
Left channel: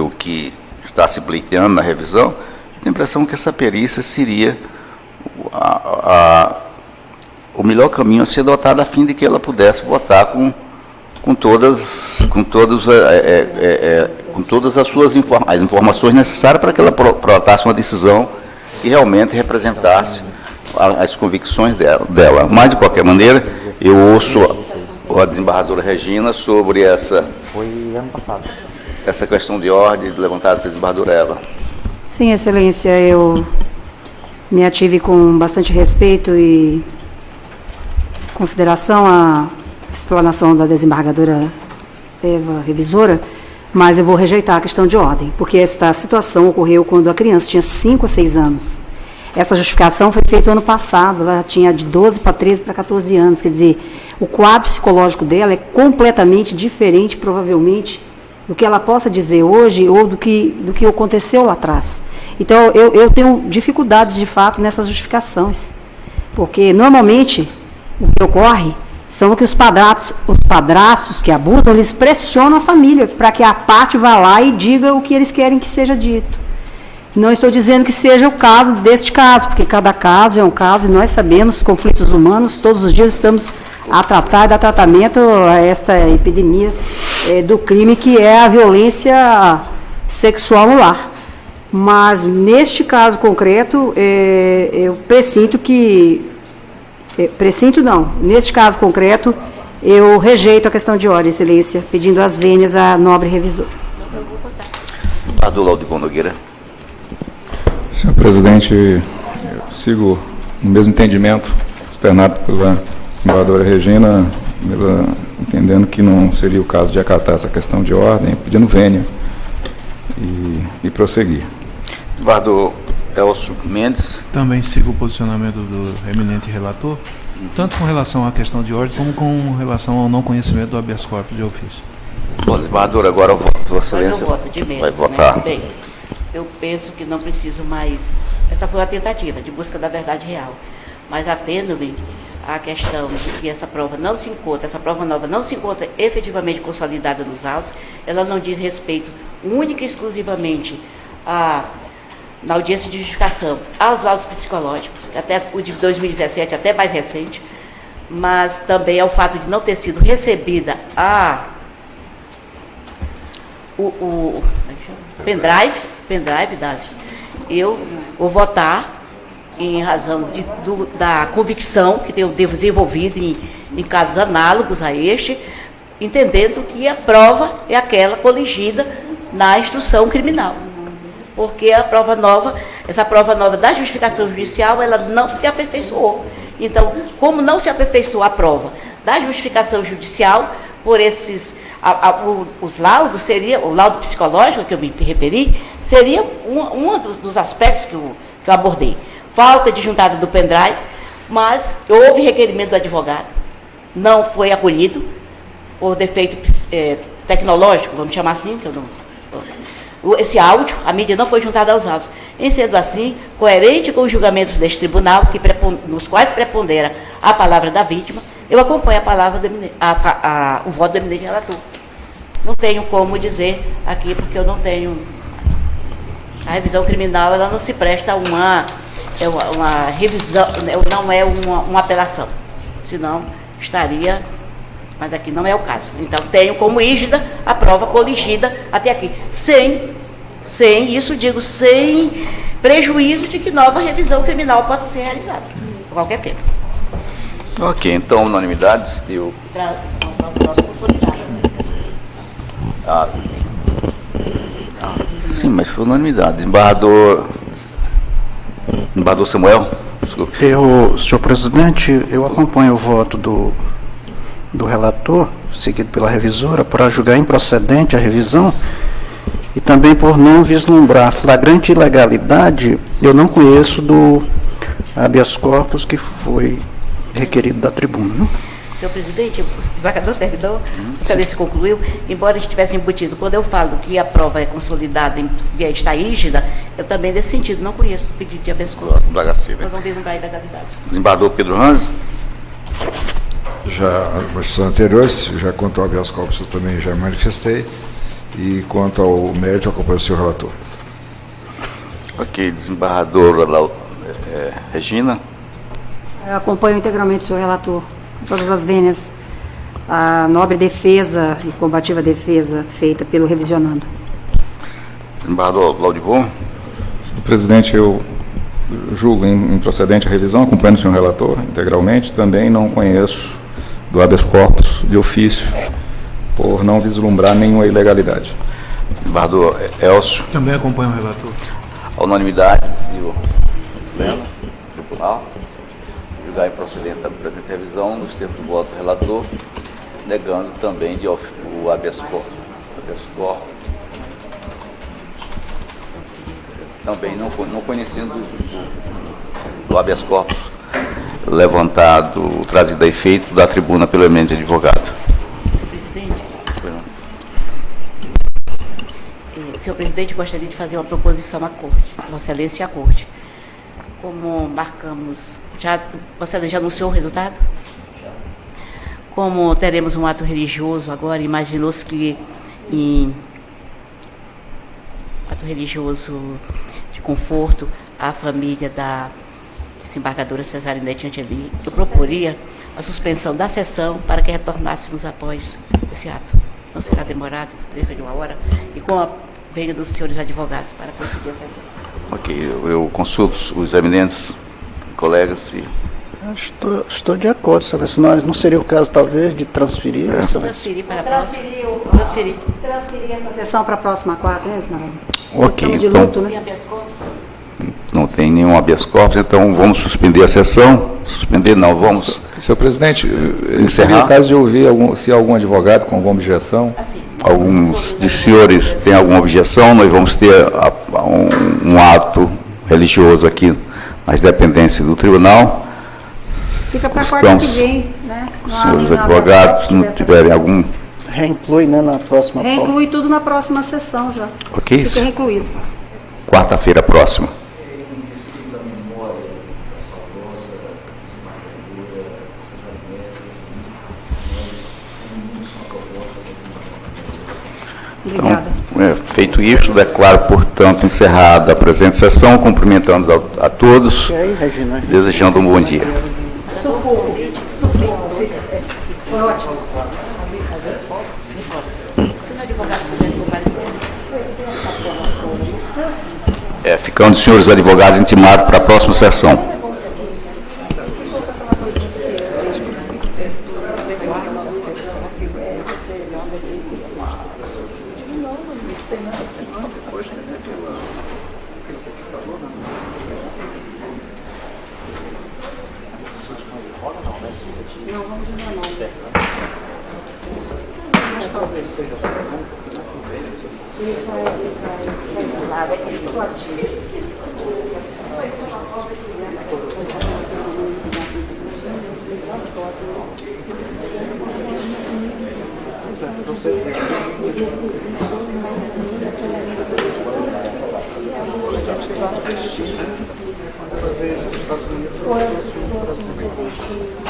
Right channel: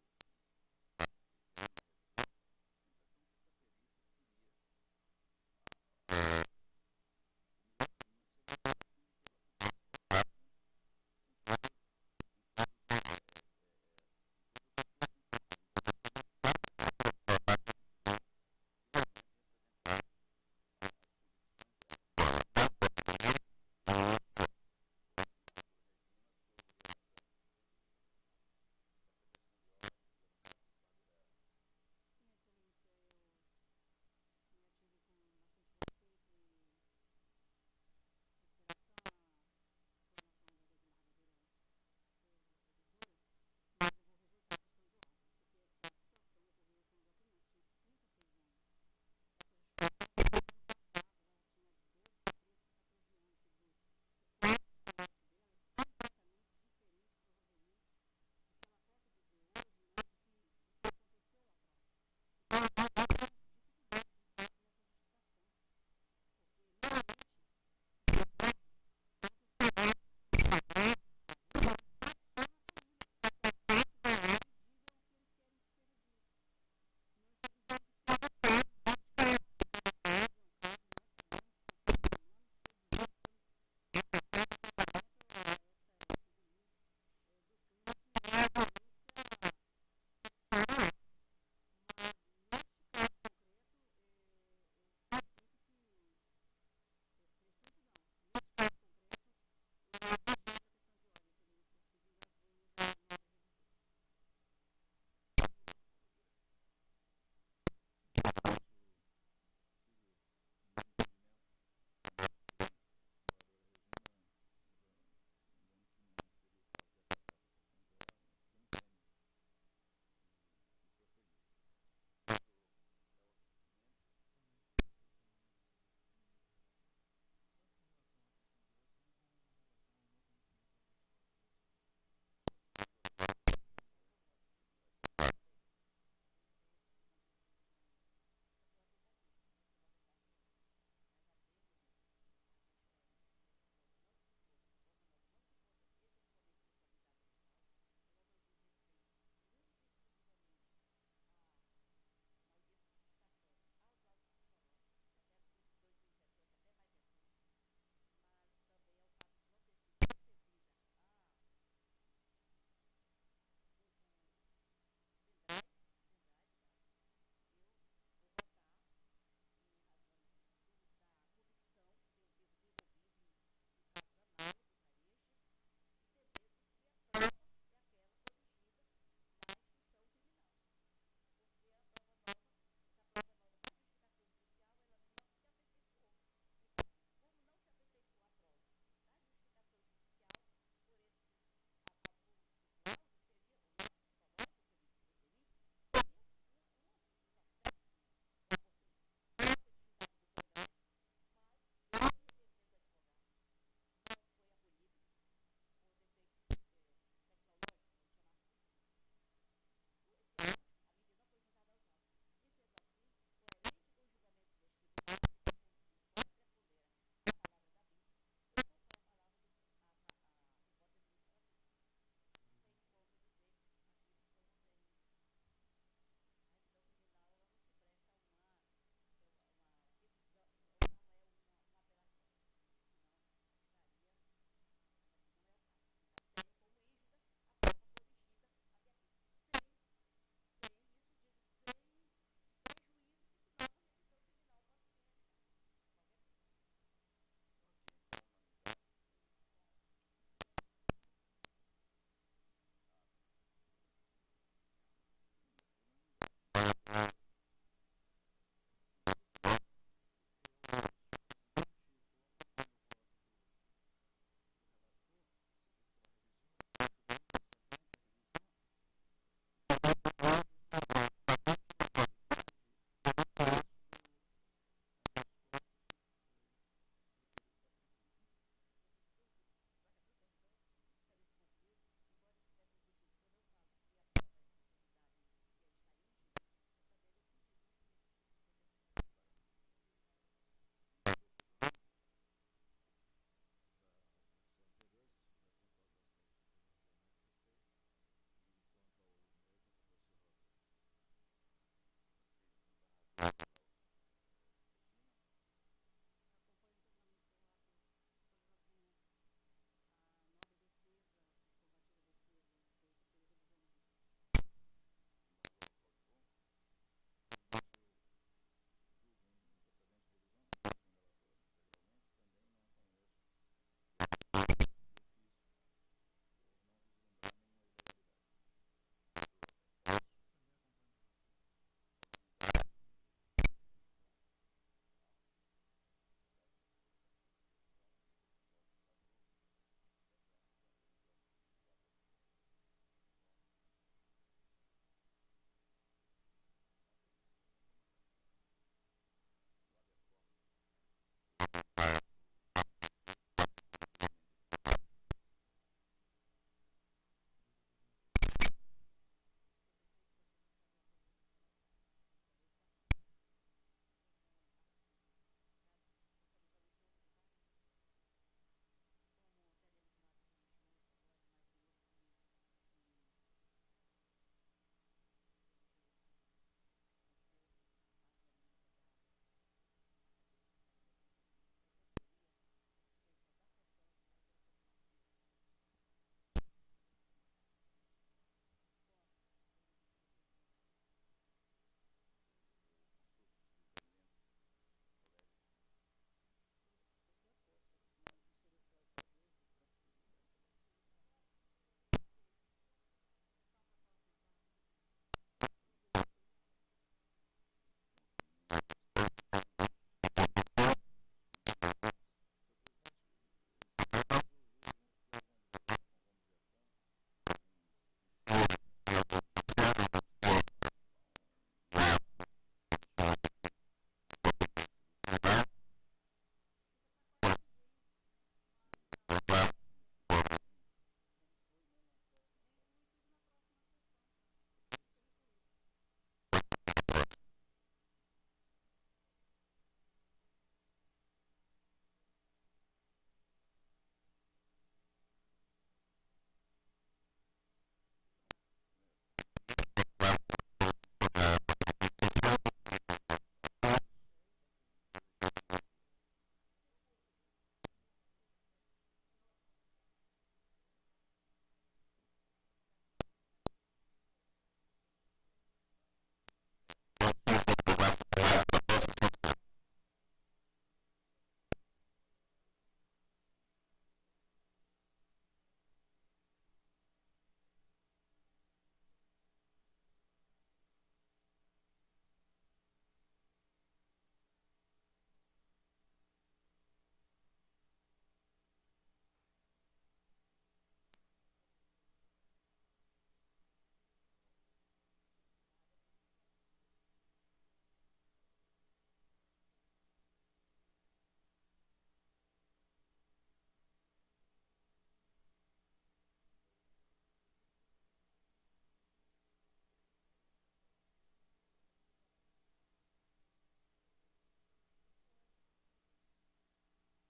o que está se pleiteando na revisão, eu tenho a impressão que essa perícia seria o melhor caminho a ser adotado, a fim de que ela pudesse votar com todas as suas informações necessárias para que ela protasse uma decisão que realmente representasse as convicções dela. Mas, de qualquer maneira, eu ouço a desembargadora Regina sobre essa questão de ordem levantada pela desembargadora Eva. Sim, Excelência, eu me ative com bastante respeito e consideração à explanação da desembargadora Eva, revisora, mas eu vou rejeitar a questão de ordem, porque esta situação ocorreu quando a criança tinha 5 a 6 anos. Essa justificação foi feita ano passado, ela tinha de 12 para 13 para 14 anos, quer dizer, o quadro psicológico dela é completamente diferente, provavelmente, do que ela possa dizer hoje ou do que aconteceu lá atrás. Então, eu tenho dificuldades, de fato, nessas justificações, Porque, normalmente, o que ocorre são que os padrastos que abusam, eles pressionam a família para que a parte vá lá e diga o que eles querem que seja dito. Não estou dizendo que seja o caso deste caso, porque cada caso é um caso e nós sabemos conflitos humanos, todos os dias estamos a tratar e dar tratamento a esta epidemia do crime que é a violência sexual no lar. Mas, neste caso concreto, eu pressinto que... Pressinto não. Neste caso concreto, eu rejeito a questão de ordem, Excelência, pedindo as vênias à nobre revisor. Deputado Laudivon Nogueira. Senhor presidente, eu sigo no mesmo entendimento externado pela desembargadora Regina, entendendo que não seria o caso de acatar essa questão de ordem, pedindo vênia e prosseguir. Desembargador Elcio Mendes. Também sigo o posicionamento do eminente relator, tanto com relação à questão de ordem, como com relação ao não conhecimento do habeas corpus de ofício. Bom, desembargador, agora eu voto. Vossa Excelência Eu voto de medo, vai votar. Né? Bem, eu penso que não preciso mais... Esta foi uma tentativa de busca da verdade real, mas atendo-me à questão de que essa prova nova não se encontra efetivamente consolidada nos autos, ela não diz respeito única e exclusivamente na audiência de justificação aos laudos psicológicos, até o de 2017, até mais recente, mas também ao fato de não ter sido recebida o pendrive das... Eu vou votar em razão da convicção que eu devo desenvolvido em casos análogos a este, entendendo que a prova é aquela coligida na instrução criminal. Porque essa prova nova da justificação judicial, ela não se aperfeiçoou. Então, como não se aperfeiçoou a prova da justificação judicial, por esses, os laudos, o laudo psicológico que eu me referi, seria um dos aspectos que eu abordei. Falta de juntada do pendrive, mas houve requerimento do advogado, não foi acolhido, por defeito tecnológico, vamos chamar assim, que eu não... Esse áudio, a mídia não foi juntada aos autos. Em sendo assim, coerente com os julgamentos deste tribunal, nos quais prepondera a palavra da vítima, eu acompanho o voto do eminente relator. Não tenho como dizer aqui, porque eu não tenho... A revisão criminal, ela não se presta a uma revisão, não é uma apelação. Senão, estaria... Mas aqui não é o caso. Então, tenho como rígida a prova coligida até aqui. Sem prejuízo de que nova revisão criminal possa ser realizada, a qualquer tempo. Ok, então, unanimidades. Sim, mas foi unanimidade. Desembargador Samuel, desculpe. Senhor presidente, eu acompanho o voto do relator, seguido pela revisora, para julgar improcedente a revisão e também por não vislumbrar flagrante ilegalidade. Eu não conheço do habeas corpus que foi requerido da tribuna. Senhor presidente, o desembargador terminou, a excelência concluiu, embora a gente tivesse embutido, quando eu falo que a prova é consolidada e está rígida, eu também, nesse sentido, não conheço o pedido de habeas corpus. Nós vamos vislumbrar a ilegalidade. Desembargador Pedro Ranz. Já, nas sessões anteriores, já quanto ao habeas corpus eu também já manifestei, e quanto ao mérito, eu acompanho o senhor relator. Ok, desembargadora Regina. Eu acompanho integralmente o senhor relator, todas as vênias, a nobre defesa e combativa defesa feita pelo revisionando. Desembargador Laudivon. Senhor presidente, eu julgo improcedente a revisão, acompanho o senhor relator integralmente, também não conheço do habeas corpus de ofício, por não vislumbrar nenhuma ilegalidade. Desembargador Elcio. Também acompanho o relator. A unanimidade, senhor tribunal, julgar improcedente a presente revisão, nos termos do voto do relator, negando também o habeas corpus. Também não conhecendo do habeas corpus levantado, trazido a efeito da tribuna pelo eminente advogado. Senhor presidente, gostaria de fazer uma proposição à Corte, Vossa Excelência e à Corte. como marcamos, você já anunciou o resultado? Como teremos um ato religioso agora, imaginou-se que em ato religioso de conforto, a família da desembargadora Cesarinete Angeli, eu proporia a suspensão da sessão para que retornássemos após esse ato. Não será demorado, cerca de 1 hora, e com a venha dos senhores advogados para prosseguir a sessão. Ok, eu consulto os eminentes colegas e... Estou de acordo, Excelência. Não seria o caso, talvez, de transferir? Transferir para a próxima. Transferir essa sessão para a próxima quarta, né, Esmeralda? Ok, de então... luto, né? Tem habeas corpus? Não tem nenhum habeas corpus, então vamos suspender a sessão. Suspender não, vamos... Senhor presidente, encerrar. seria o caso de ouvir se algum advogado com alguma objeção. Assim, Alguns dos senhores têm alguma objeção, nós vamos ter um ato religioso aqui nas dependências do tribunal. Fica para a quarta que vem, né? Os senhores advogados, se não tiverem algum... Reinclui, né, na próxima prova. Reinclui tudo na próxima sessão já. Ok? Fica reincluído. Quarta-feira próxima. Obrigada. Então, feito isso, declaro, portanto, encerrada a presente sessão, cumprimentando a todos, E aí, Regina? desejando um bom dia. Foi ótimo. se os advogados quiserem comparecer, Ficando os senhores advogados intimados para a próxima sessão.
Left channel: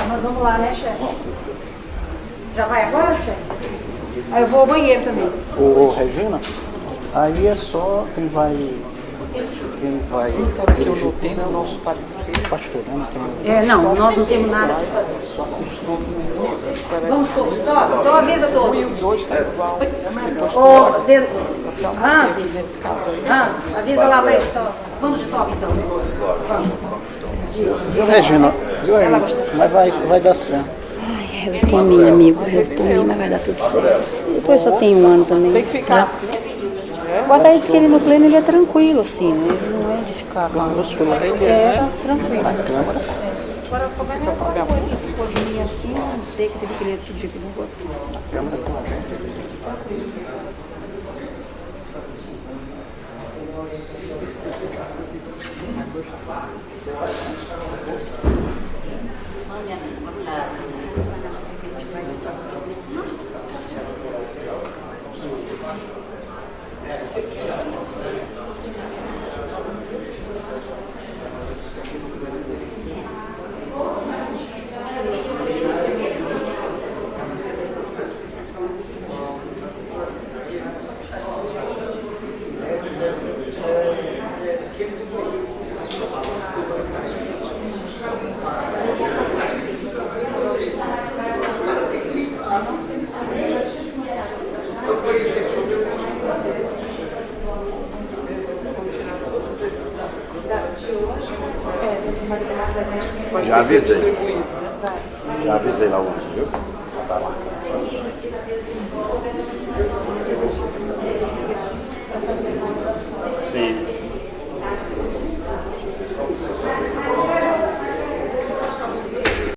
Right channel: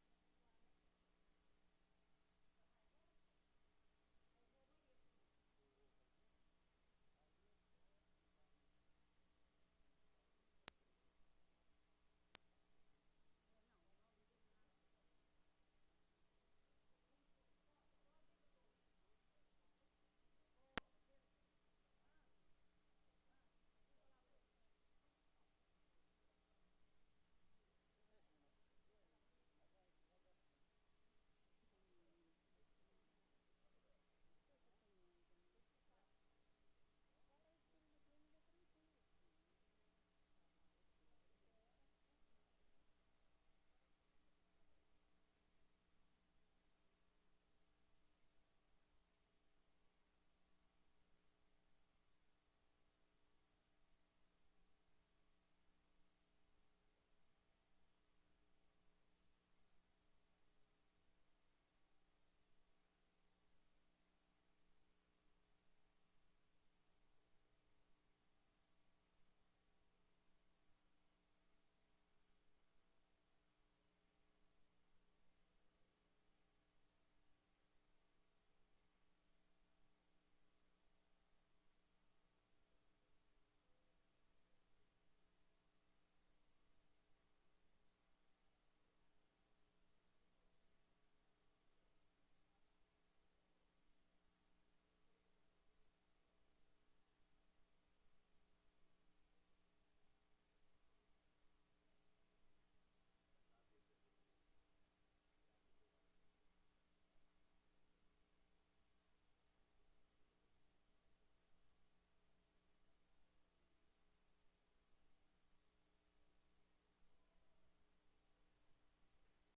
Nós vamos lá, né, chefe? Já vai agora, chefe? Aí eu vou ao banheiro também. Ô, Regina, aí é só quem vai dirigir o tema é o nosso pastor, né? Não, nós não temos nada que fazer. Vamos todos, então avisa todos. Hansi, avisa lá para ele. Vamos de toque, então. Vamos. Viu, Regina? Viu aí? Mas vai dar certo. Ai, reza por mim, amigo. Reza por mim, mas vai dar tudo certo. Depois só tem 1 ano também. Tem que ficar. O Adair disse que ele no pleno ele é tranquilo, assim, né? Ele não é de ficar com Muscular, ele é tranquilo. na Câmara. Agora, qualquer coisa que ficou de mim assim, eu não sei, que teve que ler tudo que não gostou. Câmara com a gente. Já avisei. Já avisei lá hoje, viu? Tá lá. Sim.